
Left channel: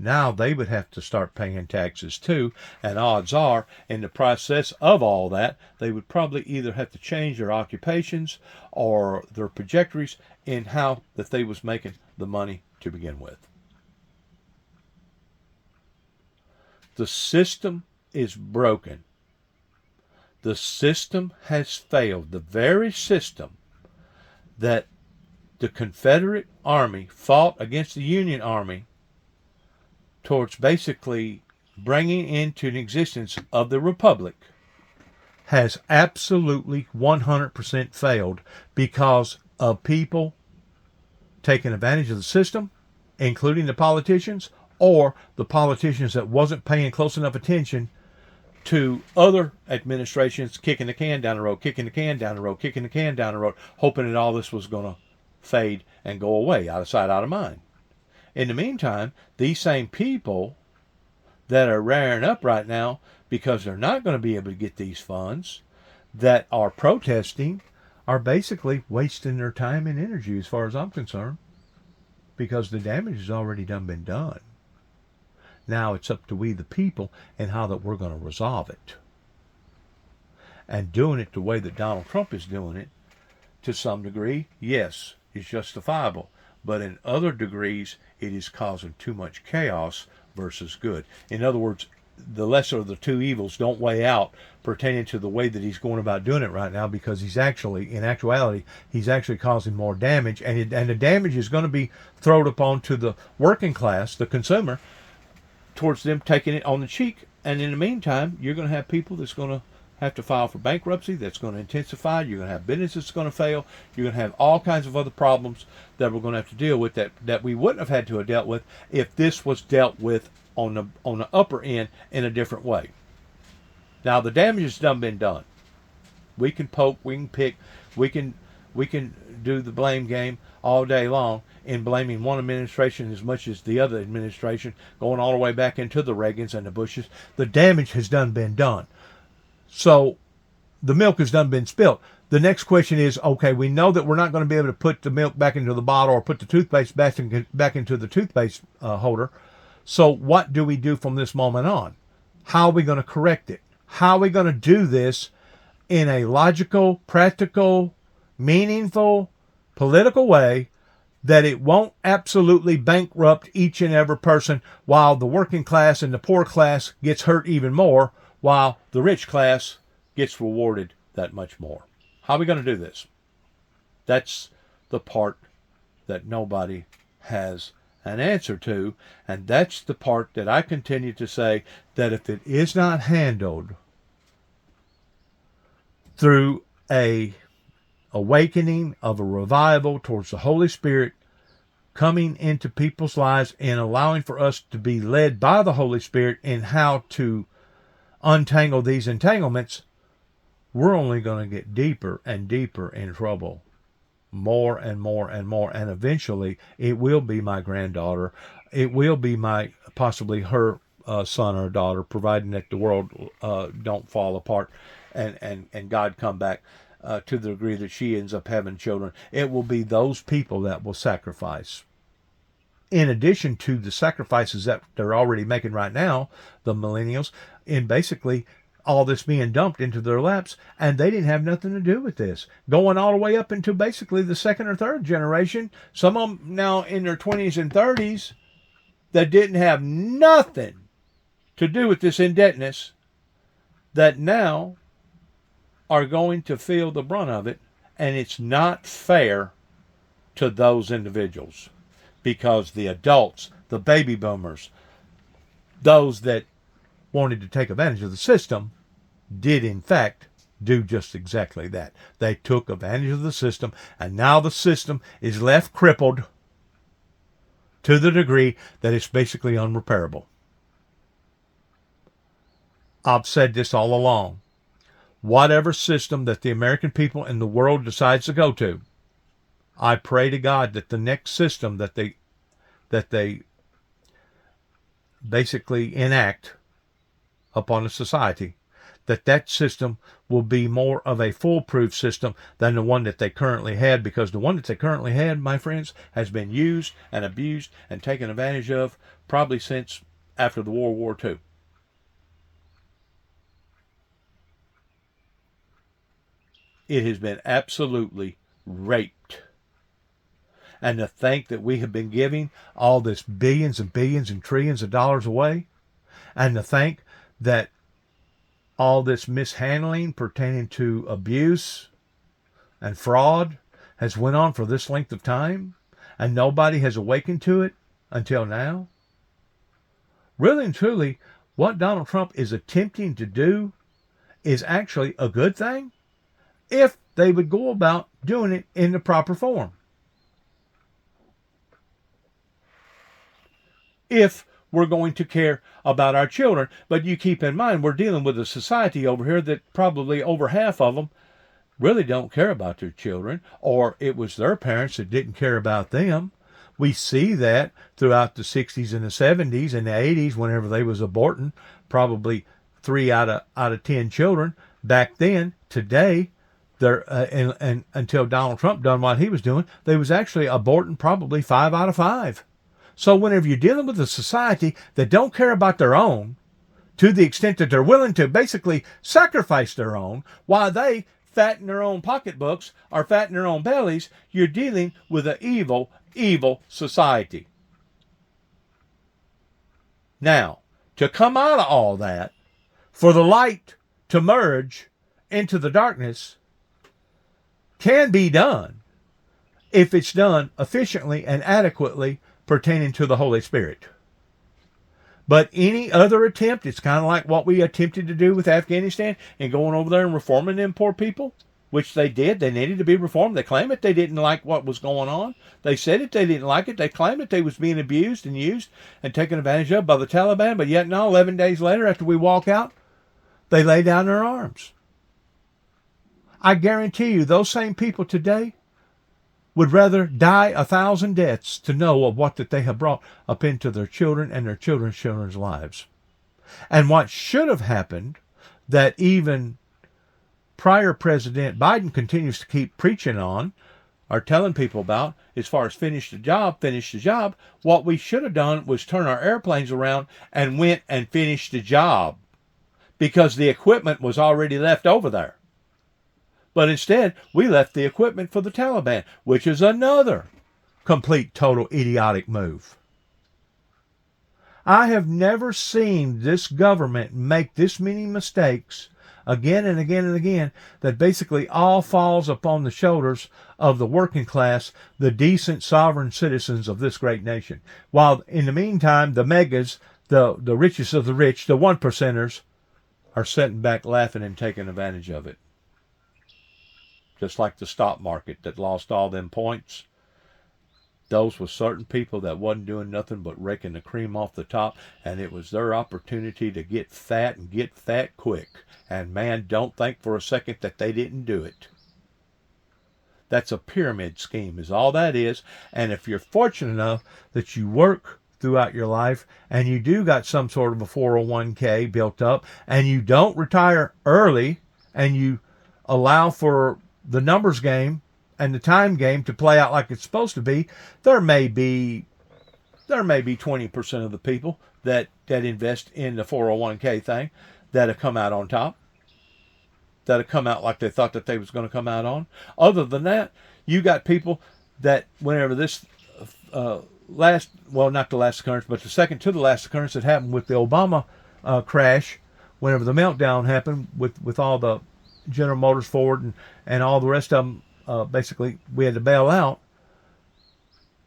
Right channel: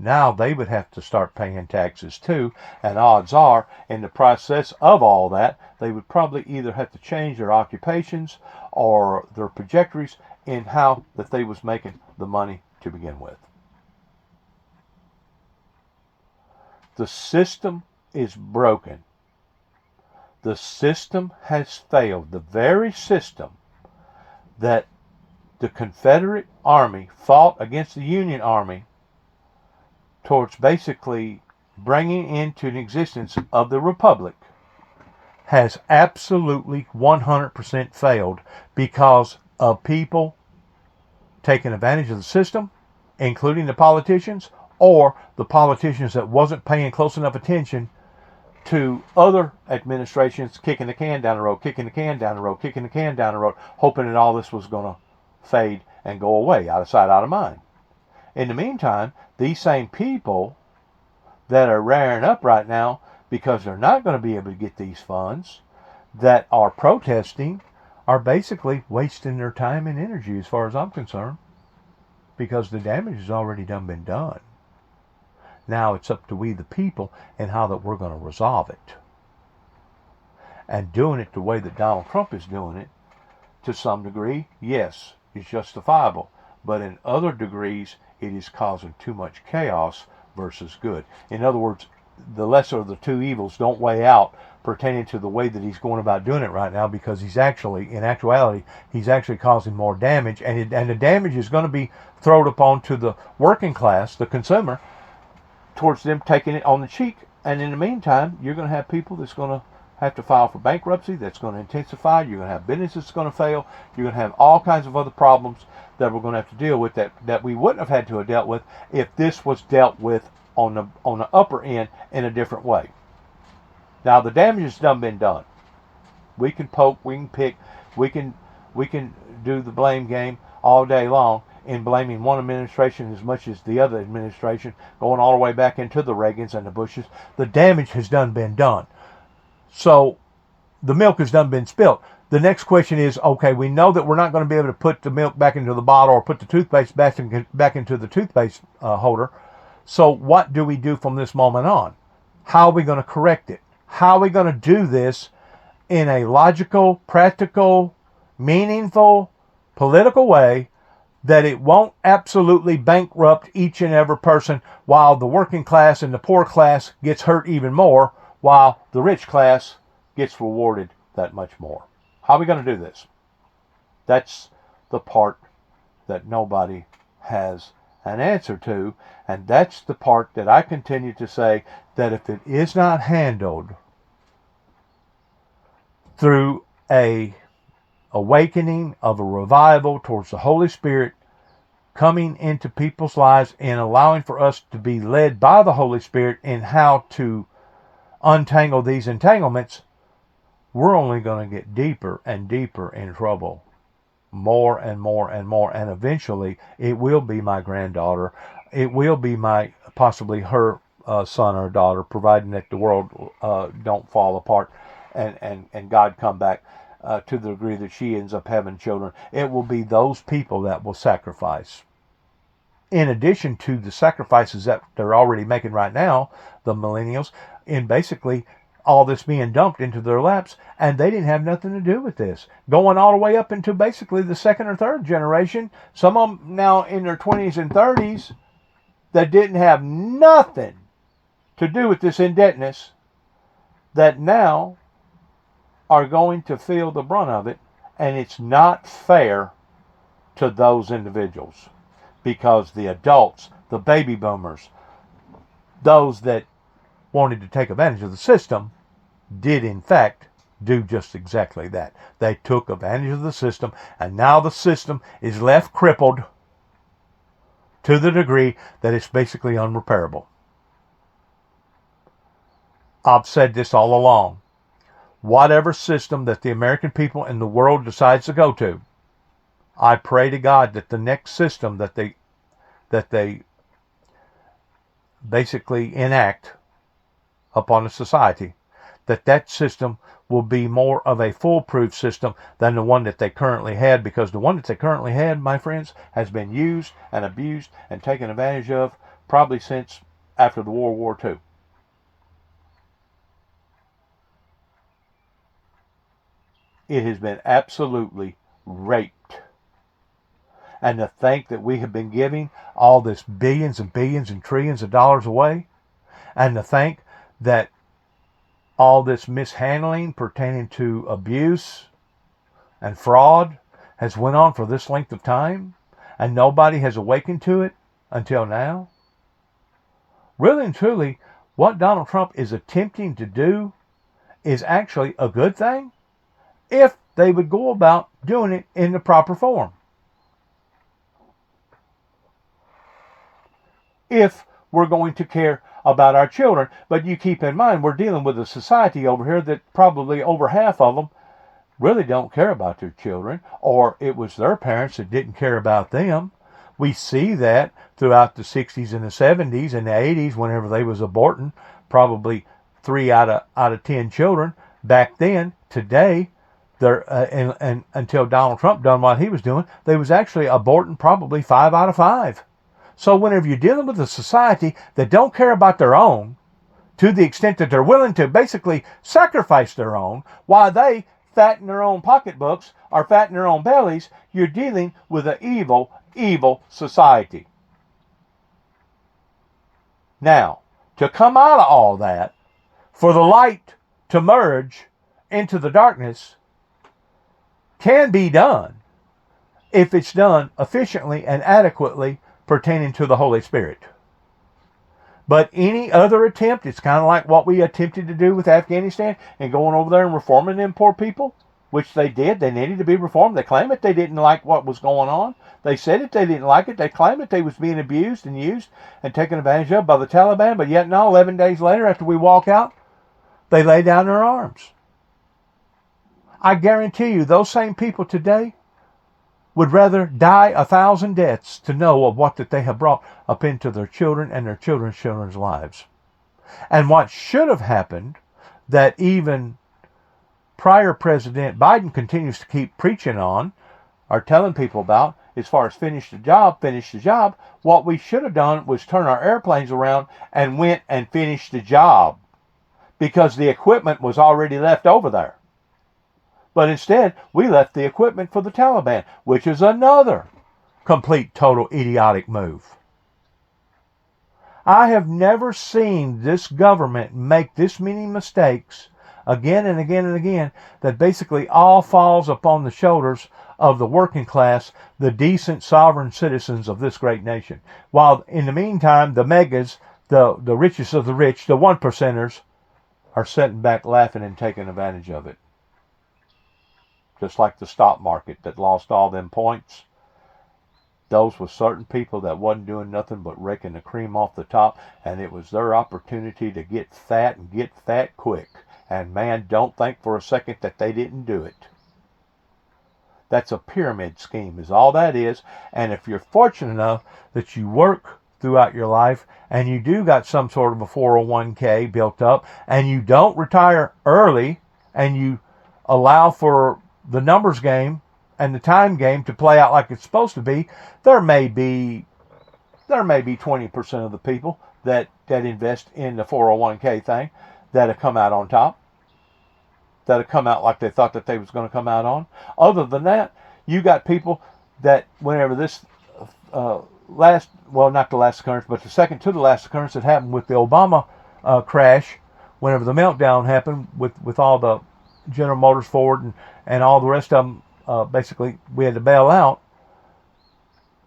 Now they would have to start paying taxes too, and odds are, in the process of all that, they would probably either have to change their occupations or their trajectories in how that they was making the money to begin with. The system is broken. The system has failed. The very system that the Confederate Army fought against the Union Army towards basically bringing into the existence of the Republic has absolutely 100% failed because of people taking advantage of the system, including the politicians, or the politicians that wasn't paying close enough attention to other administrations kicking the can down the road, kicking the can down the road, kicking the can down the road, hoping that all this was going to fade and go away, out of sight, out of mind. In the meantime, these same people that are rearing up right now because they're not going to be able to get these funds, that are protesting, are basically wasting their time and energy as far as I'm concerned, because the damage has already been done. Now it's up to we the people and how that we're going to resolve it. And doing it the way that Donald Trump is doing it, to some degree, yes, is justifiable. But in other degrees, it is causing too much chaos versus good. In other words, the lesser of the two evils don't weigh out pertaining to the way that he's going about doing it right now, because he's actually, in actuality, he's actually causing more damage. And the damage is going to be thrown upon to the working class, the consumer, towards them taking it on the cheek. And in the meantime, you're going to have people that's going to have to file for bankruptcy. That's going to intensify. You're going to have businesses that's going to fail. You're going to have all kinds of other problems that we're going to have to deal with that we wouldn't have had to have dealt with if this was dealt with on the upper end in a different way. Now the damage has been done. We can poke, we can pick, we can do the blame game all day long in blaming one administration as much as the other administration, going all the way back into the Reagans and the Bushes. The damage has been done. So the milk has been spilt. The next question is, okay, we know that we're not going to be able to put the milk back into the bottle or put the toothpaste back into the toothpaste holder. So what do we do from this moment on? How are we going to correct it? How are we going to do this in a logical, practical, meaningful, political way that it won't absolutely bankrupt each and every person, while the working class and the poor class gets hurt even more, while the rich class gets rewarded that much more? How are we going to do this? That's the part that nobody has an answer to, and that's the part that I continue to say that if it is not handled through a awakening of a revival towards the Holy Spirit coming into people's lives and allowing for us to be led by the Holy Spirit in how to untangle these entanglements, we're only going to get deeper and deeper in trouble. More and more and more. And eventually it will be my granddaughter. It will be possibly her son or daughter, providing that the world don't fall apart and God come back to the degree that she ends up having children. It will be those people that will sacrifice. in addition to the sacrifices that they're already making right now, the millennials, in basically all this being dumped into their laps, and they didn't have nothing to do with this. Going all the way up into basically the second or third generation, some of them now in their 20s and 30s, that didn't have nothing to do with this indebtedness, that now are going to feel the brunt of it, and it's not fair to those individuals, because the adults, the baby boomers, those that wanted to take advantage of the system, did in fact do just exactly that. They took advantage of the system, and now the system is left crippled to the degree that it's basically unrepairable. I've said this all along. Whatever system that the American people and the world decides to go to, I pray to God that the next system that they basically enact upon a society, that system will be more of a foolproof system than the one that they currently had, because the one that they currently had, my friends, has been used and abused and taken advantage of probably since after the World War II. It has been absolutely raped. And to think that we have been giving all this billions and billions and trillions of dollars away, and to think that all this mishandling pertaining to abuse and fraud has went on for this length of time, and nobody has awakened to it until now. Really and truly, what Donald Trump is attempting to do is actually a good thing if they would go about doing it in the proper form. If we're going to care about our children. But you keep in mind, we're dealing with a society over here that probably over half of them really don't care about their children, or it was their parents that didn't care about them. We see that throughout the 60s and the 70s and the 80s, whenever they was aborting probably 3 out of 10 children. Back then, today, and until Donald Trump done what he was doing, they was actually aborting probably 5 out of 5. So whenever you're dealing with a society that don't care about their own, to the extent that they're willing to basically sacrifice their own, while they fatten their own pocketbooks or fatten their own bellies, you're dealing with an evil, evil society. Now, to come out of all that, for the light to merge into the darkness, can be done if it's done efficiently and adequately pertaining to the Holy Spirit. But any other attempt, it's kind of like what we attempted to do with Afghanistan and going over there and reforming them poor people, which they did. They needed to be reformed. They claimed that they didn't like what was going on. They said that they didn't like it. They claimed that they was being abused and used and taken advantage of by the Taliban. But yet now, 11 days later, after we walk out, they lay down their arms. I guarantee you, those same people today would rather die 1,000 deaths to know of what that they have brought up into their children and their children's children's lives. And what should have happened, that even prior President Biden continues to keep preaching on, or telling people about, as far as finish the job, what we should have done was turn our airplanes around and went and finished the job, because the equipment was already left over there. But instead, we left the equipment for the Taliban, which is another complete, total idiotic move. I have never seen this government make this many mistakes again and again and again, that basically all falls upon the shoulders of the working class, the decent sovereign citizens of this great nation. While in the meantime, the megas, the richest of the rich, the 1%ers, are sitting back laughing and taking advantage of it. Just like the stock market that lost all them points. Those were certain people that wasn't doing nothing but raking the cream off the top, and it was their opportunity to get fat and get fat quick. And man, don't think for a second that they didn't do it. That's a pyramid scheme is all that is. And if you're fortunate enough that you work throughout your life and you do got some sort of a 401k built up, and you don't retire early, and you allow for the numbers game and the time game to play out like it's supposed to be, there may be there may be 20% of the people that invest in the 401k thing that have come out on top, that have come out like they thought that they was going to come out on. Other than that, you got people that whenever this not the last occurrence, but the second to the last occurrence that happened with the Obama crash, whenever the meltdown happened with all the General Motors, Ford, and all the rest of them, basically we had to bail out.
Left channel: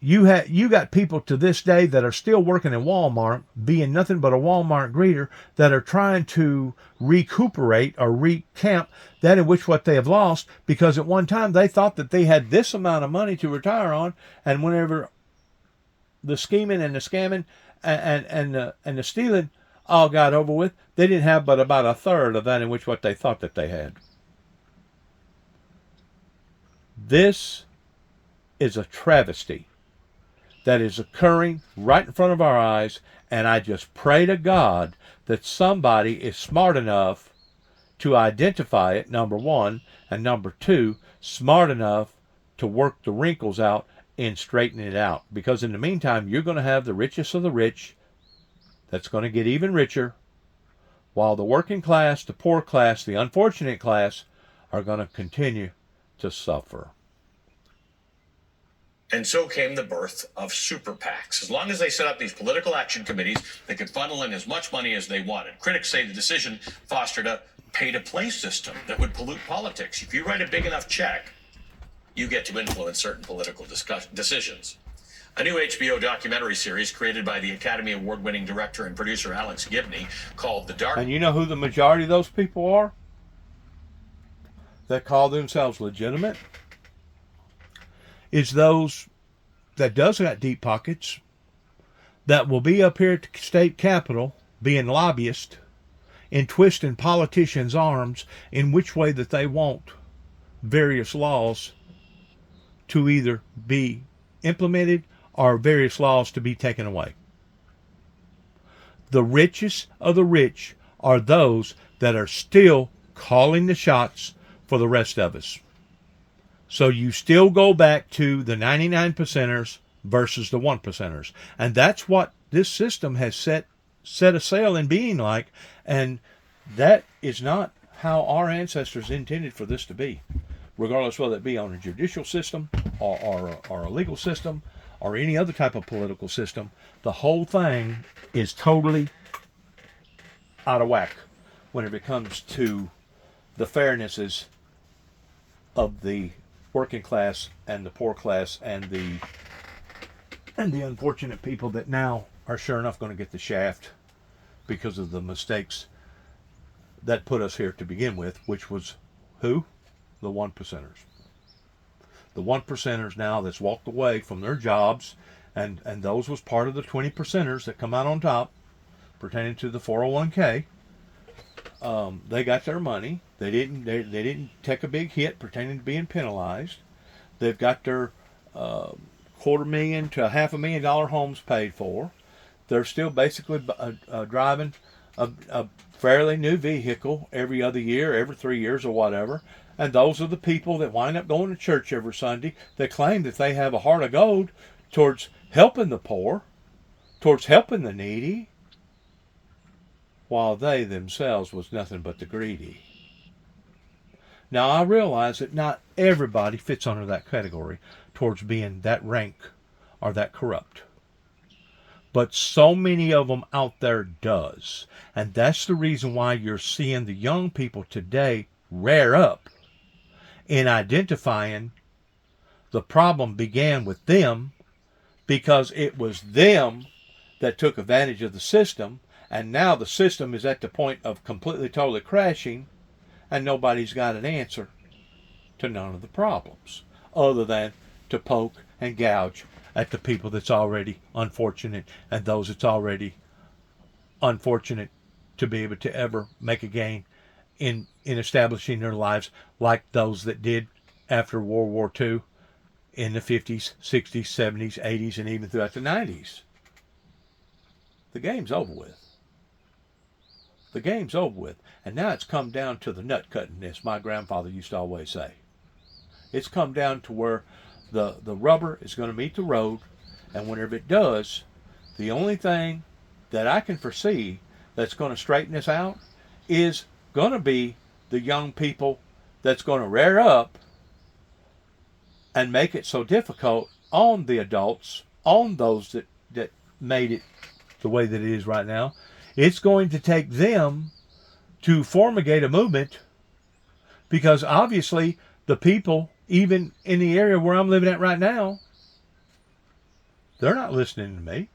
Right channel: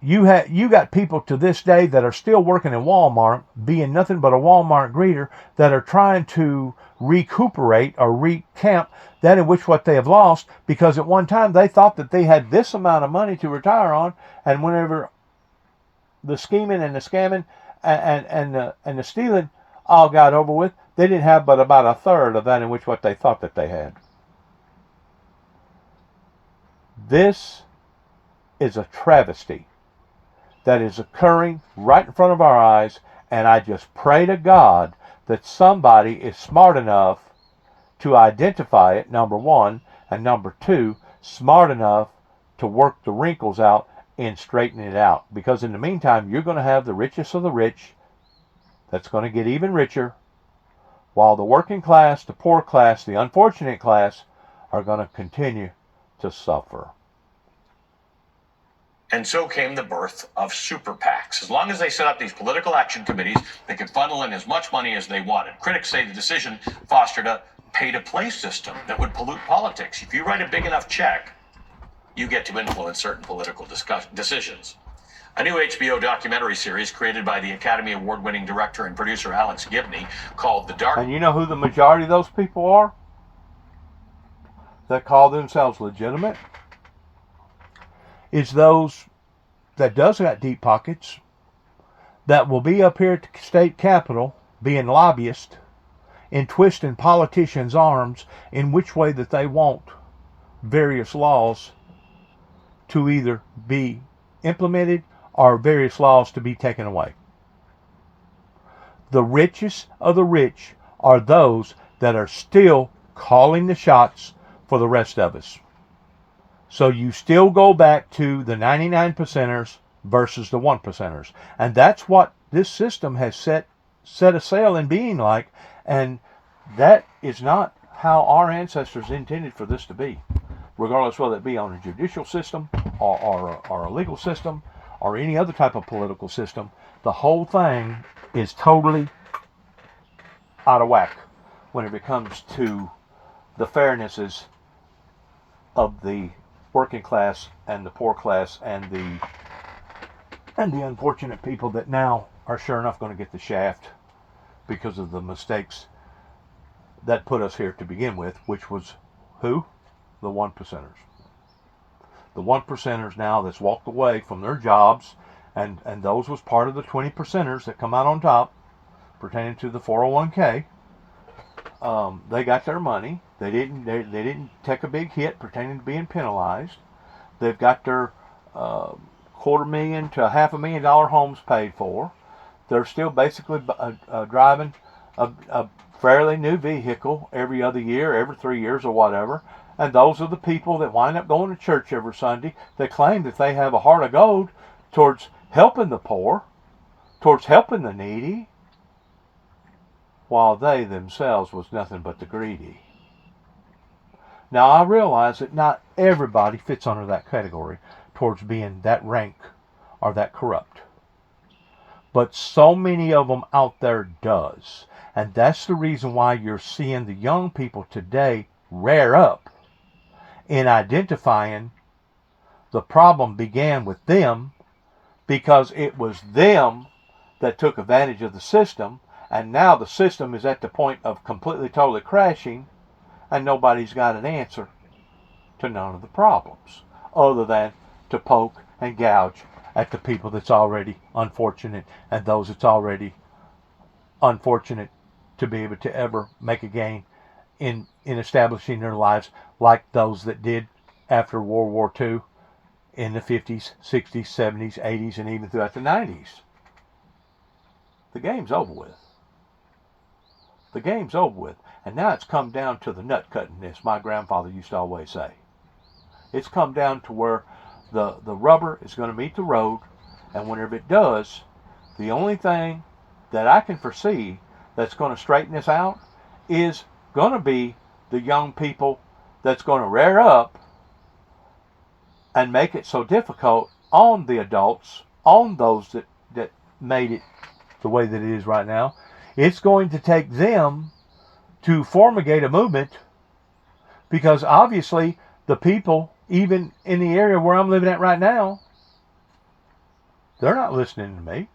You got people to this day that are still working in Walmart, being nothing but a Walmart greeter, that are trying to recuperate or recamp that in which what they have lost, because at one time they thought that they had this amount of money to retire on, and whenever the scheming and the scamming and the stealing all got over with, they didn't have but about a third of that in which what they thought that they had. This is a travesty that is occurring right in front of our eyes, and I just pray to God that somebody is smart enough to identify it, number one, and number two, smart enough to work the wrinkles out and straighten it out. Because in the meantime, you're going to have the richest of the rich that's going to get even richer, while the working class, the poor class, the unfortunate class are going to continue to suffer. And so came the birth of super PACs. As long as they set up these political action committees, they could funnel in as much money as they wanted. Critics say the decision fostered a pay-to-play system that would pollute politics. If you write a big enough check, you get to influence certain political decisions. A new HBO documentary series created by the Academy Award-winning director and producer Alex Gibney called The Dark... And you know who the majority of those people are that call themselves legitimate? Is those that does got deep pockets, that will be up here at the state capitol being lobbyists and twisting politicians' arms in which way that they want various laws to either be implemented or various laws to be taken away. The richest of the rich are those that are still calling the shots for the rest of us. So you still go back to the 99%ers versus the 1%ers. And that's what this system has set a sail in being like. And that is not how our ancestors intended for this to be. Regardless whether it be on a judicial system or a legal system or any other type of political system, the whole thing is totally out of whack when it comes to the fairnesses of the working class and the poor class and the unfortunate people that now are sure enough going to get the shaft because of the mistakes that put us here to begin with, which was who? The 1%ers. The 1%ers now that's walked away from their jobs, and those was part of the 20%ers that come out on top pertaining to the 401k. They got their money. They didn't take a big hit pertaining to being penalized. They've got their $250,000 to $500,000 homes paid for. They're still basically driving a fairly new vehicle every other year, every 3 years or whatever. And those are the people that wind up going to church every Sunday that claim that they have a heart of gold towards helping the poor, towards helping the needy, while they themselves was nothing but the greedy. Now I realize that not everybody fits under that category towards being that rank or that corrupt. But so many of them out there does. And that's the reason why you're seeing the young people today rear up in identifying the problem began with them, because it was them that took advantage of the system, and now the system is at the point of completely totally crashing, and nobody's got an answer to none of the problems other than to poke and gouge at the people that's already unfortunate and those that's already unfortunate to be able to ever make a gain in establishing their lives like those that did after World War II in the 50s, 60s, 70s, 80s, and even throughout the 90s. The game's over with. The game's over with. And now it's come down to the nut cutting, as my grandfather used to always say. It's come down to where the rubber is going to meet the road, and whenever it does, the only thing that I can foresee that's going to straighten this out is going to be the young people that's going to rear up and make it so difficult on the adults, on those that made it the way that it is right now. It's going to take them to formulate a movement, because obviously the people, even in the area where I'm living at right now, they're not listening to me.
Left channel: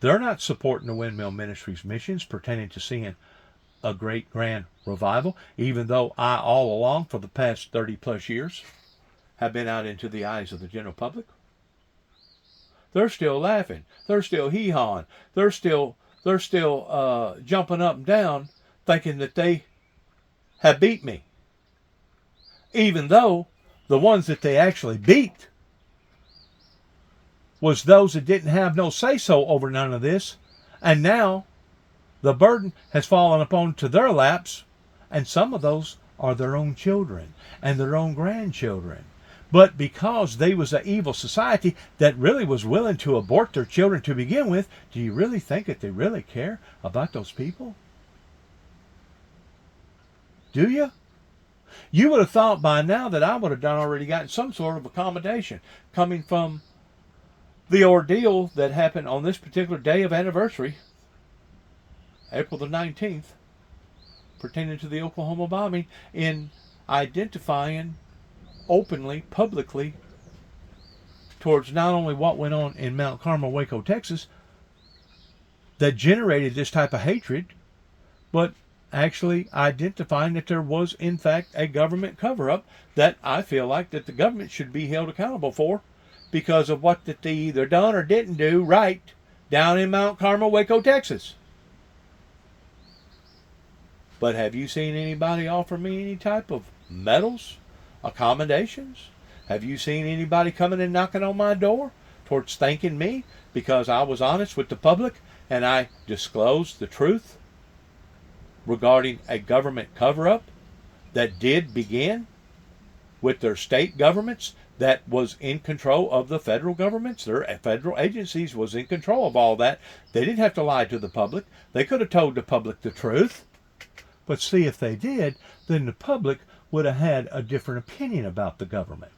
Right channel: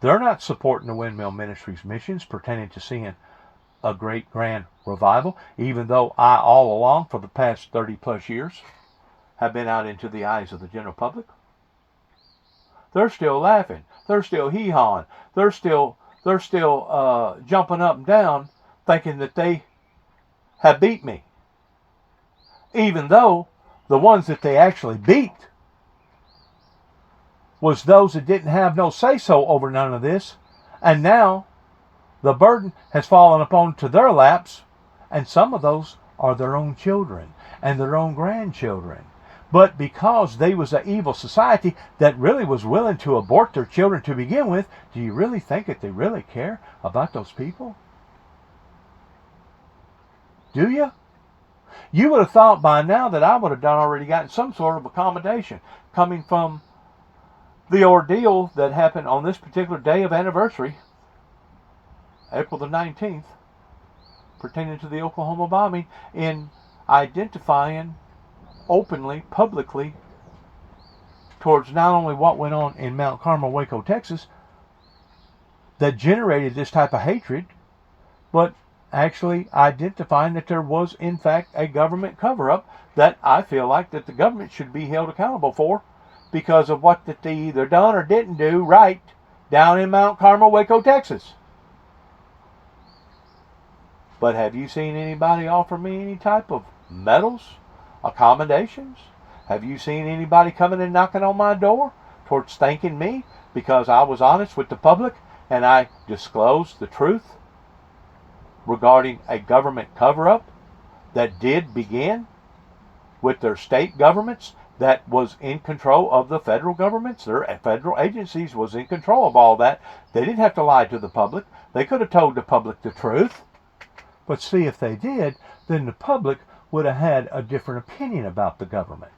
They're not supporting the Windmill Ministries missions pertaining to seeing a great grand revival, even though I all along for the past 30 plus years have been out into the eyes of the general public. They're still laughing. They're still hee-hawing. They're still jumping up and down thinking that they have beat me. Even though the ones that they actually beat was those that didn't have no say-so over none of this. And now the burden has fallen upon to their laps, and some of those are their own children and their own grandchildren. But because they was an evil society that really was willing to abort their children to begin with, do you really think that they really care about those people? Do you? You would have thought by now that I would have already gotten some sort of accommodation coming from the ordeal that happened on this particular day of anniversary, April the 19th, pertaining to the Oklahoma bombing, in identifying openly, publicly, towards not only what went on in Mount Carmel, Waco, Texas, that generated this type of hatred, but actually identifying that there was, in fact, a government cover-up that I feel like that the government should be held accountable for, because of what that they either done or didn't do right down in Mount Carmel, Waco, Texas. But have you seen anybody offer me any type of medals, accommodations? Have you seen anybody coming and knocking on my door towards thanking me because I was honest with the public and I disclosed the truth regarding a government cover-up that did begin with their state governments that was in control of the federal governments? Their federal agencies was in control of all that. They didn't have to lie to the public. They could have told the public the truth. But see, if they did, then the public would have had a different opinion about the government.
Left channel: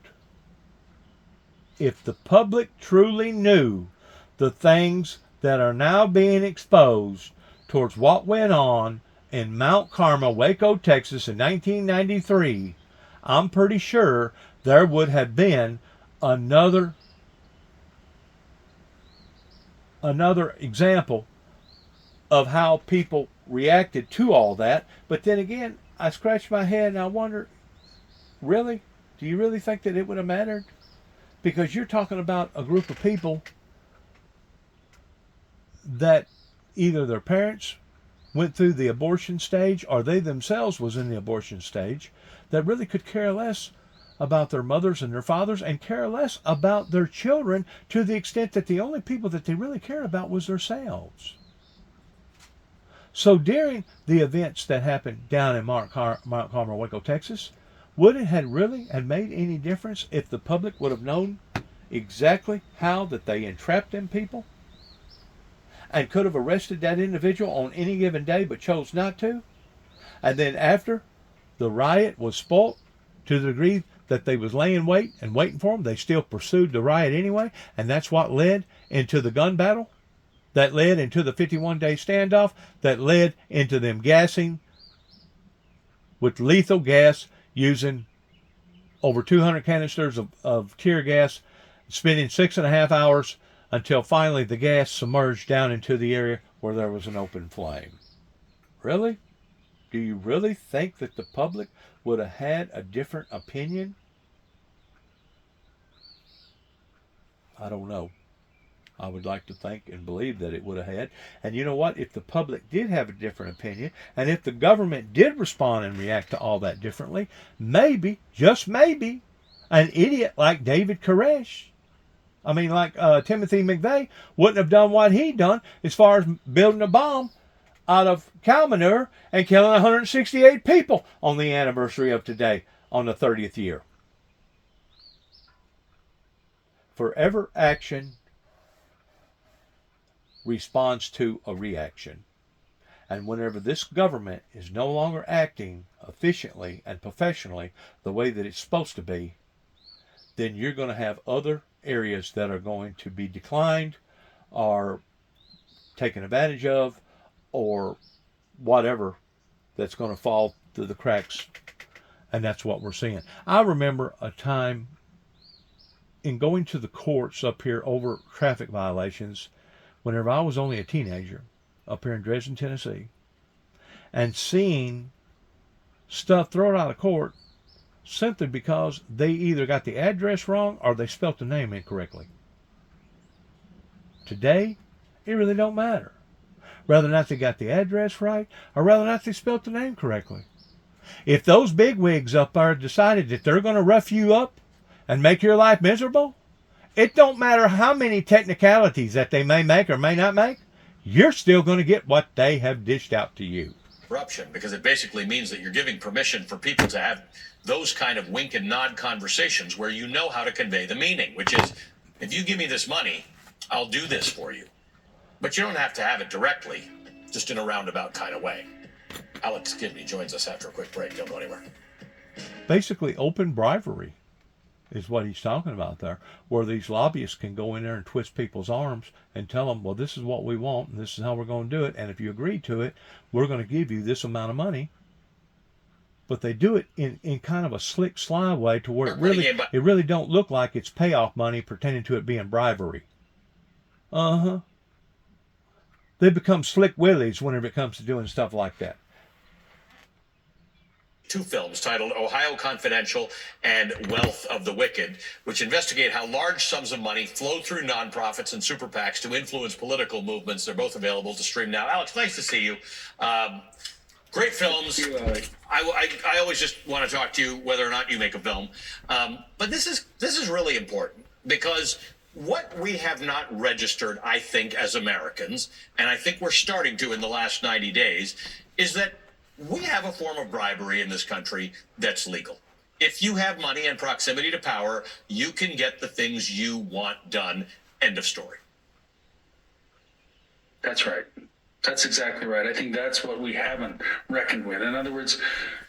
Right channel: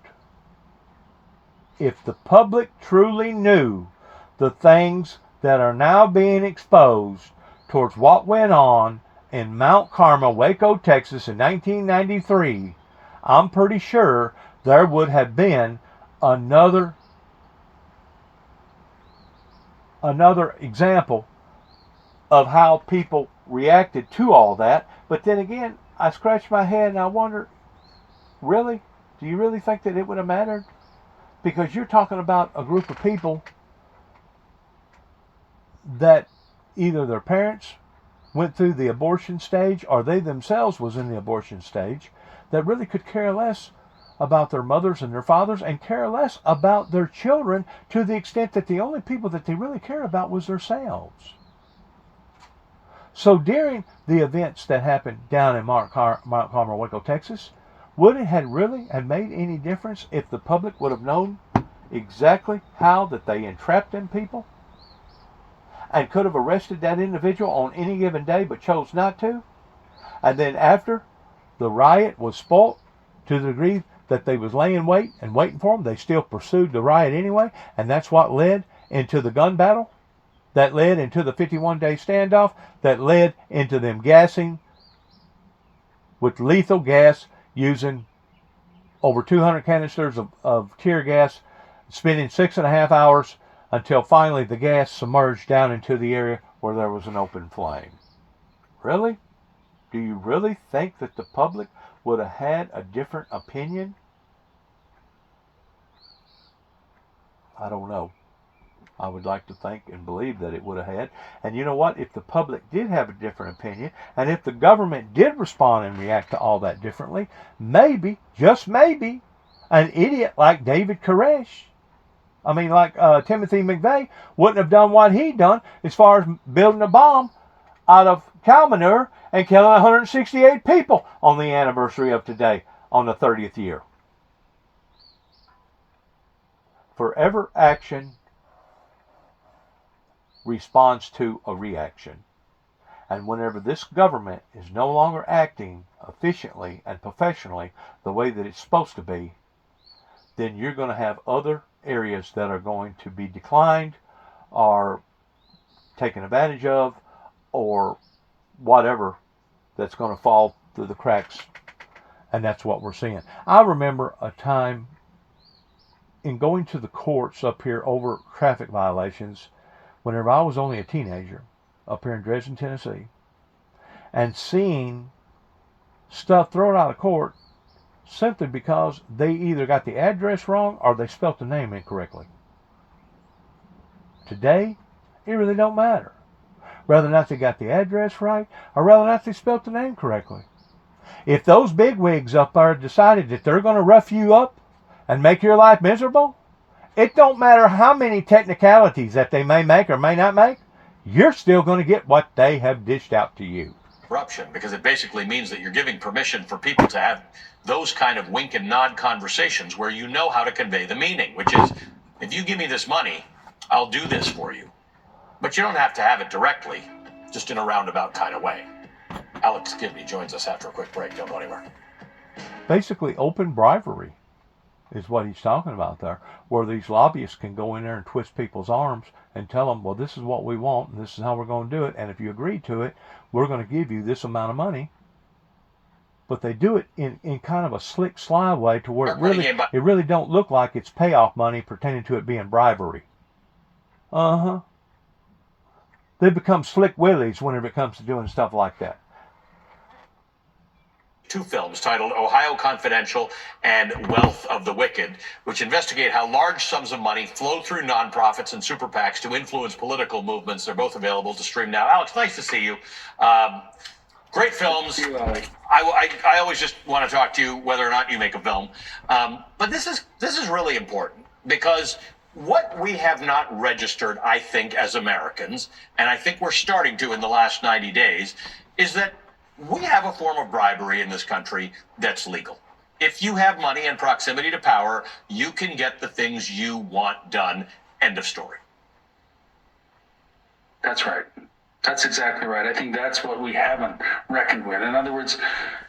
If the public truly knew the things that are now being exposed towards what went on in Mount Carmel, Waco, Texas in 1993, I'm pretty sure there would have been another example of how people reacted to all that. But then again, I scratch my head and I wonder, really? Do you really think that it would have mattered? Because you're talking about a group of people that either their parents went through the abortion stage or they themselves was in the abortion stage, that really could care less about their mothers and their fathers and care less about their children, to the extent that the only people that they really cared about was themselves. So during the events that happened down in Mount Carmel, Waco, Texas, would it have really made any difference if the public would have known exactly how that they entrapped them people and could have arrested that individual on any given day but chose not to? And then after the riot was spoilt to the degree that they was laying wait and waiting for them, they still pursued the riot anyway, and that's what led into the gun battle, that led into the 51-day standoff, that led into them gassing with lethal gas, using over 200 canisters of tear gas, spending 6.5 hours until finally the gas submerged down into the area where there was an open flame. Really? Do you really think that the public would have had a different opinion? I don't know. I would like to think and believe that it would have had. And you know what? If the public did have a different opinion, and if the government did respond and react to all that differently, maybe, just maybe, an idiot like David Koresh, Timothy McVeigh, wouldn't have done what he done as far as building a bomb out of cow manure and killing 168 people on the anniversary of today, on the 30th year. Forever action responds to a reaction. And whenever this government is no longer acting efficiently and professionally the way that it's supposed to be, then you're going to have other areas that are going to be declined or taken advantage of or whatever that's going to fall through the cracks. And that's what we're seeing. I remember a time in going to the courts up here over traffic violations whenever I was only a teenager up here in Dresden, Tennessee, and seeing stuff thrown out of court simply because they either got the address wrong or they spelt the name incorrectly. Today, it really don't matter. Whether or not they got the address right or whether or not they spelt the name correctly. If those bigwigs up there decided that they're going to rough you up and make your life miserable, it don't matter how many technicalities that they may make or may not make, you're still going to get what they have dished out to you. Corruption, because it basically means that you're giving permission for people to have those kind of wink and nod conversations where you know how to convey the meaning, which is, if you give me this money, I'll do this for you. But you don't have to have it directly, just in a roundabout kind of way. Alex Gibney joins us after a quick break. Don't go anywhere. Basically, open bribery is what he's talking about there, where these lobbyists can go in there and twist people's arms and tell them, well, this is what we want, and this is how we're going to do it, and if you agree to it, we're going to give you this amount of money. But they do it in kind of a slick, sly way to where it really don't look like it's payoff money pertaining to it being bribery. Uh-huh. They become slick willies whenever it comes to doing stuff like that. Two films titled Ohio Confidential and Wealth of the Wicked, which investigate how large sums of money flow through nonprofits and super PACs to influence political movements. They're both available to stream now. Alex, nice to see you. Great films. I always just want to talk to you whether or not you make a film. But this is really important because what we have not registered, I think, as Americans, and I think we're starting to in the last 90 days, is that we have a form of bribery in this country that's legal. If you have money and proximity to power, you can get the things you want done. End of story. That's right. That's exactly right. I think that's what we haven't reckoned with. In other words,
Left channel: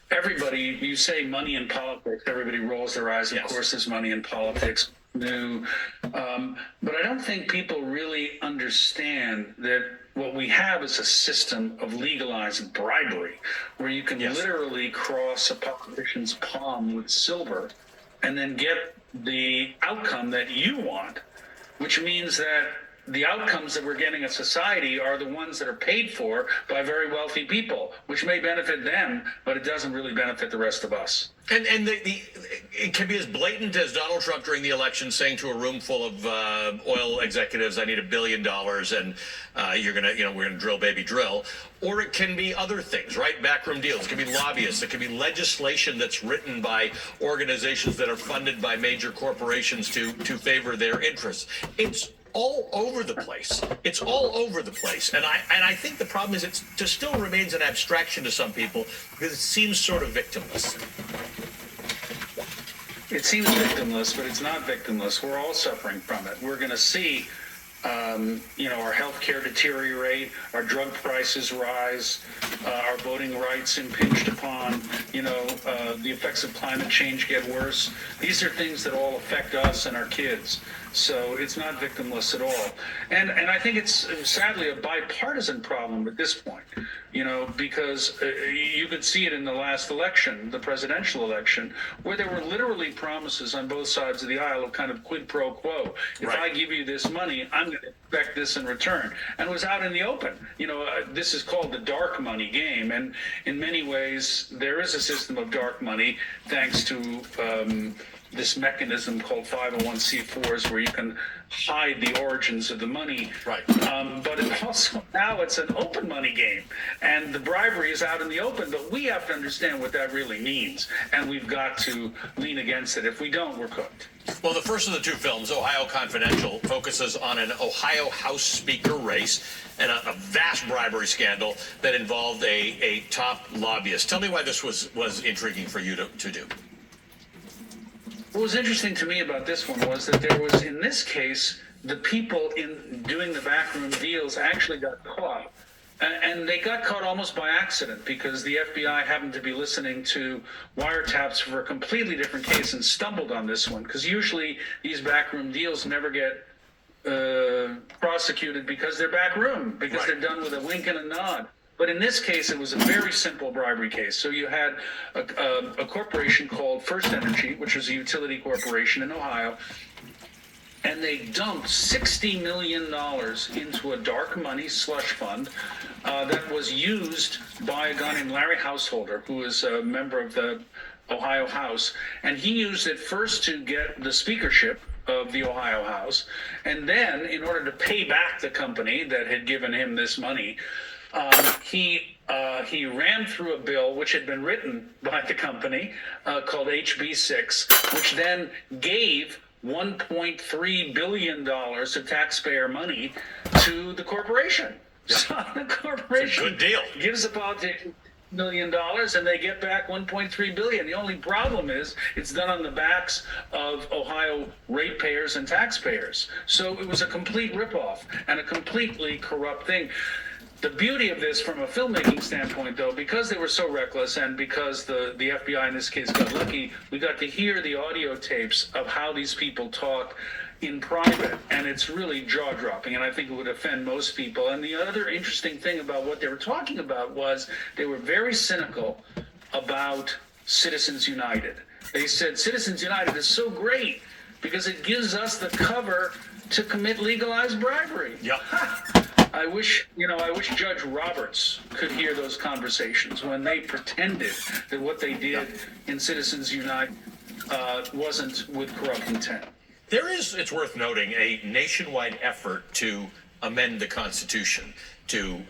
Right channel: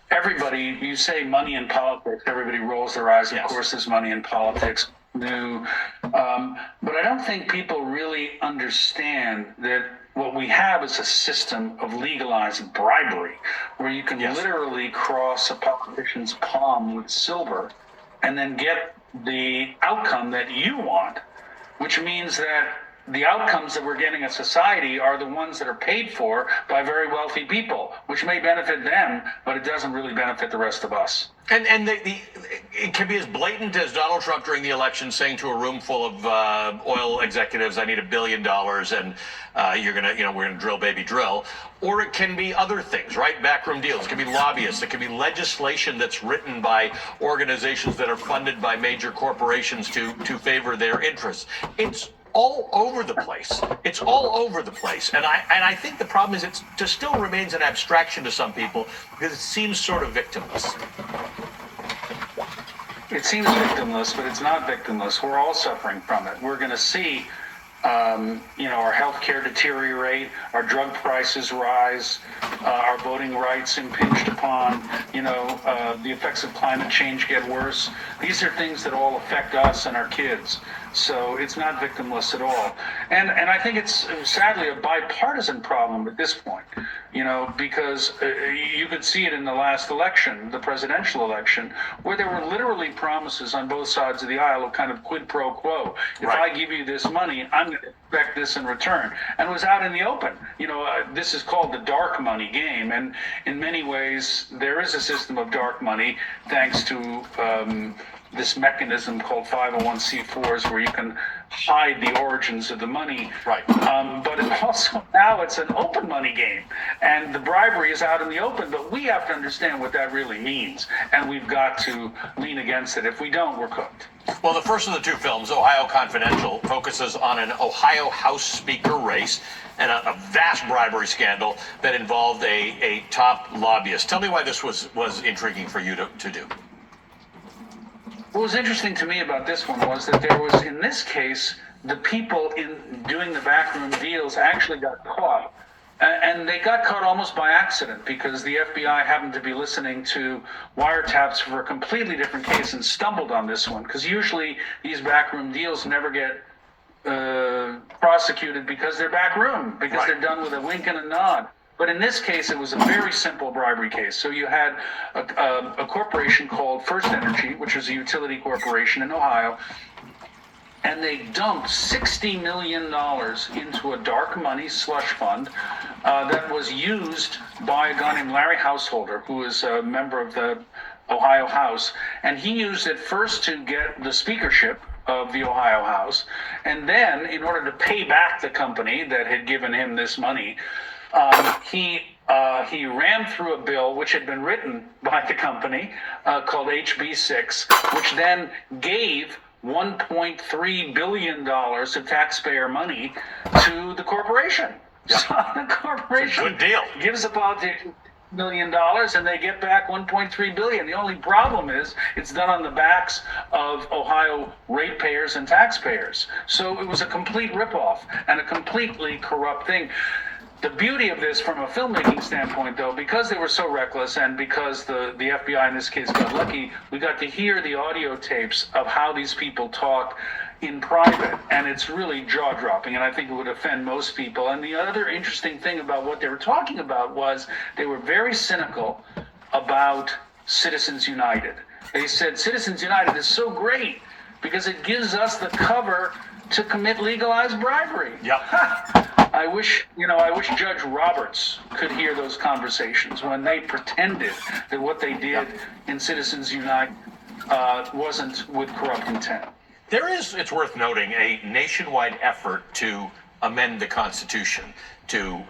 everybody, you say money in politics, everybody rolls their eyes. Of course, there's money in politics. New. But I don't think people really understand that what we have is a system of legalized bribery where you can literally cross a politician's palm with silver and then get the outcome that you want, which means that the outcomes that we're getting as society are the ones that are paid for by very wealthy people, which may benefit them, but it doesn't really benefit the rest of us. And it can be as blatant as Donald Trump during the election saying to a room full of oil executives, I need $1 billion and we're gonna drill, baby, drill. Or it can be other things, right? Backroom deals. It can be lobbyists. It can be legislation that's written by organizations that are funded by major corporations to favor their interests. It's all over the place. It's all over the place. And I think the problem is it still remains an abstraction to some people because it seems sort of victimless. It seems victimless, but it's not victimless. We're all suffering from it. We're going to see, our health care deteriorate, our drug prices rise, our voting rights impinged upon, the effects of climate change get worse. These are things that all affect us and our kids. So it's not victimless at all. And I think it's sadly a bipartisan problem at this point, because you could see it in the last election, the presidential election, where there were literally promises on both sides of the aisle of kind of quid pro quo. If I give you this money, I'm going to expect this in return. And it was out in the open. This is called the dark money game. And in many ways, there is a system of dark money thanks to this mechanism called 501c4s where you can hide the origins of the money. Right. But it also now it's an open money game. And the bribery is out in the open, but we have to understand what that really means. And we've got to lean against it. If we don't, we're cooked. Well, the first of the two films, Ohio Confidential, focuses on an Ohio House Speaker race and a vast bribery scandal that involved a top lobbyist. Tell me why this was intriguing for you to do. What was interesting to me about this one was that there was, in this case, the people in doing the backroom deals actually got caught. And they got caught almost by accident because the FBI happened to be listening to wiretaps for a completely different case and stumbled on this one. Because usually these backroom deals never get prosecuted because they're backroom, because they're done with a wink and a nod. But in this case, it was a very simple bribery case. So you had a corporation called First Energy, which was a utility corporation in Ohio, and they dumped $60 million into a dark money slush fund that was used by a guy named Larry Householder, who is a member of the Ohio House. And he used it first to get the speakership of the Ohio House. And then, in order to pay back the company that had given him this money, he ran through a bill which had been written by the company called HB 6, which then gave $1.3 billion of taxpayer money to the corporation. Yeah. So the corporation good deal. Gives the politicians $1 million and they get back $1.3 billion. The only problem is it's done on the backs of Ohio ratepayers and taxpayers. So it was a complete ripoff and a completely corrupt thing. The beauty of this from a filmmaking standpoint, though, because they were so reckless and because the FBI in this case got lucky, we got to hear the audio tapes of how these people talk in private, and it's really jaw-dropping, and I think it would offend most people. And the other interesting thing about what they were talking about was they were very cynical about Citizens United. They said Citizens United is so great because it gives us the cover to commit legalized bribery. Yep. I wish Judge Roberts could hear those conversations when they pretended that what they did in Citizens United wasn't with corrupt intent. There is, it's worth noting, a nationwide effort to amend the Constitution to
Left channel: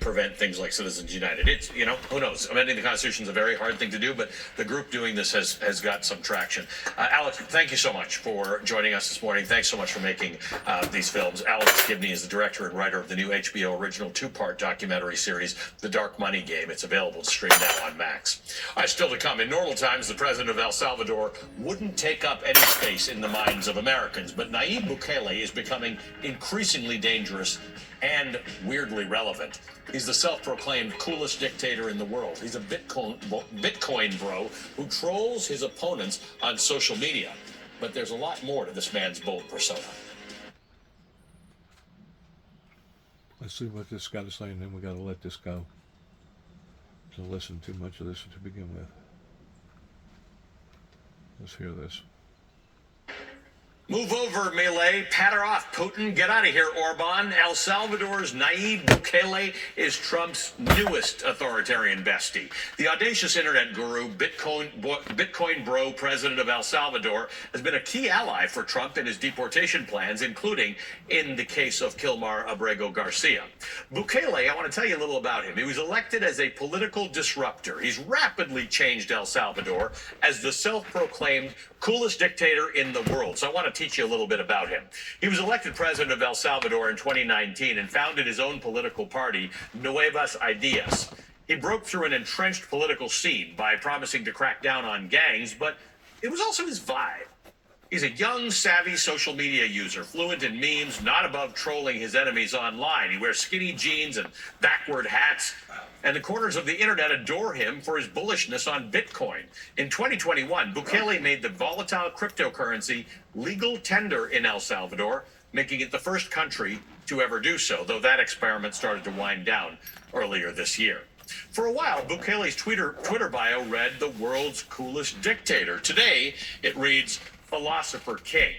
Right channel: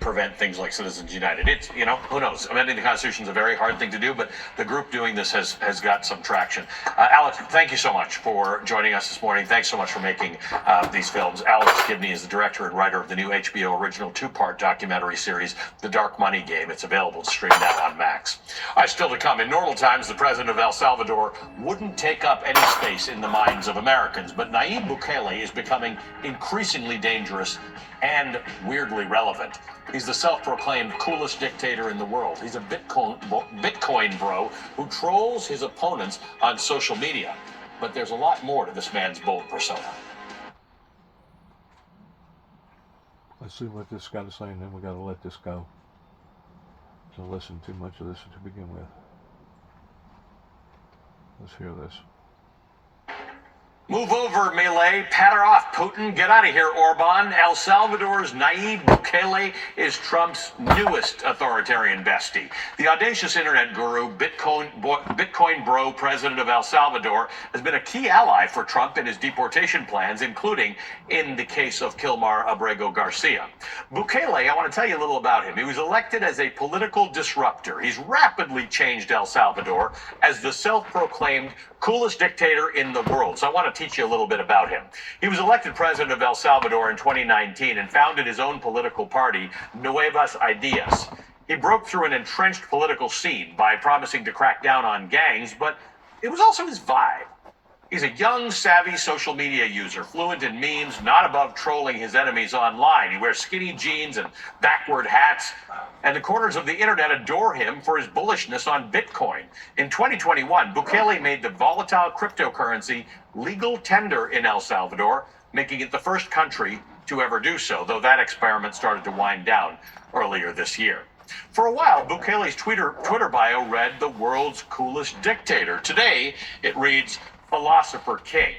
prevent things like Citizens United. It's, who knows? Amending the Constitution is a very hard thing to do, but the group doing this has got some traction. Alex, thank you so much for joining us this morning. Thanks so much for making these films. Alex Gibney is the director and writer of the new HBO original two-part documentary series, The Dark Money Game. It's available to stream now on Max. Still to come. In normal times, the president of El Salvador wouldn't take up any space in the minds of Americans, but Nayib Bukele is becoming increasingly dangerous and weirdly relevant. He's the self-proclaimed coolest dictator in the world. He's a Bitcoin bro who trolls his opponents on social media. But there's a lot more to this man's bold persona. Let's see what this got to say, and then we got to let this go. To listen too much of this to begin with. Let's hear this. Move over, Milei. Pat her off, Putin. Get out of here, Orban. El Salvador's Nayib Bukele is Trump's newest authoritarian bestie. The audacious internet guru, Bitcoin bro president of El Salvador, has been a key ally for Trump in his deportation plans, including in the case of Kilmar Abrego Garcia. Bukele, I want to tell you a little about him. He was elected as a political disruptor. He's rapidly changed El Salvador as the self-proclaimed coolest dictator in the world. So I want to teach you a little bit about him. He was elected president of El Salvador in 2019 and founded his own political party, Nuevas Ideas. He broke through an entrenched political scene by promising to crack down on gangs, but it was also his vibe. He's a young, savvy social media user, fluent in memes, not above trolling his enemies online. He wears skinny jeans and backward hats, and the corners of the internet adore him for his bullishness on Bitcoin. In 2021, Bukele made the volatile cryptocurrency legal tender in El Salvador, making it the first country to ever do so, though that experiment started to wind down earlier this year. For a while, Bukele's Twitter bio read the world's coolest dictator. Today, it reads Philosopher King.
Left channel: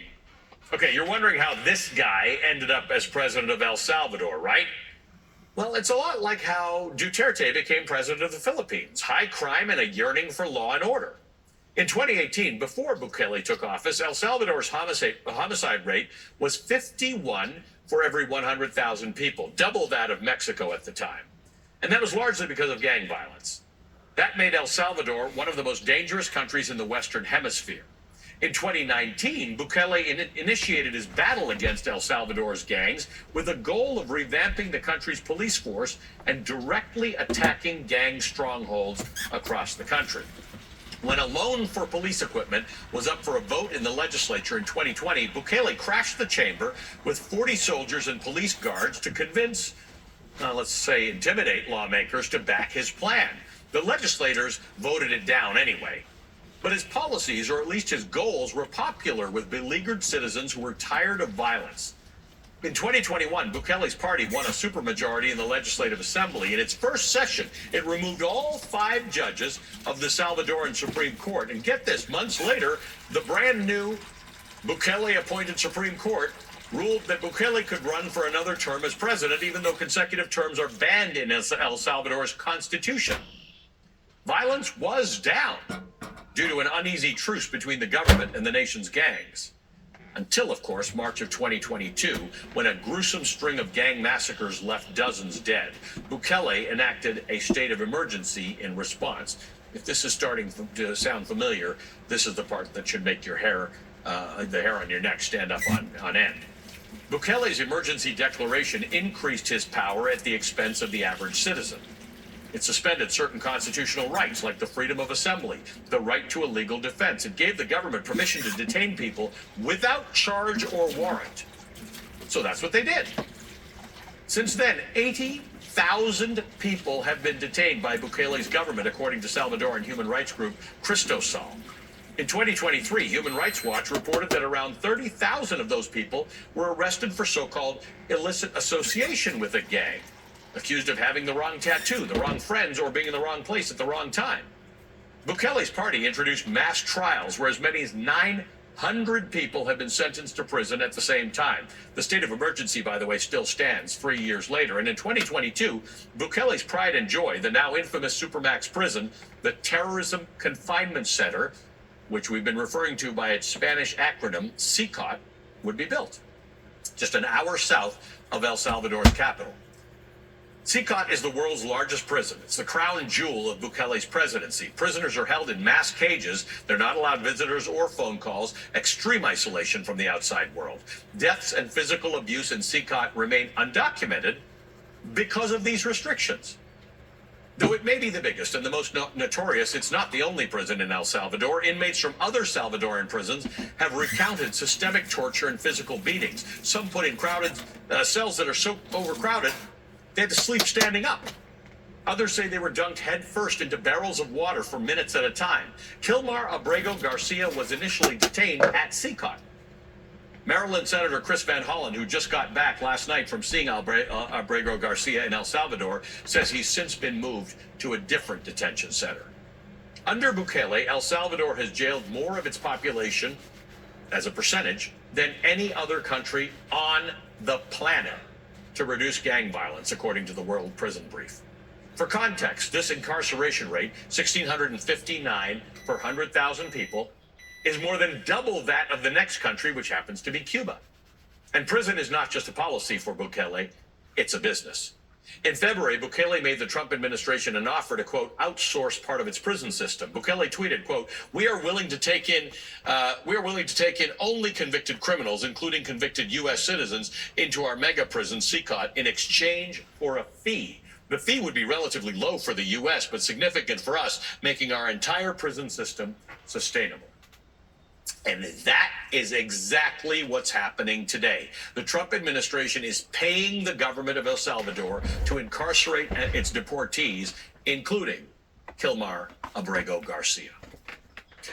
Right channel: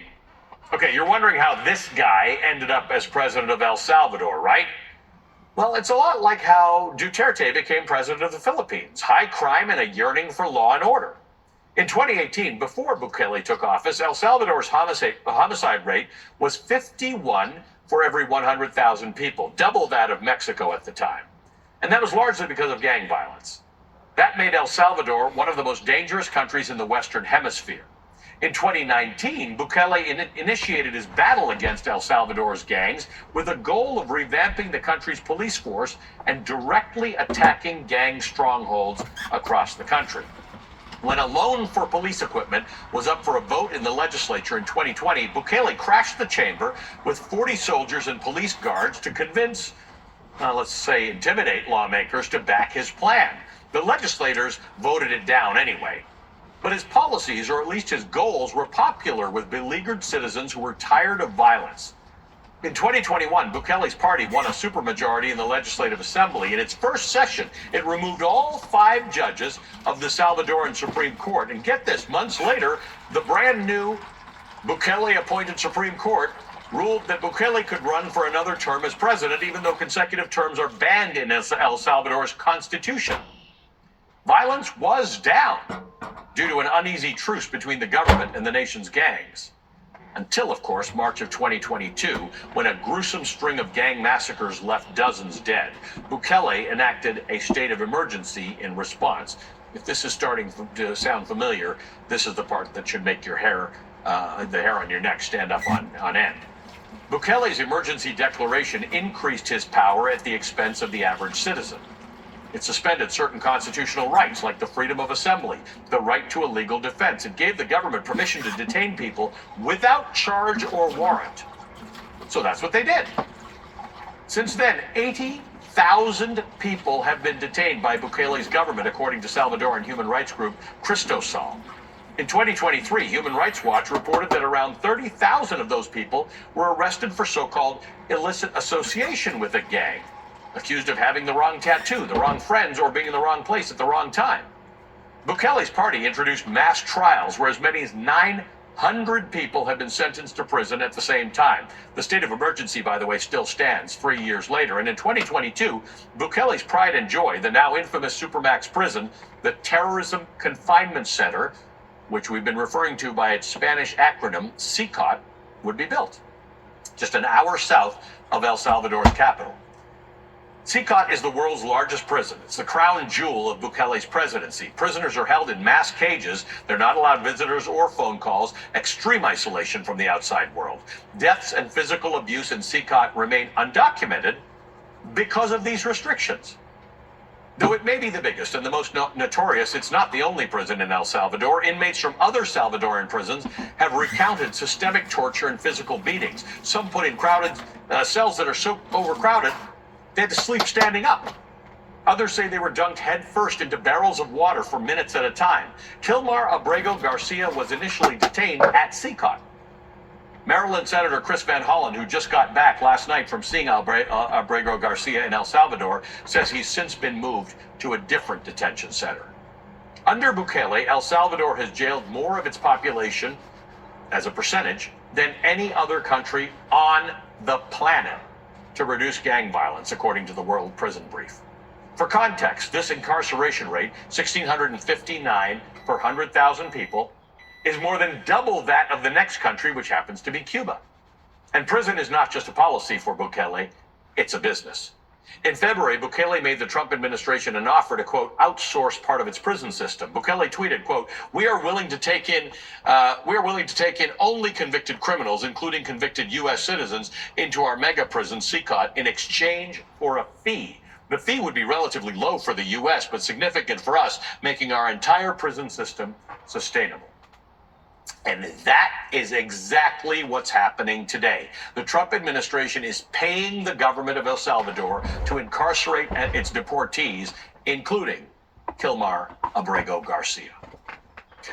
Okay, you're wondering how this guy ended up as president of El Salvador, right? Well, it's a lot like how Duterte became president of the Philippines. High crime and a yearning for law and order. In 2018, before Bukele took office, El Salvador's homicide rate was 51 for every 100,000 people, double that of Mexico at the time. And that was largely because of gang violence. That made El Salvador one of the most dangerous countries in the Western Hemisphere. In 2019, Bukele initiated his battle against El Salvador's gangs with a goal of revamping the country's police force and directly attacking gang strongholds across the country. When a loan for police equipment was up for a vote in the legislature in 2020, Bukele crashed the chamber with 40 soldiers and police guards to convince, let's say, intimidate lawmakers to back his plan. The legislators voted it down anyway. But his policies, or at least his goals, were popular with beleaguered citizens who were tired of violence. In 2021, Bukele's party won a supermajority in the Legislative Assembly. In its first session, it removed all 5 judges of the Salvadoran Supreme Court. And get this, months later, the brand new Bukele-appointed Supreme Court ruled that Bukele could run for another term as president, even though consecutive terms are banned in El Salvador's constitution. Violence was down due to an uneasy truce between the government and the nation's gangs. Until, of course, March of 2022, when a gruesome string of gang massacres left dozens dead. Bukele enacted a state of emergency in response. If this is starting to sound familiar, this is the part that should make your hair, the hair on your neck stand up on end. Bukele's emergency declaration increased his power at the expense of the average citizen. It suspended certain constitutional rights, like the freedom of assembly, the right to a legal defense. It gave the government permission to detain people without charge or warrant. So that's what they did. Since then, 80,000 people have been detained by Bukele's government, according to Salvadoran human rights group Cristosal. In 2023, Human Rights Watch reported that around 30,000 of those people were arrested for so-called illicit association with a gang, accused of having the wrong tattoo, the wrong friends, or being in the wrong place at the wrong time. Bukele's party introduced mass trials where as many as 900 people have been sentenced to prison at the same time. The state of emergency, by the way, still stands 3 years later. And in 2022, Bukele's pride and joy, the now infamous Supermax prison, the Terrorism Confinement Center, which we've been referring to by its Spanish acronym, CICOT, would be built just an hour south of El Salvador's capital. CICOT is the world's largest prison. It's the crown jewel of Bukele's presidency. Prisoners are held in mass cages. They're not allowed visitors or phone calls. Extreme isolation from the outside world. Deaths and physical abuse in CICOT remain undocumented because of these restrictions. Though it may be the biggest and the most notorious, it's not the only prison in El Salvador. Inmates from other Salvadoran prisons have recounted systemic torture and physical beatings. Some put in crowded cells that are so overcrowded they had to sleep standing up. Others say they were dunked headfirst into barrels of water for minutes at a time. Kilmar Abrego Garcia was initially detained at CICOT. Maryland Senator Chris Van Hollen, who just got back last night from seeing Abrego Garcia in El Salvador, says he's since been moved to a different detention center. Under Bukele, El Salvador has jailed more of its population, as a percentage, than any other country on the planet to reduce gang violence, according to the World Prison Brief. For context, this incarceration rate, 1,659 per 100,000 people, is more than double that of the next country, which happens to be Cuba. And prison is not just a policy for Bukele, it's a business. In February, Bukele made the Trump administration an offer to, quote, outsource part of its prison system. Bukele tweeted, quote, we are willing to take in only convicted criminals, including convicted U.S. citizens, into our mega prison, CICOT, in exchange for a fee. The fee would be relatively low for the U.S., but significant for us, making our entire prison system sustainable. And that is exactly what's happening today. The Trump administration is paying the government of El Salvador to incarcerate its deportees, including Kilmar Abrego Garcia.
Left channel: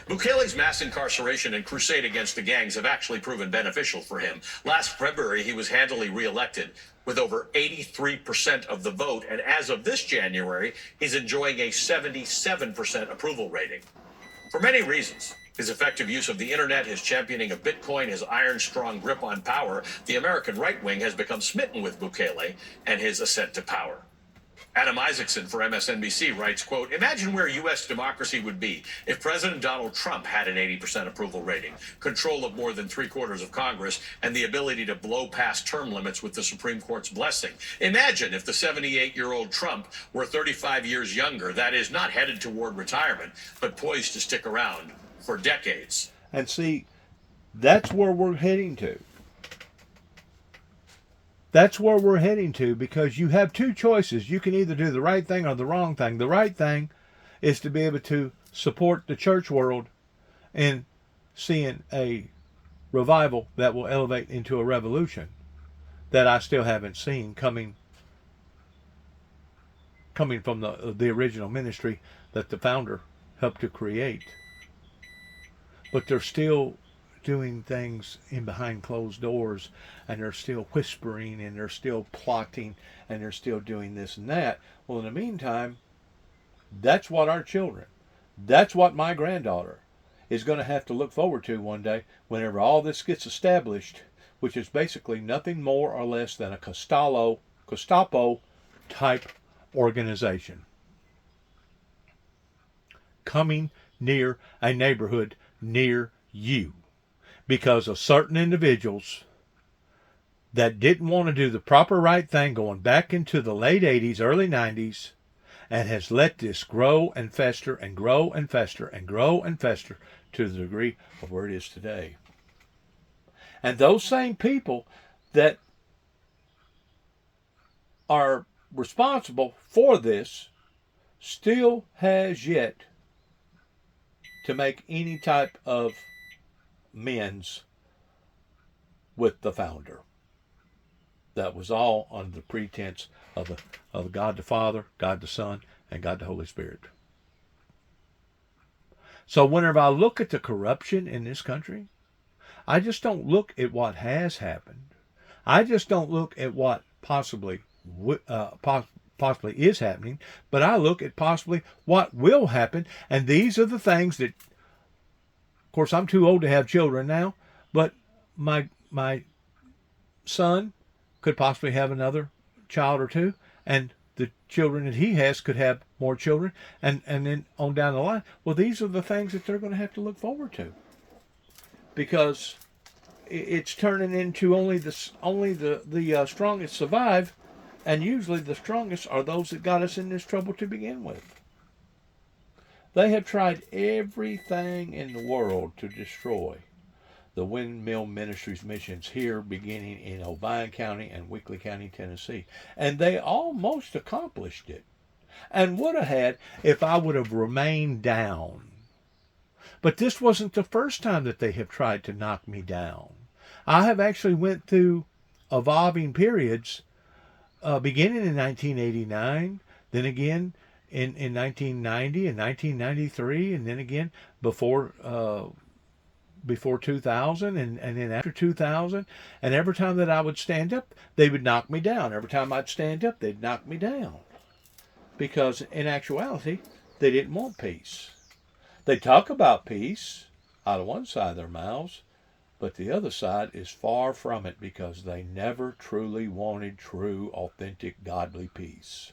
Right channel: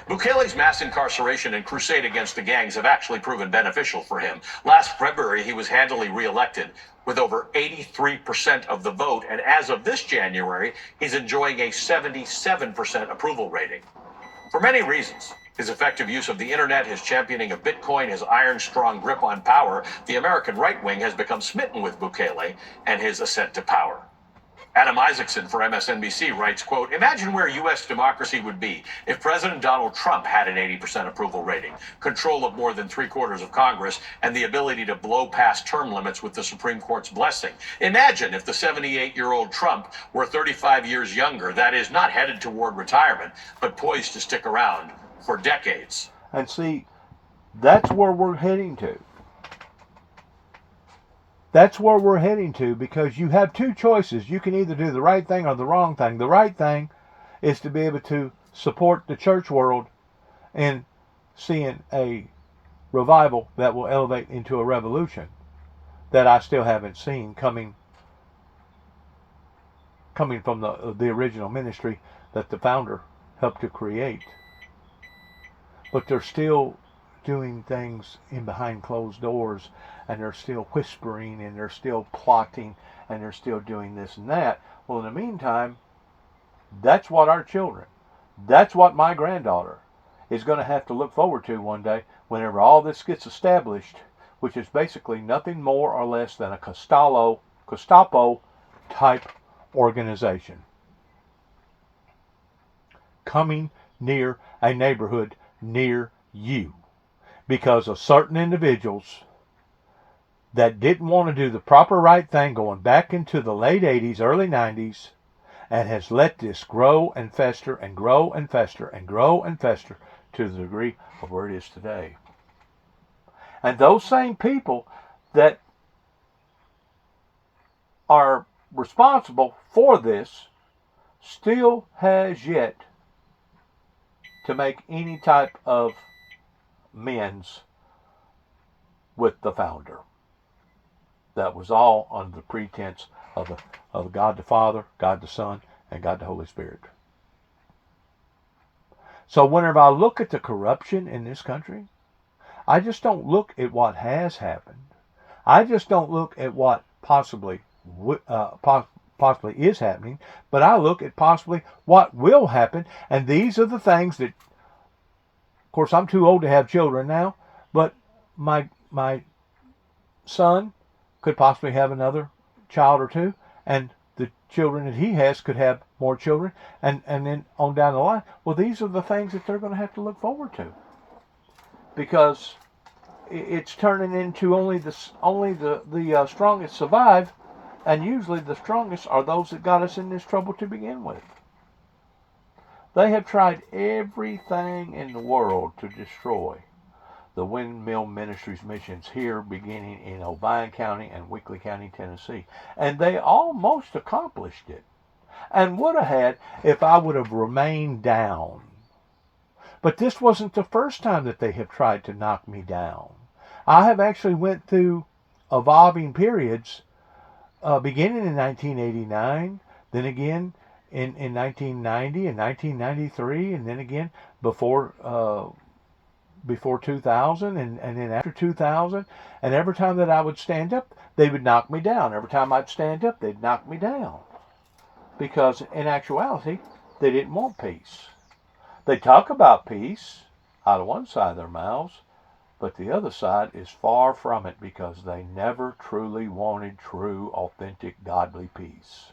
Bukele's mass incarceration and crusade against the gangs have actually proven beneficial for him. Last February, he was handily reelected with over 83% of the vote, and as of this January, he's enjoying a 77% approval rating. For many reasons, his effective use of the internet, his championing of Bitcoin, his iron-strong grip on power, the American right wing has become smitten with Bukele and his ascent to power. Adam Isaacson for MSNBC writes, quote, imagine where U.S. democracy would be if President Donald Trump had an 80% approval rating, control of more than 3/4 of Congress, and the ability to blow past term limits with the Supreme Court's blessing. Imagine if the 78-year-old Trump were 35 years younger, that is, not headed toward retirement, but poised to stick around for decades. And see, that's where we're heading to. That's where we're heading to, because you have two choices. You can either do the right thing or the wrong thing. The right thing is to be able to support the church world in seeing a revival that will elevate into a revolution that I still haven't seen coming from the original ministry that the founder helped to create. But they're still doing things in behind closed doors, and they're still whispering, and they're still plotting, and they're still doing this and that. Well, in the meantime, that's what our children, that's what my granddaughter is going to have to look forward to one day whenever all this gets established, which is basically nothing more or less than a Gestapo type organization coming near a neighborhood near you because of certain individuals that didn't want to do the proper right thing going back into the late 80s, early 90s, and has let this grow and fester and grow and fester and grow and fester to the degree of where it is today. And those same people that are responsible for this still has yet to make any type of amends with the founder. That was all under the pretense of God the Father, God the Son, and God the Holy Spirit. So whenever I look at the corruption in this country, I just don't look at what has happened. I just don't look at what possibly is happening, but I look at possibly what will happen. And these are the things that, of course, I'm too old to have children now, but my son could possibly have another child or two, and the children that he has could have more children, and then on down the line. Well, these are the things that they're going to have to look forward to, because it's turning into only the strongest survive, and usually the strongest are those that got us in this trouble to begin with. They have tried everything in the world to destroy the Windmill Ministries missions here, beginning in Obion County and Weakley County, Tennessee. And they almost accomplished it, and would have had if I would have remained down. But this wasn't the first time that they have tried to knock me down. I have actually went through evolving periods, beginning in 1989, then again in 1990 and 1993, and then again before 2000, and then after 2000, and every time that I would stand up, they would knock me down. Every time I'd stand up, they'd knock me down. Because in actuality, they didn't want peace. They talk about peace out of one side of their mouths, but the other side is far from it, because they never truly wanted true, authentic, godly peace.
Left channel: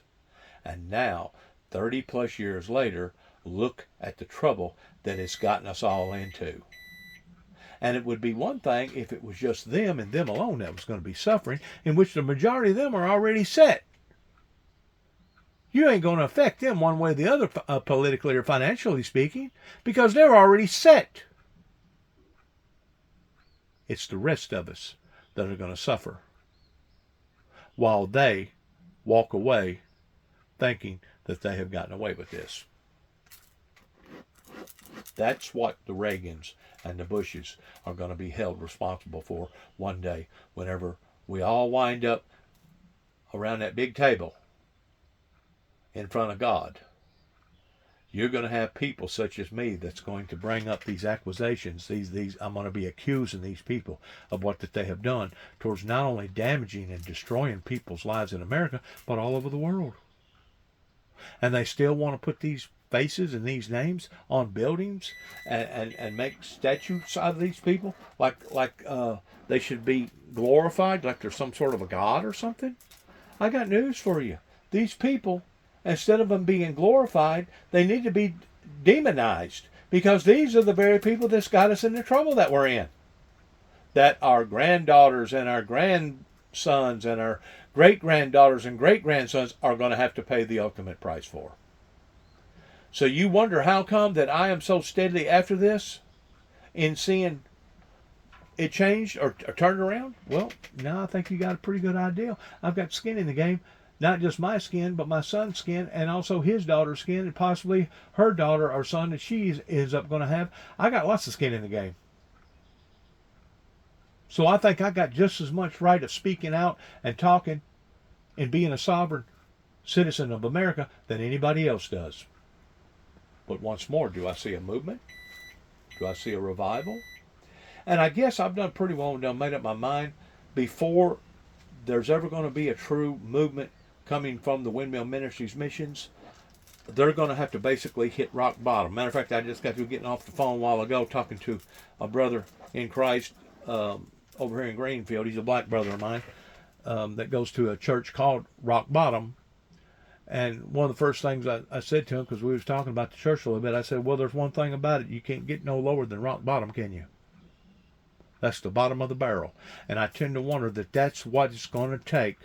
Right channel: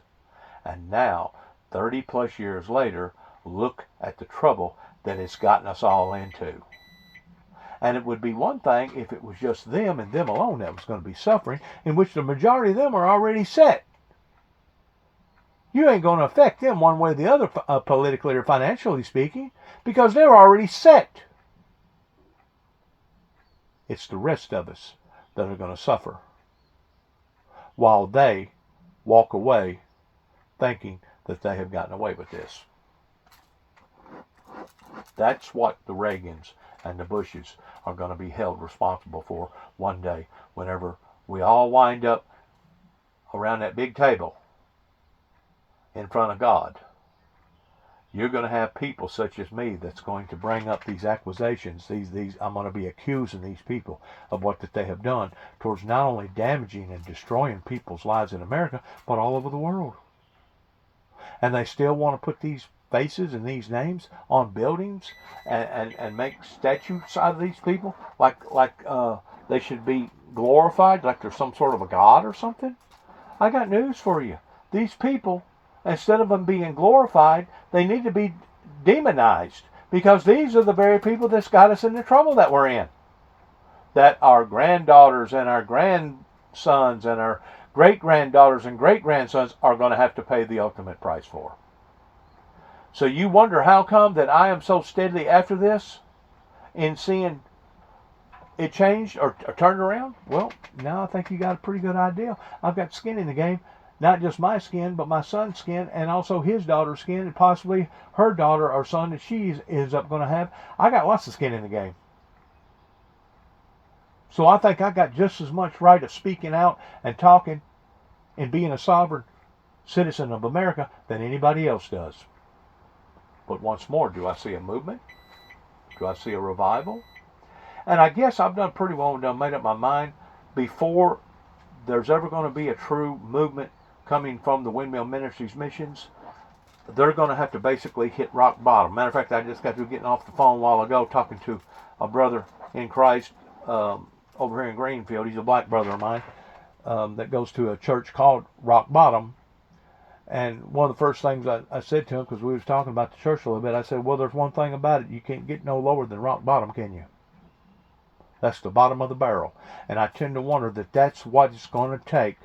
And now, 30 plus years later, look at the trouble that it's gotten us all into. And it would be one thing if it was just them and them alone that was going to be suffering, in which the majority of them are already set. You ain't going to affect them one way or the other, politically or financially speaking, because they're already set. It's the rest of us that are going to suffer, while they walk away thinking that they have gotten away with this. That's what the Reagans and the Bushes are going to be held responsible for one day, whenever we all wind up around that big table in front of God. You're going to have people such as me that's going to bring up these accusations. These I'm going to be accusing these people of what that they have done towards not only damaging and destroying people's lives in America, but all over the world. And they still want to put these faces and these names on buildings and make statues out of these people like they should be glorified, like they're some sort of a god or something. I got news for you. These people, instead of them being glorified, they need to be demonized, because these are the very people that's got us in the trouble that we're in, that our granddaughters and our grandsons and our great-granddaughters and great-grandsons are going to have to pay the ultimate price for. So you wonder how come that I am so steadily after this in seeing it changed or turned around? Well, now I think you got a pretty good idea. I've got skin in the game not just my skin, but my son's skin, and also his daughter's skin, and possibly her daughter or son that she is up going to have. I got lots of skin in the game. So I think I got just as much right of speaking out and talking and being a sovereign citizen of America than anybody else does. But once more, do I see a movement? Do I see a revival? And I guess I've done pretty well and made up my mind before there's ever going to be a true movement coming from the Windmill Ministries missions. They're going to have to basically hit rock bottom. Matter of fact, I just got through getting off the phone a while ago talking to a brother in Christ over here in Greenfield. He's a black brother of mine that goes to a church called Rock Bottom. And one of the first things I said to him, because we was talking about the church a little bit, I said, well, there's one thing about it. You can't get no lower than rock bottom, can you? That's the bottom of the barrel. And I tend to wonder that that's what it's going to take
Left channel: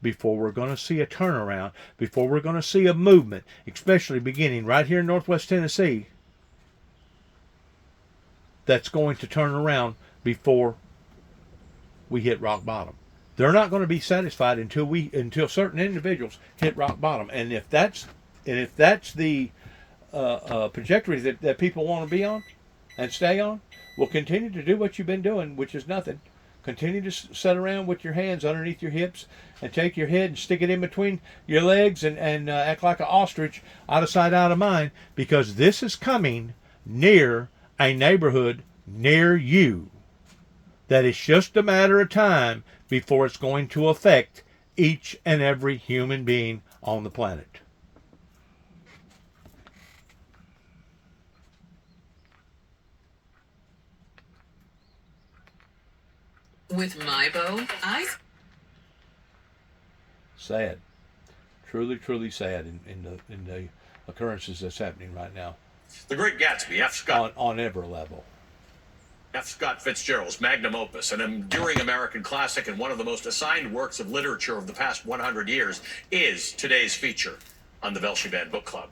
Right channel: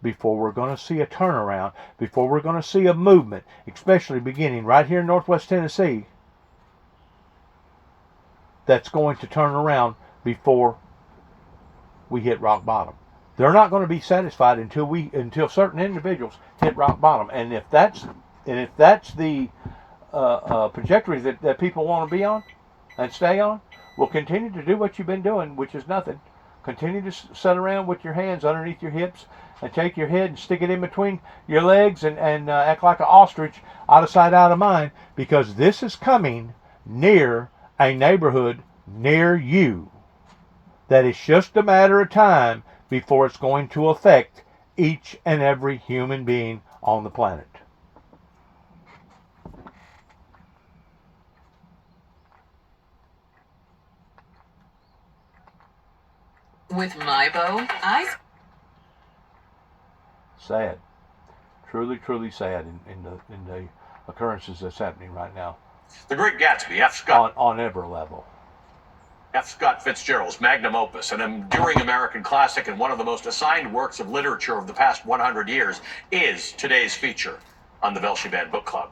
before we're going to see a turnaround, before we're going to see a movement, especially beginning right here in Northwest Tennessee, that's going to turn around before we hit rock bottom. They're not going to be satisfied until certain individuals hit rock bottom. And if that's the trajectory that people want to be on and stay on, well, continue to do what you've been doing, which is nothing. Continue to sit around with your hands underneath your hips and take your head and stick it in between your legs and act like an ostrich, out of sight, out of mind, because this is coming near a neighborhood near you. That it's just a matter of time before it's going to affect each and every human being on the planet. With my bow, Sad. Truly, truly sad in the occurrences that's happening right now. The Great Gatsby, F. Scott. On every level. F. Scott Fitzgerald's magnum opus, an enduring American classic and one of the most assigned works of literature of the past 100 years, is today's feature on the Velshi Band Book Club.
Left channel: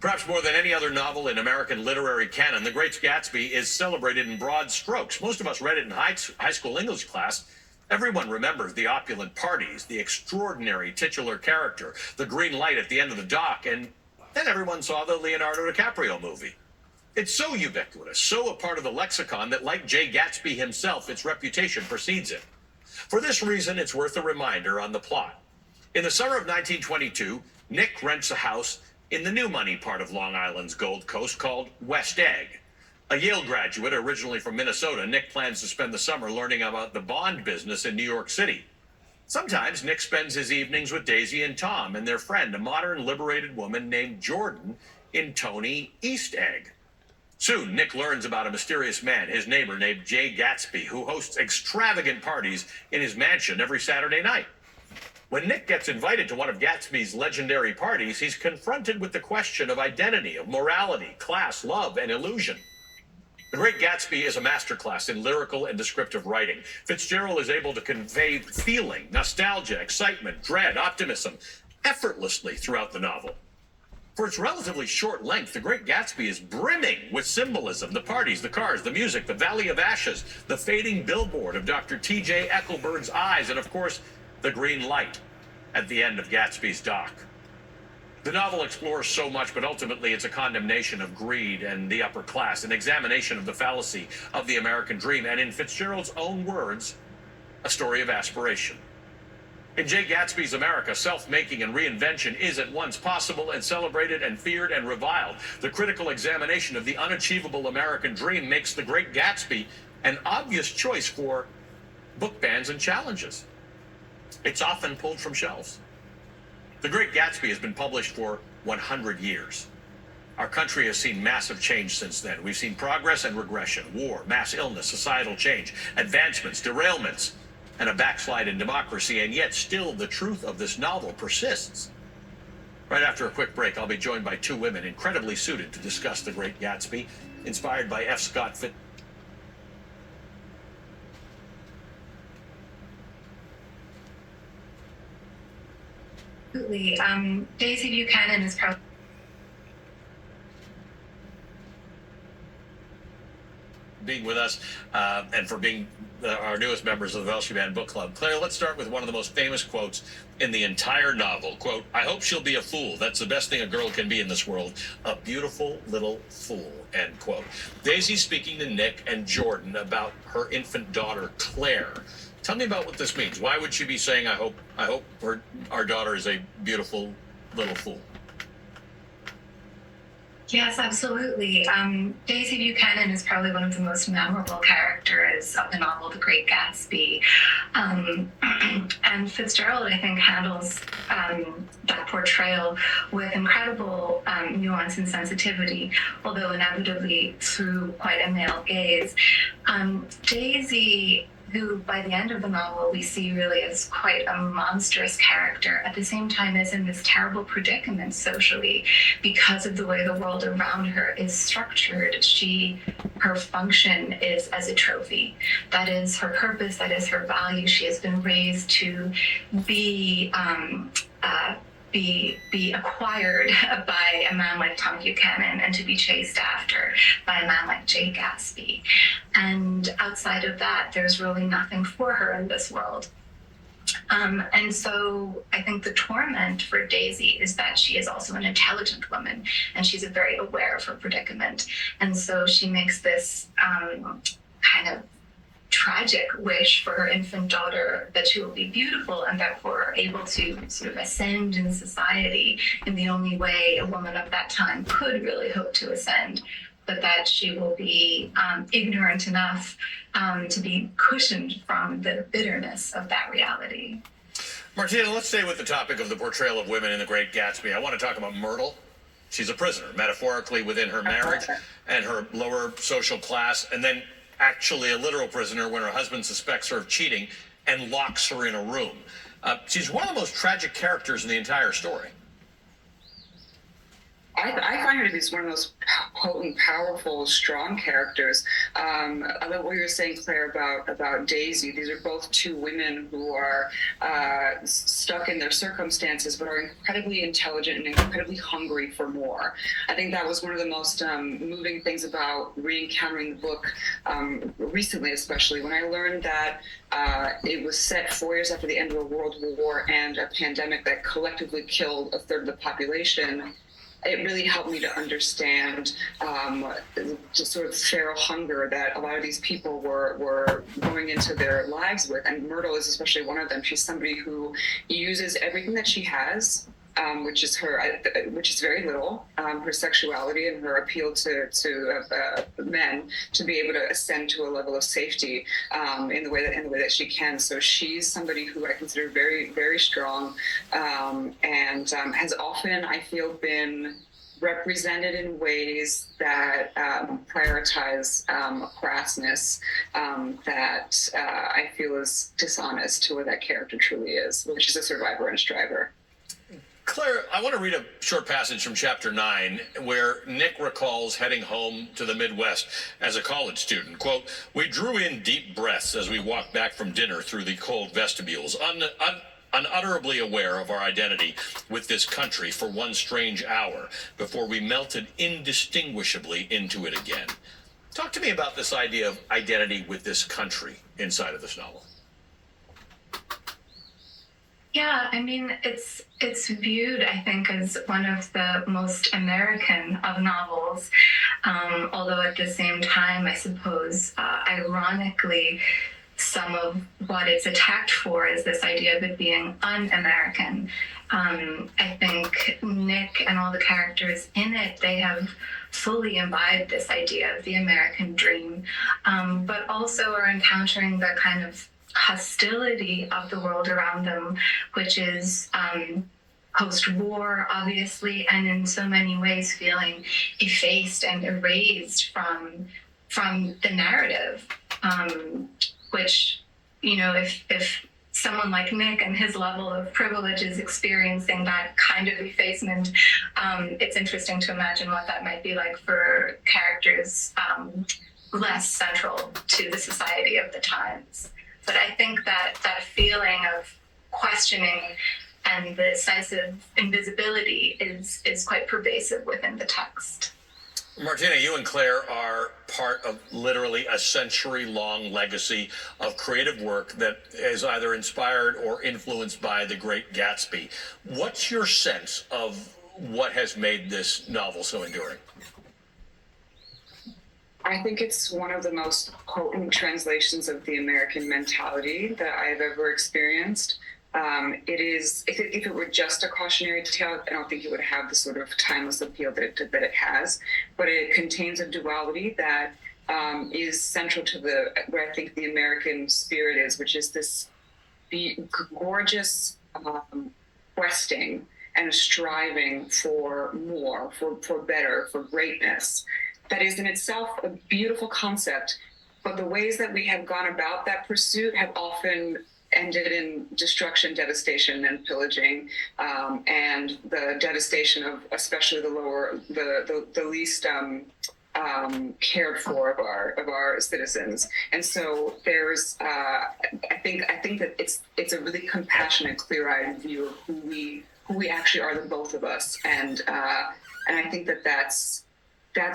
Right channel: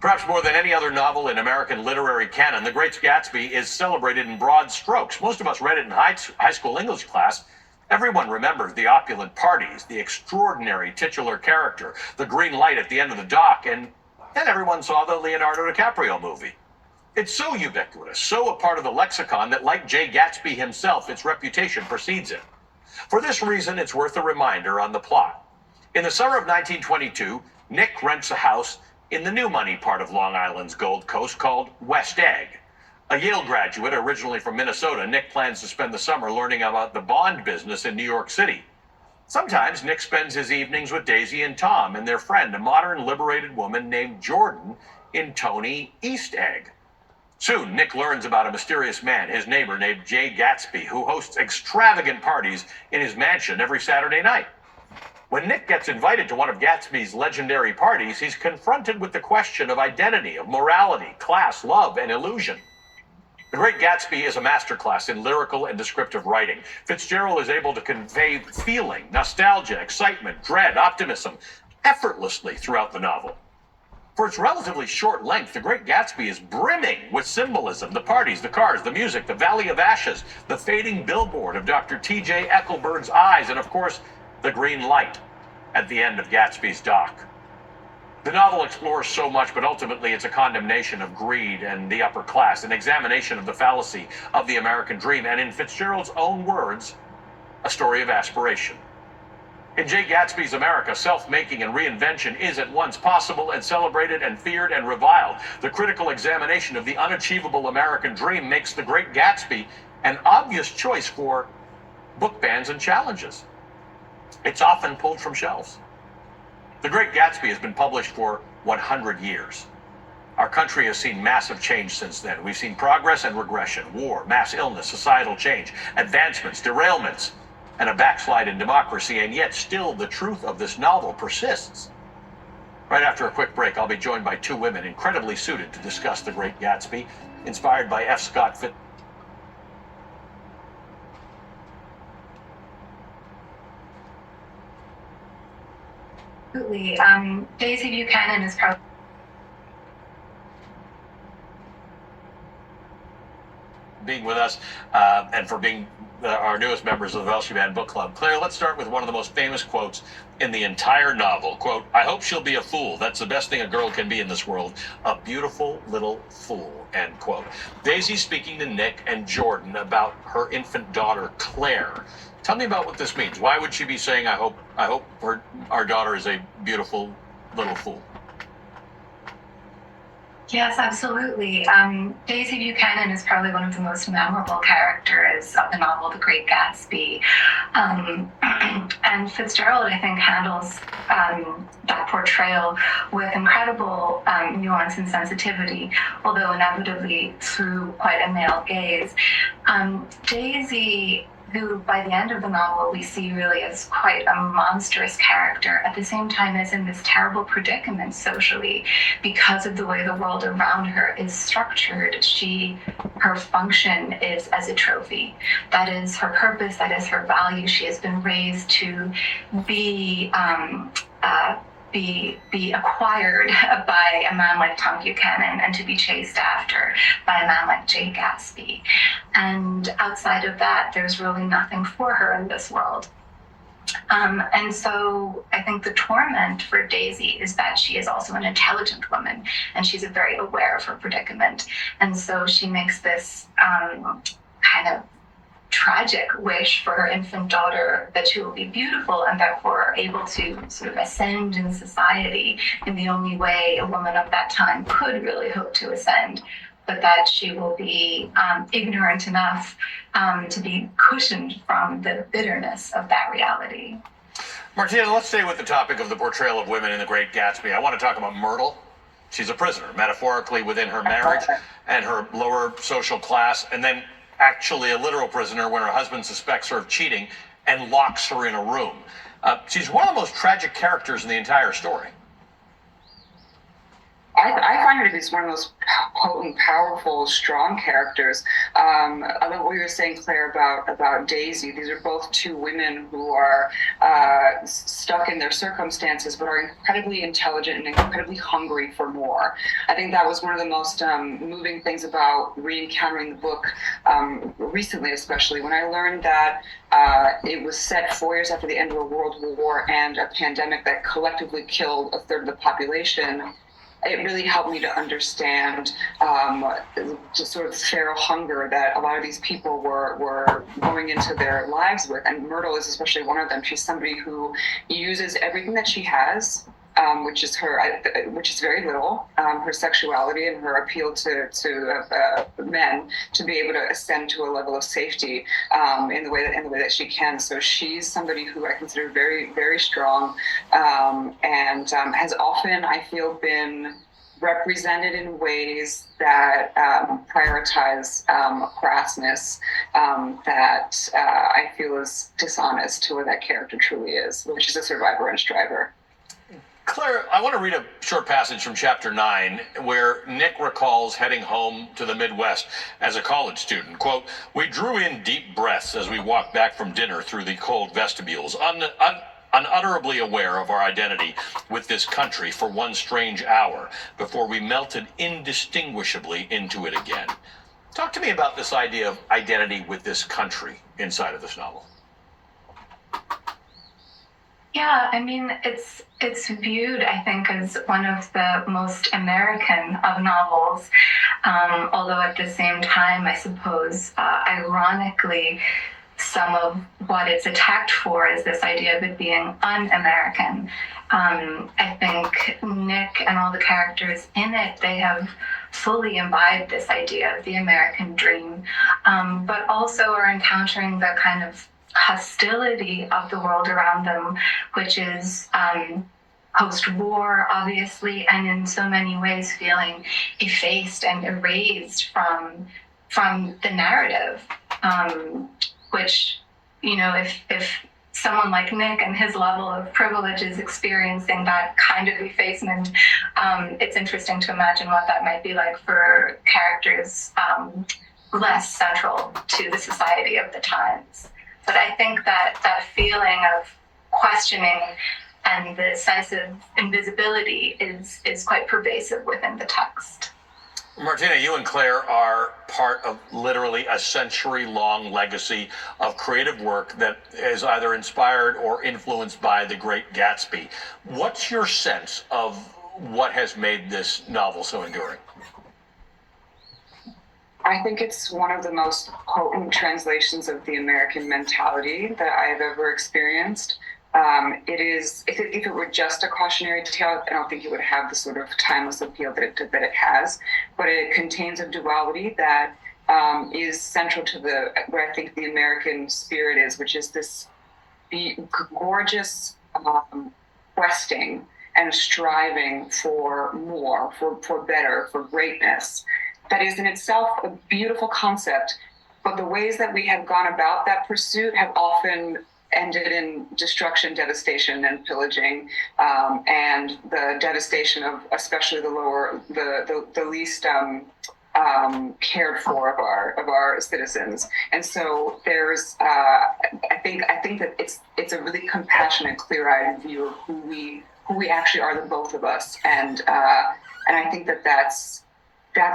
Perhaps more than any other novel in American literary canon, The Great Gatsby is celebrated in broad strokes. Most of us read it in high school English class. Everyone remembers the opulent parties, the extraordinary titular character, the green light at the end of the dock, and then everyone saw the Leonardo DiCaprio movie. It's so ubiquitous, so a part of the lexicon that, like Jay Gatsby himself, its reputation precedes it. For this reason, it's worth a reminder on the plot. In the summer of 1922, Nick rents a house in the new money part of Long Island's Gold Coast called West Egg. A Yale graduate, originally from Minnesota, Nick plans to spend the summer learning about the bond business in New York City. Sometimes Nick spends his evenings with Daisy and Tom and their friend, a modern liberated woman named Jordan, in Tony East Egg. Soon, Nick learns about a mysterious man, his neighbor named Jay Gatsby, who hosts extravagant parties in his mansion every Saturday night. When Nick gets invited to one of Gatsby's legendary parties, he's confronted with the question of identity, of morality, class, love, and illusion. The Great Gatsby is a masterclass in lyrical and descriptive writing. Fitzgerald is able to convey feeling, nostalgia, excitement, dread, optimism effortlessly throughout the novel. For its relatively short length, The Great Gatsby is brimming with symbolism. The parties, the cars, the music, the Valley of Ashes, the fading billboard of Dr. T.J. Eckleburg's eyes, and of course, the green light at the end of Gatsby's dock. The novel explores so much, but ultimately it's a condemnation of greed and the upper class, an examination of the fallacy of the American dream, and in Fitzgerald's own words, a story of aspiration. In Jay Gatsby's America, self-making and reinvention is at once possible and celebrated and feared and reviled. The critical examination of the unachievable American dream makes The Great Gatsby an obvious choice for book bans and challenges. It's often pulled from shelves. The Great Gatsby has been published for 100 years. Our country has seen massive change since then. We've seen progress and regression, war, mass illness, societal change, advancements, derailments, and a backslide in democracy, and yet still the truth of this novel persists. Right after a quick break, I'll be joined by two women incredibly suited to discuss The Great Gatsby, inspired by F. Scott Fitzgerald. Absolutely. Daisy Buchanan is probably being with us and for being our newest members of the Velshi Band Book Club. Claire, let's start with one of the most famous quotes in the entire novel. Quote, "I hope she'll be a fool. That's the best thing a girl can be in this world. A beautiful little fool," end quote. Daisy's speaking to Nick and Jordan about her infant daughter, Claire. Tell me about what this means. Why would she be saying, I hope our daughter is a beautiful little fool? Yes, absolutely. Daisy Buchanan is probably one of the most memorable characters of the novel, The Great Gatsby. And Fitzgerald, I think, handles that portrayal with incredible nuance and sensitivity, although inevitably through quite a male gaze. Daisy, who by the end of the novel we see really as quite a monstrous character, at the same time is in this terrible predicament socially because of the way the world around her is structured. Her function is as a trophy. That is her purpose, that is her value. She has been raised to be acquired by a man like Tom Buchanan and to be chased after by a man like Jay Gatsby. And outside of that, there's really nothing for her in this world. And so I think the torment for Daisy is that she is also an intelligent woman and she's very aware of her predicament. And so she makes this kind of tragic wish for her infant daughter that she will be beautiful and therefore able to sort of ascend in society in the only way a woman of that time could really hope to ascend, but that she will be ignorant enough to be cushioned from the bitterness of that reality. Martina, let's stay with the topic of the portrayal of women in The Great Gatsby. I want to talk about Myrtle. She's a prisoner, metaphorically within her marriage and her lower social class, and then actually a literal prisoner when her husband suspects her of cheating and locks her in a room. She's one of the most tragic characters in the entire story. I find her to be one of the most potent, powerful, strong characters. I love what you were saying, Claire, about Daisy. These are both two women who are stuck in their circumstances, but are incredibly intelligent and incredibly hungry for more. I think that was one of the most moving things about re-encountering the book recently, especially when I learned that it was set 4 years after the end of a world war and a pandemic that collectively killed a third of the population. It really helped me to understand just sort of feral hunger that a lot of these people were going into their lives with. And Myrtle is especially one of them. She's somebody who uses everything that she has, which is very little, her sexuality and her appeal to men, to be able to ascend to a level of safety in the way that she can. So she's somebody who I consider very, very strong, and has often, I feel, been represented in ways that prioritize crassness that I feel is dishonest to what that character truly is, which is a survivor and a striver. Claire, I want to read a short passage from chapter 9 where Nick recalls heading home to the Midwest as a college student. Quote, "We drew in deep breaths as we walked back from dinner through the cold vestibules, unutterably aware of our identity with this country for one strange hour before we melted indistinguishably into it again." Talk to me about this idea of identity with this country inside of this novel. Yeah, I mean, it's viewed, I think, as one of the most American of novels, although at the same time, I suppose, ironically, some of what it's attacked for is this idea of it being un-American. I think Nick and all the characters in it, they have fully imbibed this idea of the American dream, but also are encountering the kind of hostility of the world around them, which is post-war, obviously, and in so many ways feeling effaced and erased from the narrative, which, you know, if someone like Nick and his level of privilege is experiencing that kind of effacement, it's interesting to imagine what that might be like for characters less central to the society of the times. But I think that feeling of questioning and the sense of invisibility is quite pervasive within the text. Martina, you and Claire are part of literally a century-long legacy of creative work that is either inspired or influenced by The Great Gatsby. What's your sense of what has made this novel so enduring? I think it's one of the most potent translations of the American mentality that I've ever experienced. It is, if it were just a cautionary tale, I don't think it would have the sort of timeless appeal that it has. But it contains a duality that is central to what I think the American spirit is, which is this gorgeous questing and striving for more, for better, for greatness. That is in itself a beautiful concept, but the ways that we have gone about that pursuit have often ended in destruction, devastation, and pillaging, and the devastation of especially the least cared for of our citizens. And so there's, I think that it's a really compassionate, clear-eyed view of who we actually are, the both of us, and I think that's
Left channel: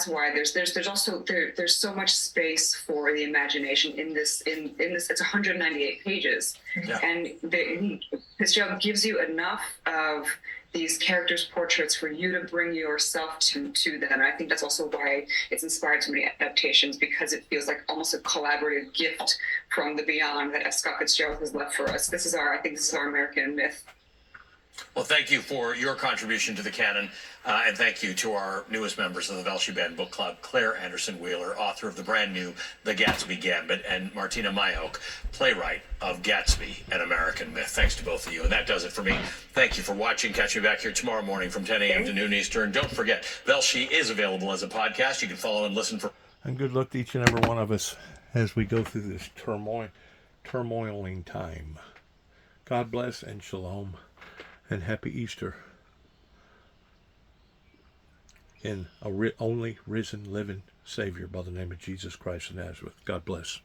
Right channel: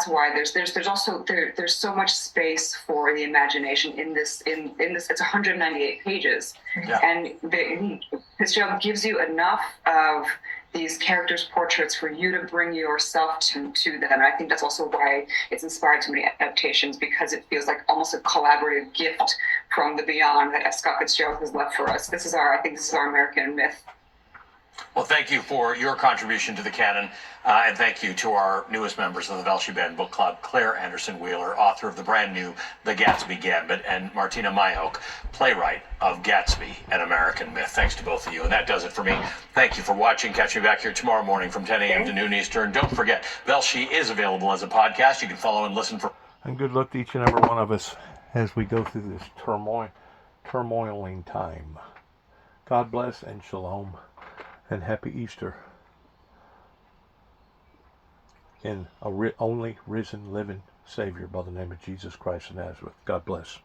why there's also there's so much space for the imagination in this. It's 198 pages, yeah. And Fitzgerald gives you enough of these characters' portraits for you to bring yourself to them. And I think that's also why it's inspired so many adaptations, because it feels like almost a collaborative gift from the beyond that Scott Fitzgerald has left for us. I think this is our American myth. Well, thank you for your contribution to the canon, and thank you to our newest members of the Velshi Band Book Club, Claire Anderson Wheeler, author of the brand new The Gatsby Gambit, and Martina Mayock, playwright of Gatsby, An American Myth. Thanks to both of you, and that does it for me. Thank you for watching. Catch me back here tomorrow morning from 10 a.m. to noon Eastern. Don't forget, Velshi is available as a podcast. You can follow and listen for... And good luck to each and every one of us as we go through this turmoiling time. God bless and shalom. And happy Easter in a only risen, living Savior by the name of Jesus Christ of Nazareth. God bless.